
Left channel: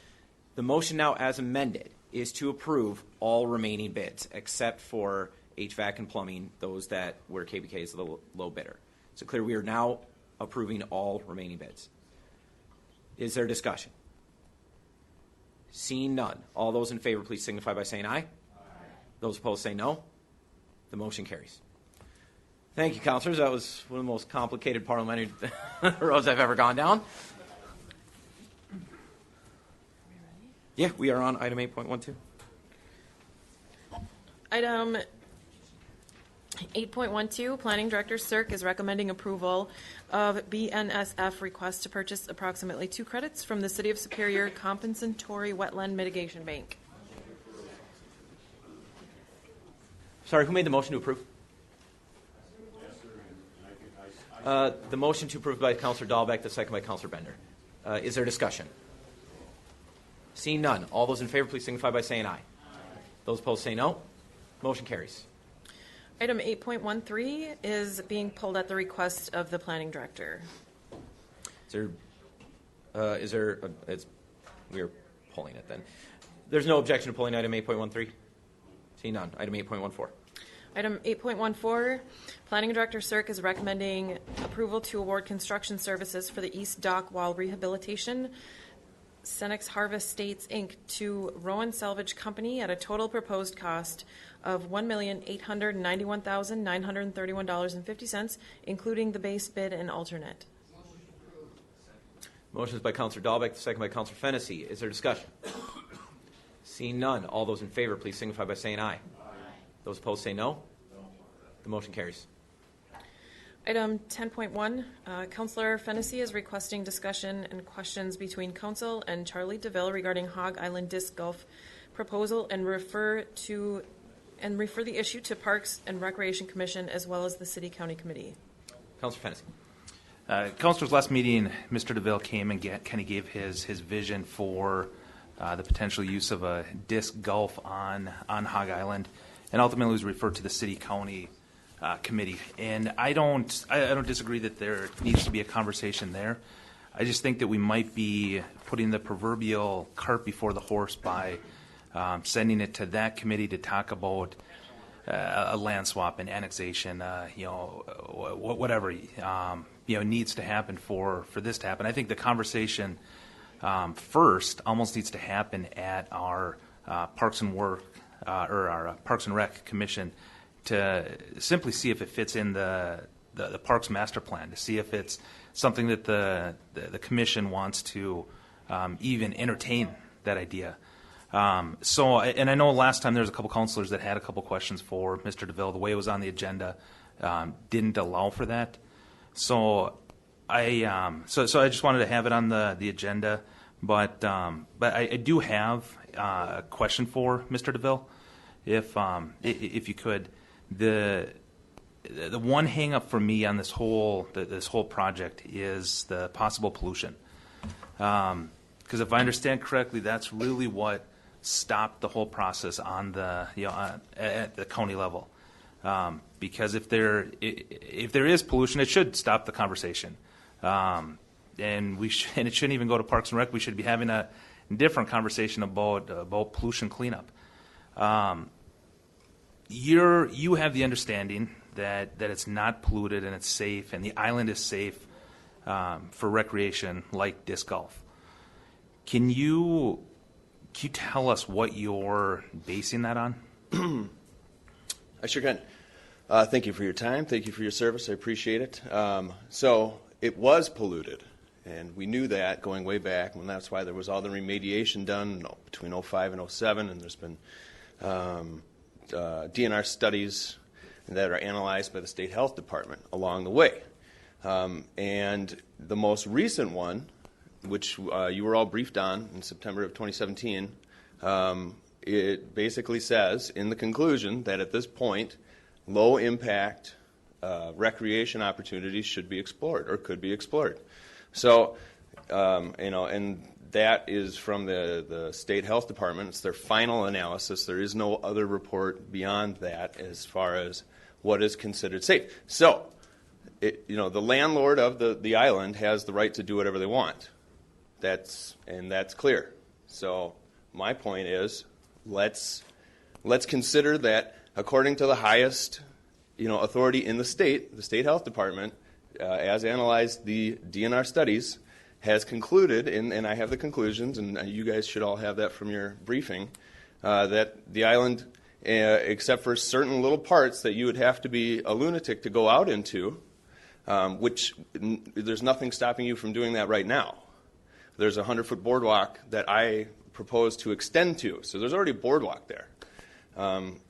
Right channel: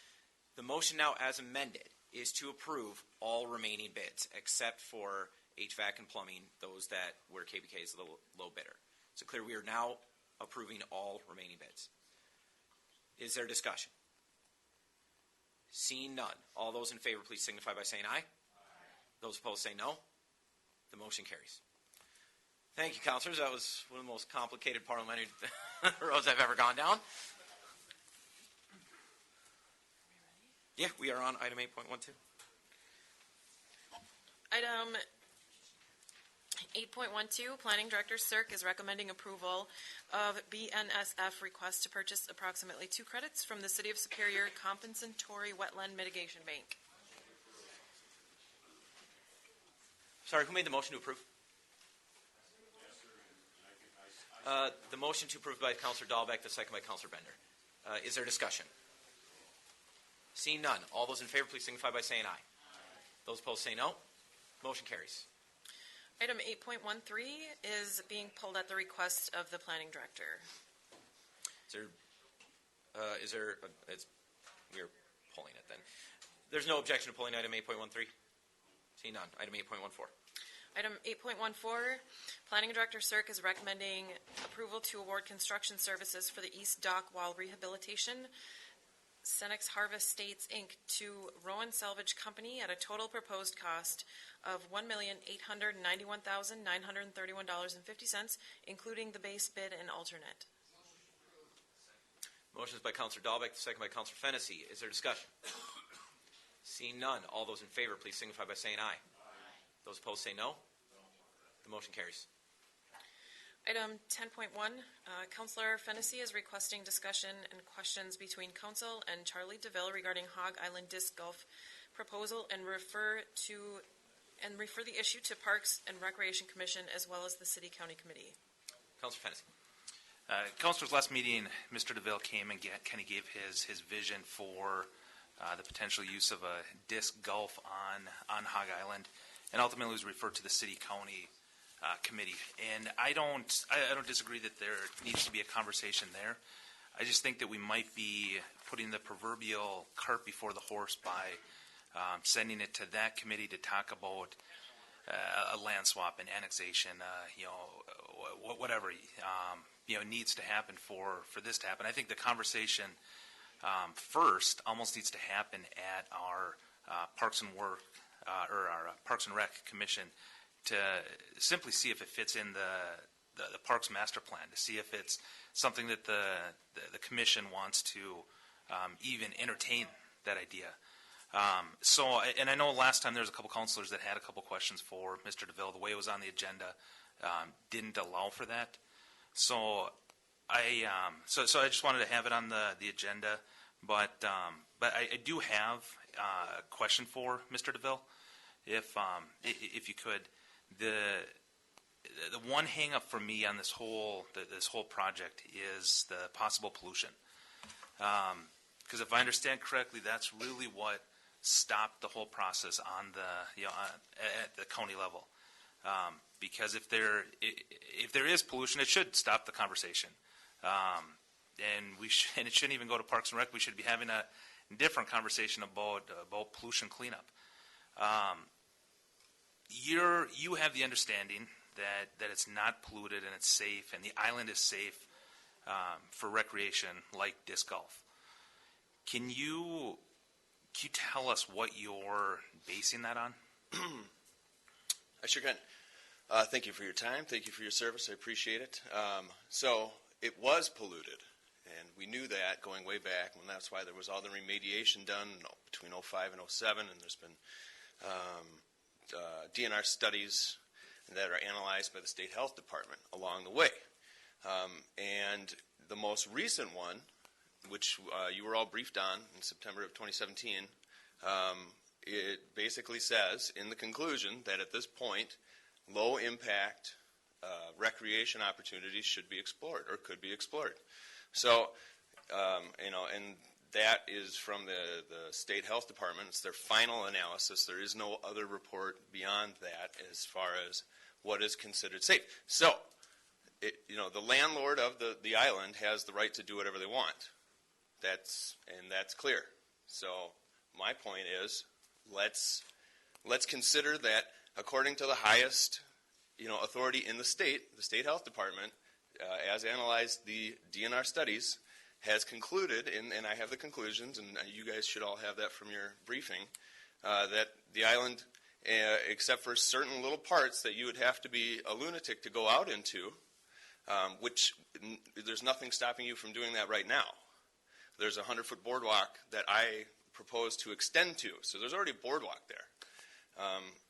The motion now as amended is to approve all remaining bids except for HVAC and plumbing, those where KBK is the low bidder. So clear, we are now approving all remaining bids. Is there discussion? Seeing none, all those in favor, please signify by saying aye. Those opposed say no. The motion carries. Thank you, councilors. That was one of the most complicated parliamentary roads I've ever gone down. Yeah, we are on item 8.12. Item 8.12, Planning Director Cirque is recommending approval of BNSF request to purchase approximately 2 credits from the City of Superior Compensatory Wetland Mitigation Bank. Sorry, who made the motion to approve? The motion to approve by Councilor Dahlbeck, the second by Councilor Bender. Is there discussion? Seeing none. All those in favor, please signify by saying aye. Those opposed say no. Motion carries. Item 8.13 is being pulled at the request of the planning director. We're pulling it then. There's no objection to pulling item 8.13? Seeing none. Item 8.14. Item 8.14, Planning Director Cirque is recommending approval to award construction services for the East Dock Wall Rehabilitation, Senex Harvest States, Inc., to Rowan Salvage Company at a total proposed cost of $1,891,931.50, including the base bid and alternate. Motion is by Councilor Dahlbeck, the second by Councilor Fennessy. Is there discussion? Seeing none. All those in favor, please signify by saying aye. Those opposed say no. The motion carries. Item 10.1, Councilor Fennessy is requesting discussion and questions between Council and Charlie DeVille regarding Hog Island Disc Golf proposal and refer the issue to Parks and Recreation Commission as well as the City County Committee. Councilor Fennessy. Councilors, last meeting, Mr. DeVille came and kind of gave his vision for the potential use of a disc golf on Hog Island, and ultimately was referred to the City County Committee. And I don't disagree that there needs to be a conversation there. I just think that we might be putting the proverbial cart before the horse by sending it to that committee to talk about a land swap and annexation, whatever needs to happen for this to happen. I think the conversation first almost needs to happen at our Parks and Rec Commission to simply see if it fits in the Parks Master Plan, to see if it's something that the commission wants to even entertain that idea. And I know last time there was a couple councilors that had a couple questions for Mr. DeVille. The way it was on the agenda didn't allow for that. So I just wanted to have it on the agenda. But I do have a question for Mr. DeVille, if you could. The one hang up for me on this whole project is the possible pollution. Because if I understand correctly, that's really what stopped the whole process on at the county level. Because if there is pollution, it should stop the conversation. And it shouldn't even go to Parks and Rec. We should be having a different conversation about pollution cleanup. You have the understanding that it's not polluted and it's safe, and the island is safe for recreation like disc golf. Can you tell us what you're basing that on? I sure can. Thank you for your time. Thank you for your service. I appreciate it. So it was polluted, and we knew that going way back, and that's why there was all the remediation done between 2005 and 2007, and there's been DNR studies that are analyzed by the State Health Department along the way. And the most recent one, which you were all briefed on in September of 2017, it basically says in the conclusion that at this point, low impact recreation opportunities should be explored or could be explored. So, and that is from the State Health Department. It's their final analysis. There is no other report beyond that as far as what is considered safe. So, the landlord of the island has the right to do whatever they want. That's clear. So my point is, let's consider that according to the highest authority in the State Health Department, as analyzed the DNR studies, has concluded, and I have the conclusions, and you guys should all have that from your briefing, that the island, except for certain little parts that you would have to be a lunatic to go out into, which there's nothing stopping you from doing that right now. There's a 100-foot boardwalk that I propose to extend to, so there's already a boardwalk there.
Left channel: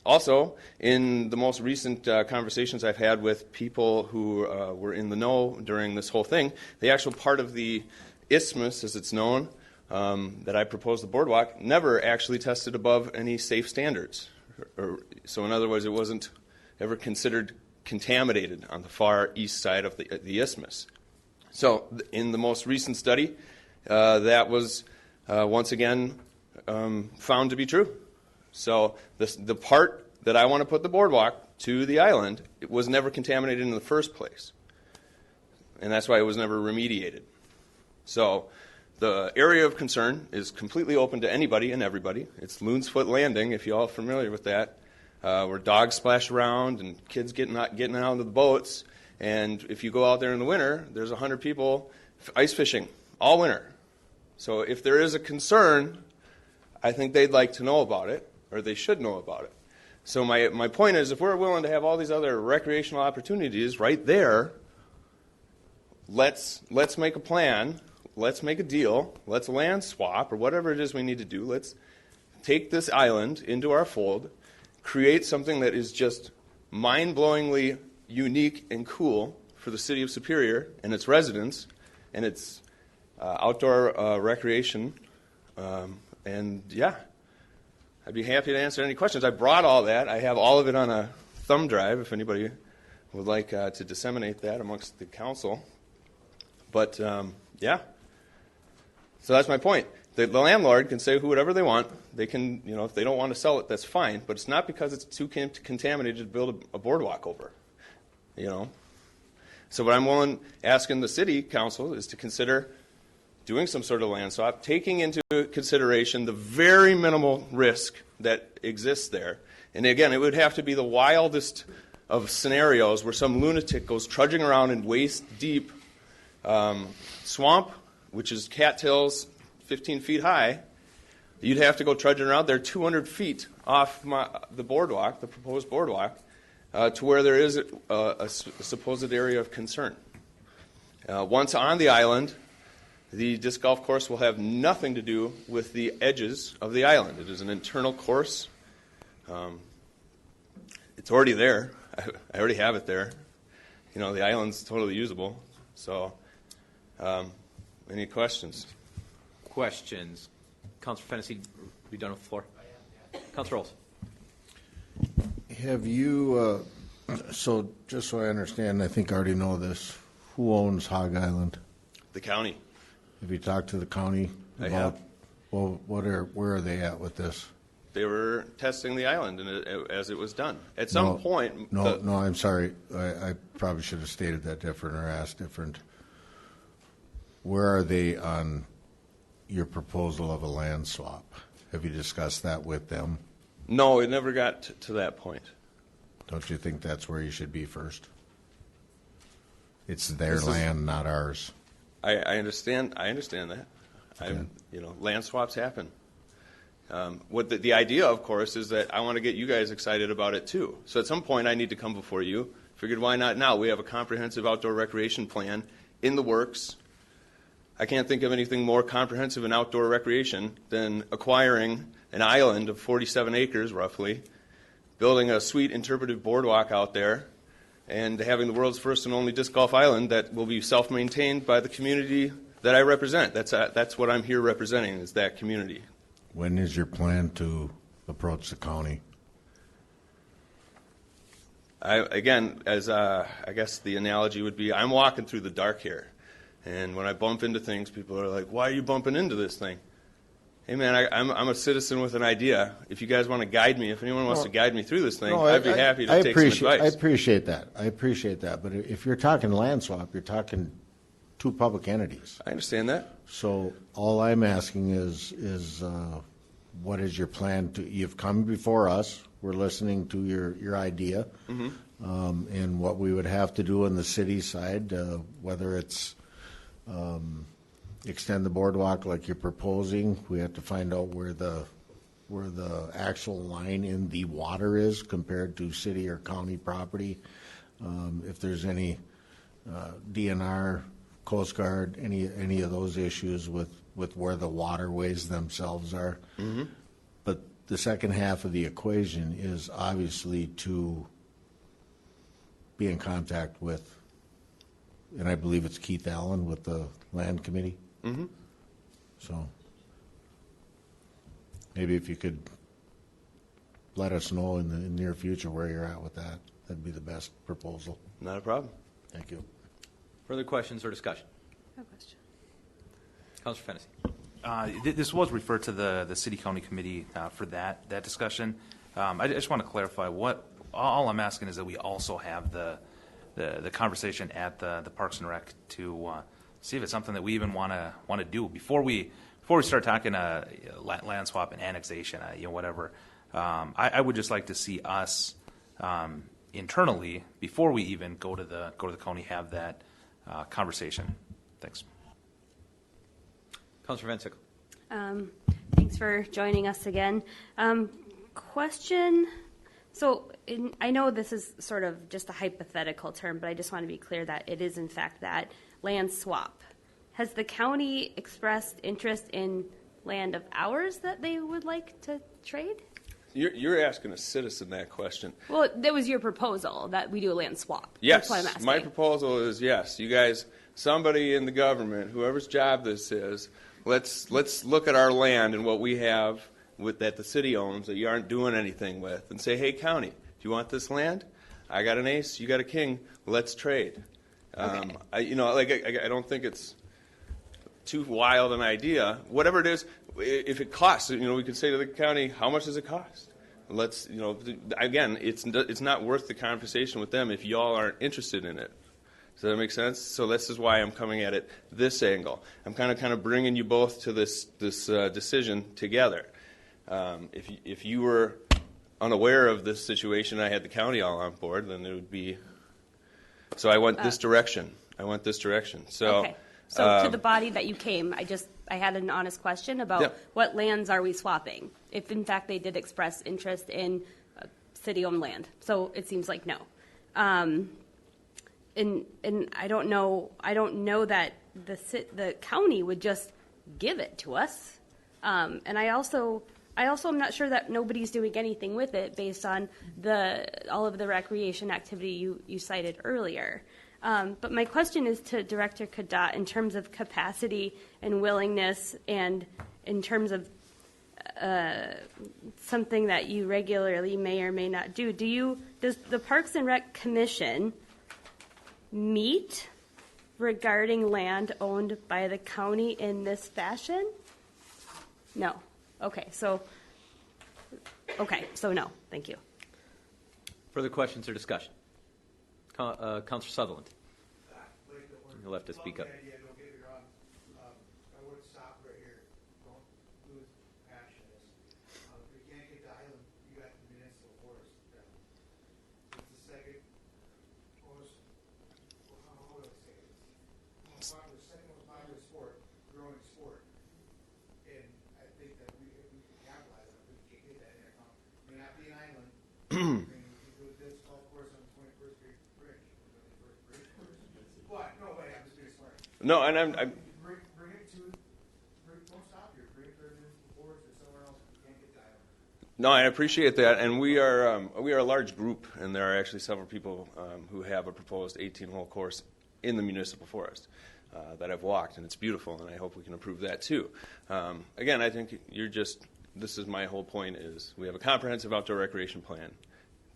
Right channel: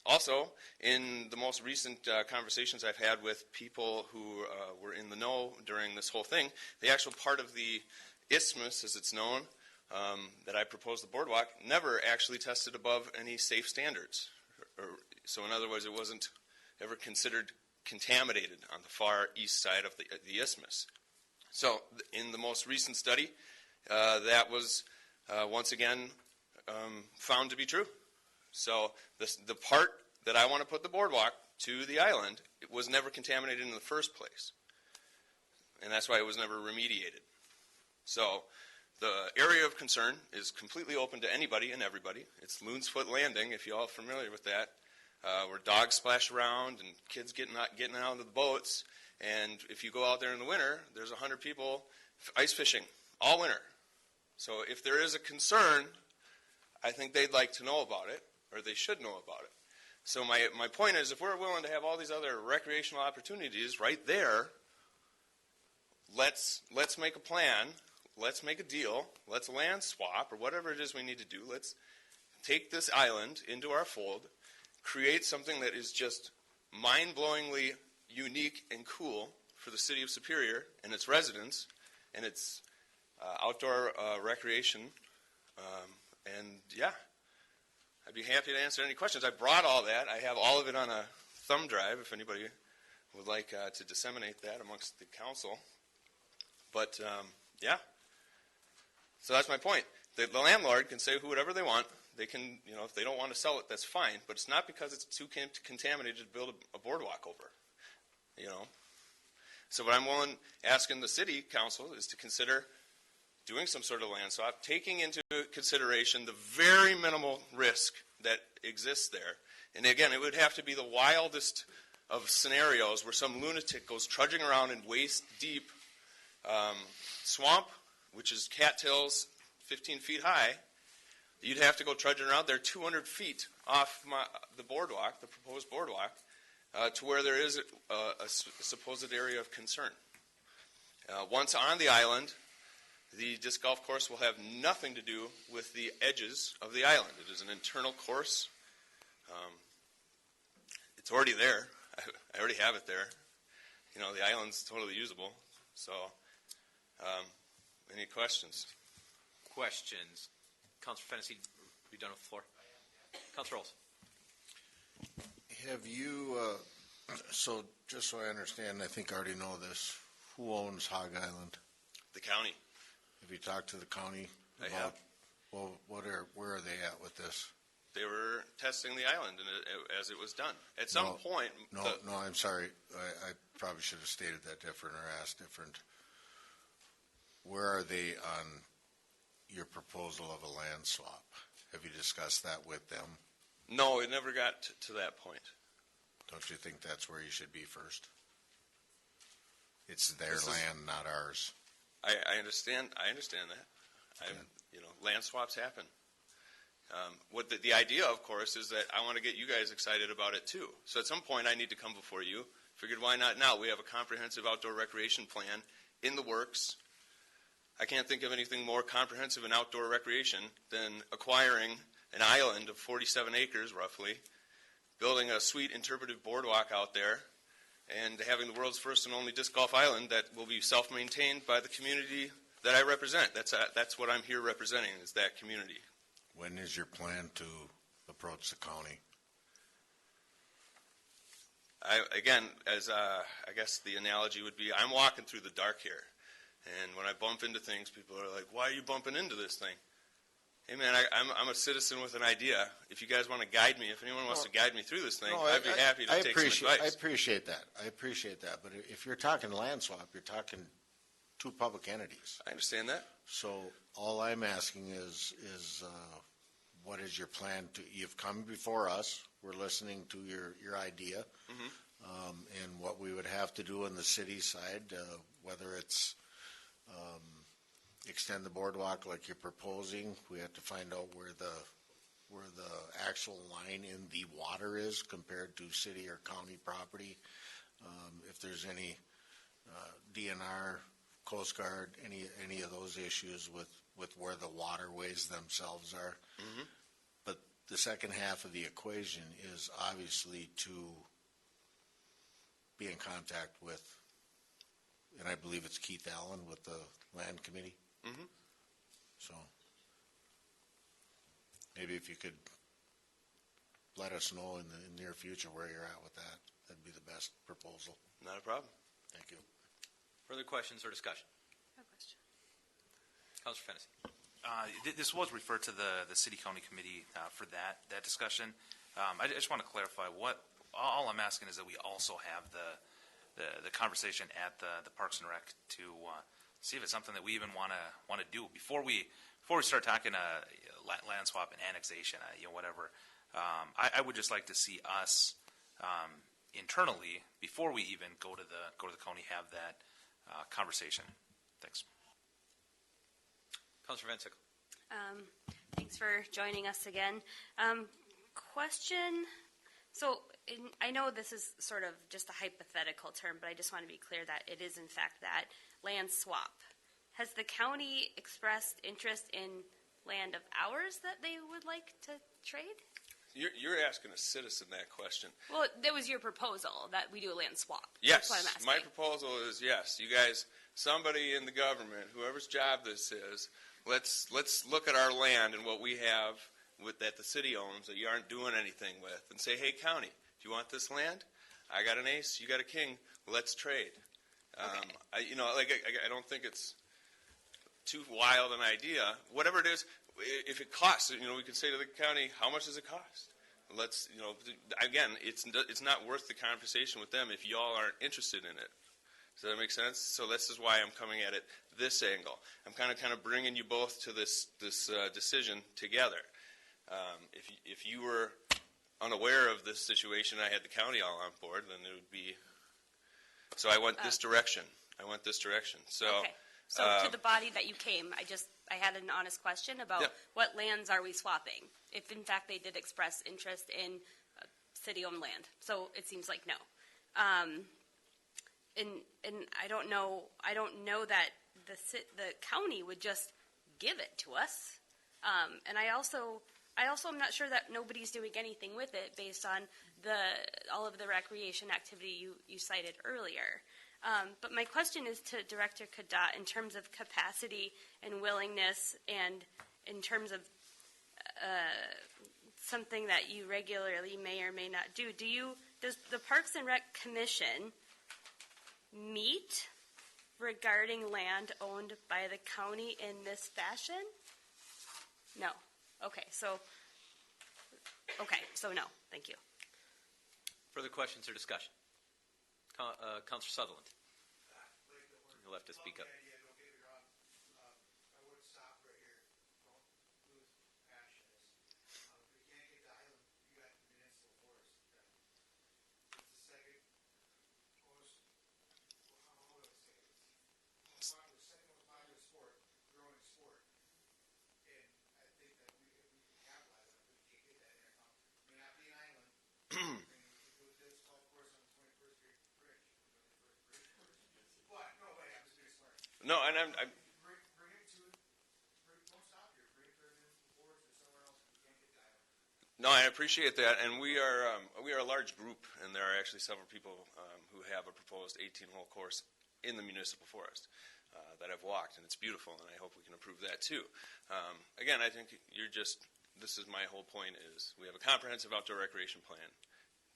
Also, in the most recent conversations I've had with people who were in the know during this whole thing, the actual part of the isthmus, as it's known, that I proposed the boardwalk, never actually tested above any safe standards. So in other words, it wasn't ever considered contaminated on the far east side of the isthmus. So in the most recent study, that was once again found to be true. So the part that I want to put the boardwalk to the island, it was never contaminated in the first place. And that's why it was never remediated. So the area of concern is completely open to anybody and everybody. It's Loon's Foot Landing, if you're all familiar with that, where dogs splash around and kids getting out of the boats. And if you go out there in the winter, there's 100 people ice fishing all winter. So if there is a concern, I think they'd like to know about it, or they should know about it. So my point is, if we're willing to have all these other recreational opportunities right there, let's make a plan, let's make a deal, let's land swap, or whatever it is we need to do. Let's take this island into our fold, create something that is just mind-blowingly unique and cool for the city of Superior and its residents and its outdoor recreation. And yeah, I'd be happy to answer any questions. I brought all that. I have all of it on a thumb drive if anybody would like to disseminate that amongst the council. But yeah, so that's my point. The landlord can say whatever they want. They can, if they don't want to sell it, that's fine. But it's not because it's too contaminated to build a boardwalk over. So what I'm asking the city council is to consider doing some sort of land swap, taking into consideration the very minimal risk that exists there. And again, it would have to be the wildest of scenarios where some lunatic goes trudging around in waist-deep swamp, which is cattails 15 feet high. You'd have to go trudging around there 200 feet off the boardwalk, the proposed boardwalk, to where there is a supposed area of concern. Once on the island, the disc golf course will have nothing to do with the edges of the island. It is an internal course. It's already there. I already have it there. The island's totally usable. So, any questions? Questions? Councilor Fennessy, are we done with the floor? Councilor Rolls. Have you, so just so I understand, I think I already know this, who owns Hog Island? The county. Have you talked to the county? I have. Well, where are they at with this? They were testing the island as it was done. At some point... No, I'm sorry. I probably should have stated that different or asked different. Where are they on your proposal of a land swap? Have you discussed that with them? No, it never got to that point. Don't you think that's where you should be first? It's their land, not ours. I understand that. Land swaps happen. What the idea, of course, is that I want to get you guys excited about it too. So at some point I need to come before you. Figured why not now? We have a comprehensive outdoor recreation plan in the works. I can't think of anything more comprehensive in outdoor recreation than acquiring an island of 47 acres, roughly, building a sweet interpretive boardwalk out there, and having the world's first and only disc golf island that will be self-maintained by the community that I represent. That's what I'm here representing, is that community. When is your plan to approach the county? I guess the analogy would be, I'm walking through the dark here. And when I bump into things, people are like, why are you bumping into this thing? Hey, man, I'm a citizen with an idea. If you guys want to guide me, if anyone wants to guide me through this thing, I'd be happy to take some advice. I appreciate that. But if you're talking land swap, you're talking two public entities. I understand that. So all I'm asking is what is your plan to, you've come before us, we're listening to your idea, and what we would have to do on the city side, whether it's extend the boardwalk like you're proposing. We have to find out where the actual line in the water is compared to city or county property. If there's any DNR, Coast Guard, any of those issues with where the waterways themselves are. But the second half of the equation is obviously to be in contact with, and I believe it's Keith Allen with the Land Committee. So maybe if you could let us know in the near future where you're at with that. That'd be the best proposal. Not a problem. Thank you. Further questions or discussion? No question. Councilor Fennessy. This was referred to the City County Committee for that discussion. I just want to clarify all I'm asking is that we also have the conversation at the Parks and Rec to see if it's something that we even want to do before we start talking land swap and annexation, whatever. I would just like to see us internally before we even go to the county have that conversation. Thanks. Councilor Van Sickle. Thanks for joining us again. Question. So I know this is sort of just a hypothetical term, but I just want to be clear that it is in fact that land swap. Has the county expressed interest in land of ours that they would like to trade? You're asking a citizen that question. Well, that was your proposal that we do a land swap. Yes, That's what I'm asking. my proposal is yes. You guys, somebody in the government, whoever's job this is, let's look at our land and what we have that the city owns that you aren't doing anything with, and say, hey, county, do you want this land? I got an ace, you got a king. Let's trade. Okay. I don't think it's too wild an idea. Whatever it is, if it costs, we could say to the county, how much does it cost? Let's, again, it's not worth the conversation with them if y'all aren't interested in it. Does that make sense? So this is why I'm coming at it this angle. I'm kind of bringing you both to this decision together. If you were unaware of this situation, I had the county all on board, then it would be. So I went this direction. So. Okay. So to the body that you came, I had an honest question about what lands are we swapping? If in fact they did express interest in city-owned land, so it seems like no. And I don't know that the county would just give it to us. And I also am not sure that nobody's doing anything with it based on all of the recreation activity you cited earlier. But my question is to Director Kadat in terms of capacity and willingness and in terms of something that you regularly may or may not do. Does the Parks and Rec Commission meet regarding land owned by the county in this fashion? No. Okay, so no. Thank you. Further questions or discussion? Councilor Sutherland. You'll have to speak up. No, and I'm Bring it to, don't stop here. Bring it to the boards or somewhere else. You can't get the island. No, I appreciate that, and we are a large group, and there are actually several people who have a proposed 18-hole course in the municipal forest that I've walked, and it's beautiful, and I hope we can improve that too. Again, I think this is my whole point is we have a comprehensive outdoor recreation plan.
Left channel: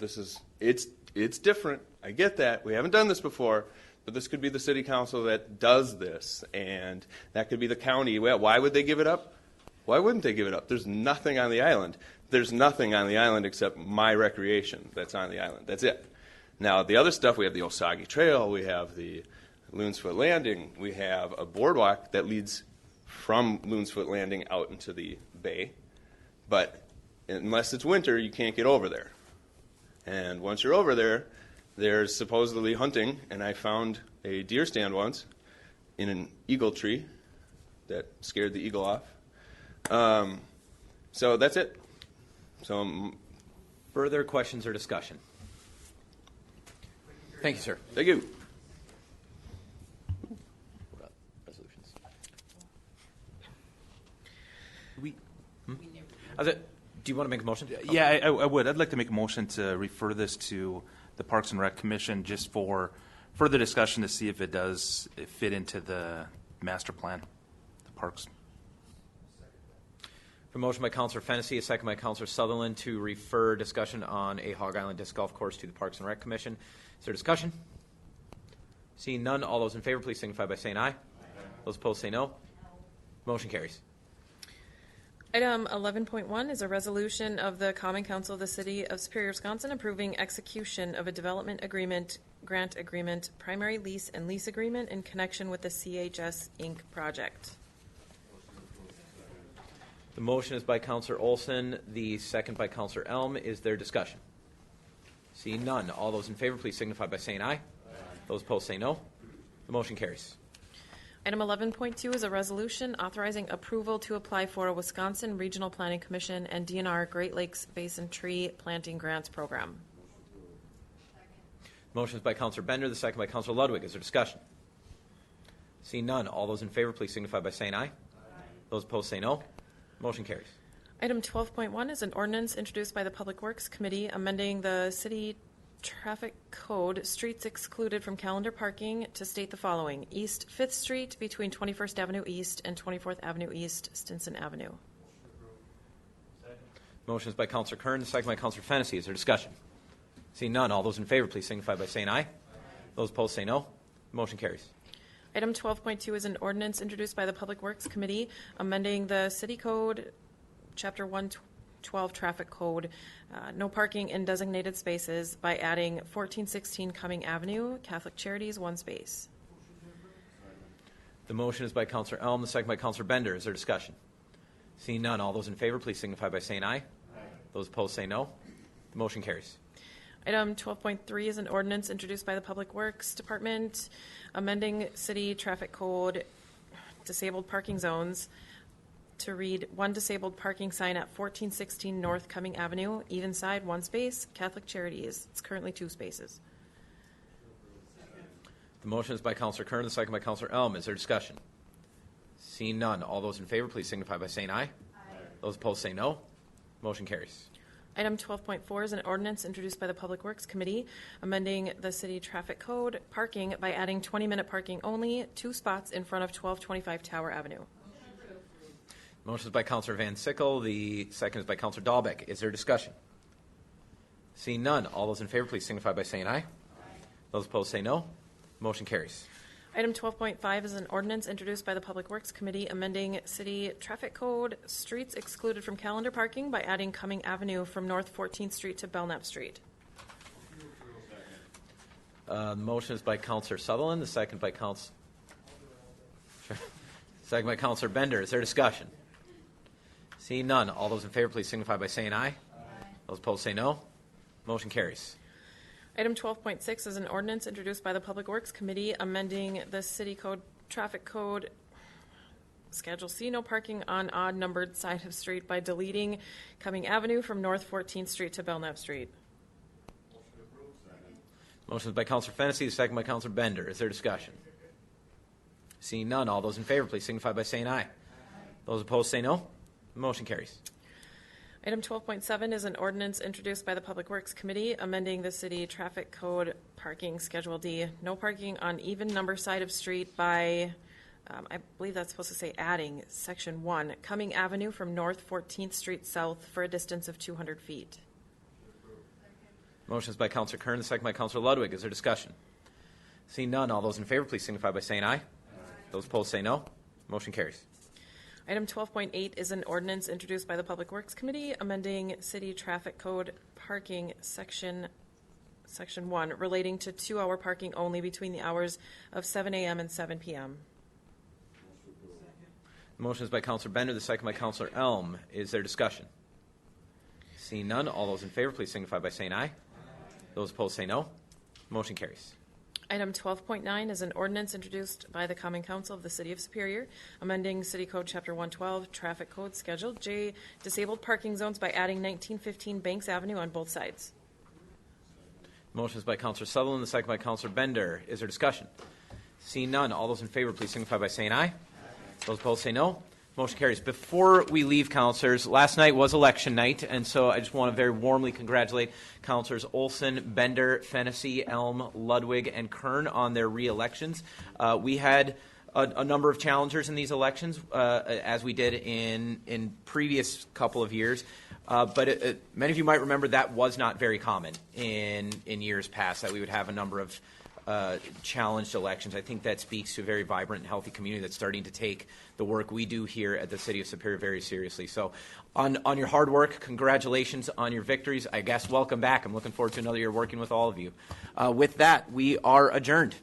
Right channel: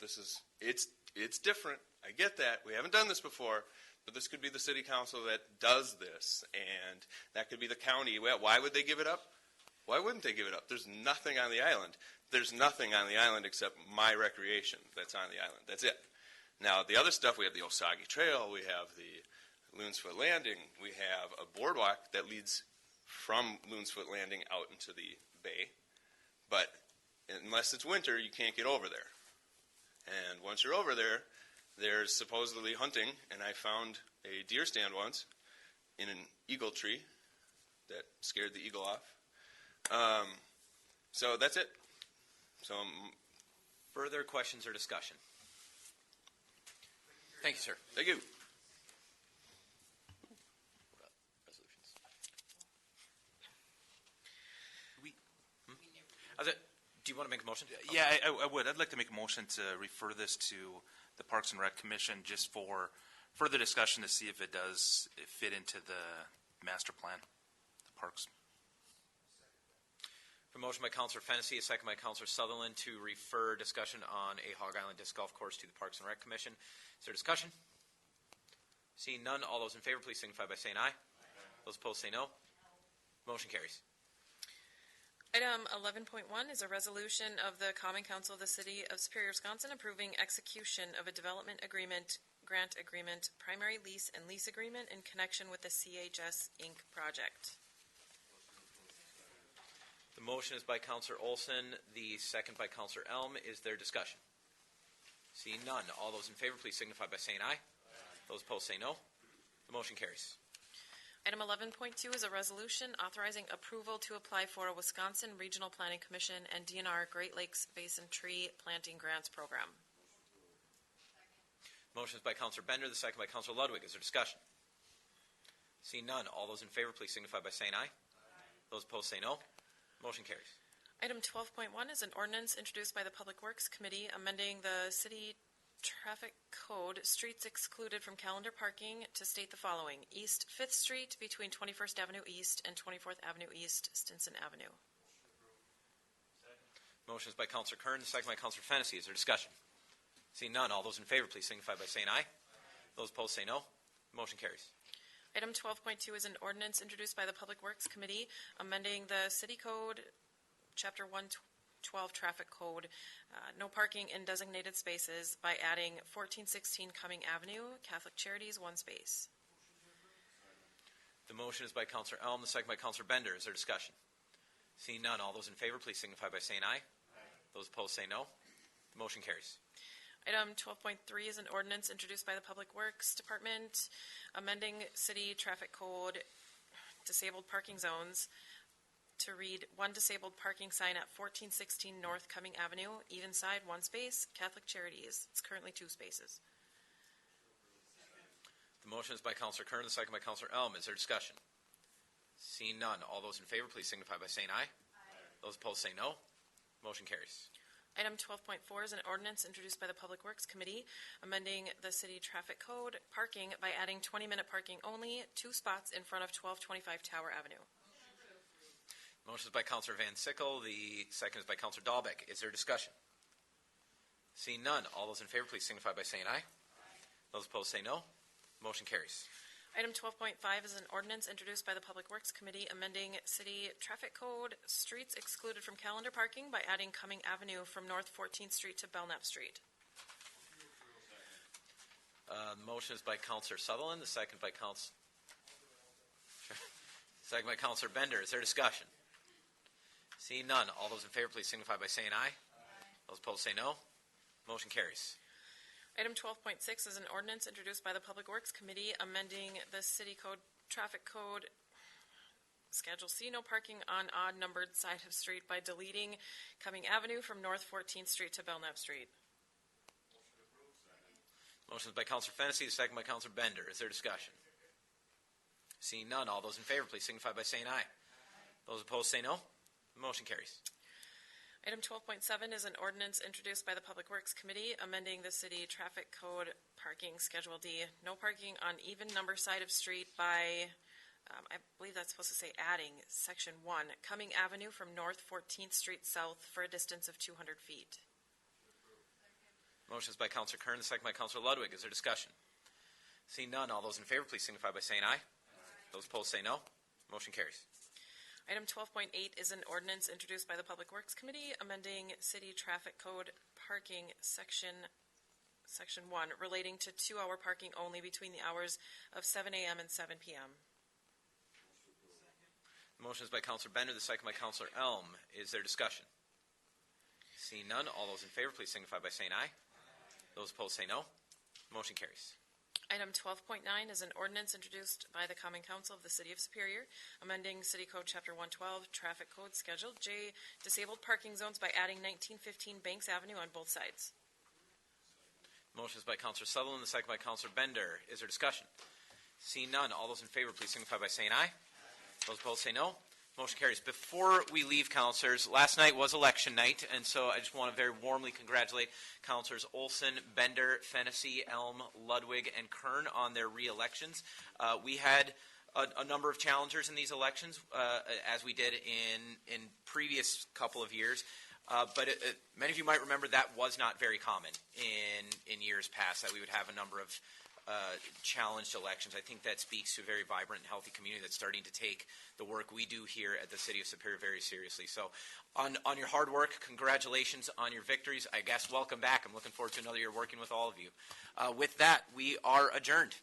It's different. I get that. We haven't done this before. But this could be the city council that does this, and that could be the county. Well, why would they give it up? Why wouldn't they give it up? There's nothing on the island. There's nothing on the island except my recreation that's on the island. That's it. Now, the other stuff, we have the Osage Trail, we have the Loon's Foot Landing, we have a boardwalk that leads from Loon's Foot Landing out into the bay. But unless it's winter, you can't get over there. And once you're over there, there's supposedly hunting, and I found a deer stand once in an eagle tree that scared the eagle off. So that's it. So, further questions or discussion? Thank you, sir. Thank you. Resolutions. Do you want to make a motion? Yeah, I would. I'd like to make a motion to refer this to the Parks and Rec Commission just for further discussion to see if it does fit into the master plan, the parks. From Motion by Councillor Fennessy, a second by Councillor Sutherland to refer discussion on a Hog Island Disc Golf Course to the Parks and Rec Commission. Is there discussion? Seeing none, all those in favor, please signify by saying aye. Those opposed say no. Motion carries. Item 11.1 is a resolution of the Common Council of the City of Superior, Wisconsin, approving execution of a development agreement, grant agreement, primary lease, and lease agreement in connection with the CHS Inc. project. The motion is by Councillor Olson, the second by Councillor Elm. Is there discussion? Seeing none, all those in favor, please signify by saying aye. Those opposed say no. The motion carries. Item 11.2 is a resolution authorizing approval to apply for a Wisconsin Regional Planning Commission and DNR Great Lakes Basin Tree Planting Grants Program. Motion is by Councillor Bender, the second by Councillor Ludwig. Is there discussion? Seeing none, all those in favor, please signify by saying aye. Those opposed say no. Motion carries. Item 12.1 is an ordinance introduced by the Public Works Committee amending the city traffic code, streets excluded from calendar parking, to state the following: East 5th Street between 21st Avenue East and 24th Avenue East, Stinson Avenue. Motion is by Councillor Kern, the second by Councillor Fennessy. Is there discussion? Seeing none, all those in favor, please signify by saying aye. Those opposed say no. Motion carries. Item 12.2 is an ordinance introduced by the Public Works Committee amending the City Code, Chapter 112 Traffic Code, no parking in designated spaces, by adding 1416 Cumming Avenue, Catholic Charities, 1 space. The motion is by Councillor Elm, the second by Councillor Bender. Is there discussion? Seeing none, all those in favor, please signify by saying aye. Those opposed say no. The motion carries. Item 12.3 is an ordinance introduced by the Public Works Department amending City Traffic Code, disabled parking zones, to read: 1 disabled parking sign at 1416 North Cumming Avenue, even side, 1 space, Catholic Charities. It's currently 2 spaces. The motion is by Councillor Kern, the second by Councillor Elm. Is there discussion? Seeing none, all those in favor, please signify by saying aye. Those opposed say no. Motion carries. Item 12.4 is an ordinance introduced by the Public Works Committee amending the City Traffic Code, parking, by adding 20-minute parking only, 2 spots in front of 1225 Tower Avenue. Motion is by Councillor Van Sickle. The second is by Councillor Dahlbeck. Is there discussion? Seeing none, all those in favor, please signify by saying aye. Those opposed say no. Motion carries. Item 12.5 is an ordinance introduced by the Public Works Committee amending City Traffic Code, streets excluded from calendar parking, by adding Cumming Avenue from North 14th Street to Belknap Street. The motion is by Councillor Sutherland. The second by Councillor Bender. Is there discussion? Seeing none, all those in favor, please signify by saying aye. Those opposed say no. Motion carries. Item 12.6 is an ordinance introduced by the Public Works Committee amending the City Code, Traffic Code, Schedule C, no parking on odd numbered side of street, by deleting Cumming Avenue from North 14th Street to Belknap Street. Motion is by Councillor Fennessy, the second by Councillor Bender. Is there discussion? Seeing none, all those in favor, please signify by saying aye. Those opposed say no. Motion carries. Item 12.7 is an ordinance introduced by the Public Works Committee amending the City Traffic Code, parking, Schedule D, no parking on even number side of street, by, I believe that's supposed to say adding, Section 1, Cumming Avenue from North 14th Street South for a distance of 200 feet. Motion is by Councillor Kern, the second by Councillor Ludwig. Is there discussion? Seeing none, all those in favor, please signify by saying aye. Those opposed say no. Motion carries. Item 12.8 is an ordinance introduced by the Public Works Committee amending City Traffic Code, parking, Section 1, relating to 2-hour parking only between the hours of 7 a.m. and 7 p.m. The motion is by Councillor Bender, the second by Councillor Elm. Is there discussion? Seeing none, all those in favor, please signify by saying aye. Those opposed say no. Motion carries. Item 12.9 is an ordinance introduced by the Common Council of the City of Superior amending City Code Chapter 112, Traffic Code, Schedule J, disabled parking zones, by adding 1915 Banks Avenue on both sides. Motion is by Councillor Sutherland, the second by Councillor Bender. Is there discussion? Seeing none, all those in favor, please signify by saying aye. Those opposed say no. Motion carries. Before we leave, councillors, last night was election night, and so I just want to very warmly congratulate councillors Olson, Bender, Fennessy, Elm, Ludwig, and Kern on their re-elections. We had a number of challengers in these elections, as we did in previous couple of years. But many of you might remember that was not very common in years past, that we would have a number of challenged elections. I think that speaks to a very vibrant and healthy community that's starting to take the work we do here at the City of Superior very seriously. So on your hard work, congratulations on your victories. I guess welcome back. I'm looking forward to another year working with all of you. With that, we are adjourned.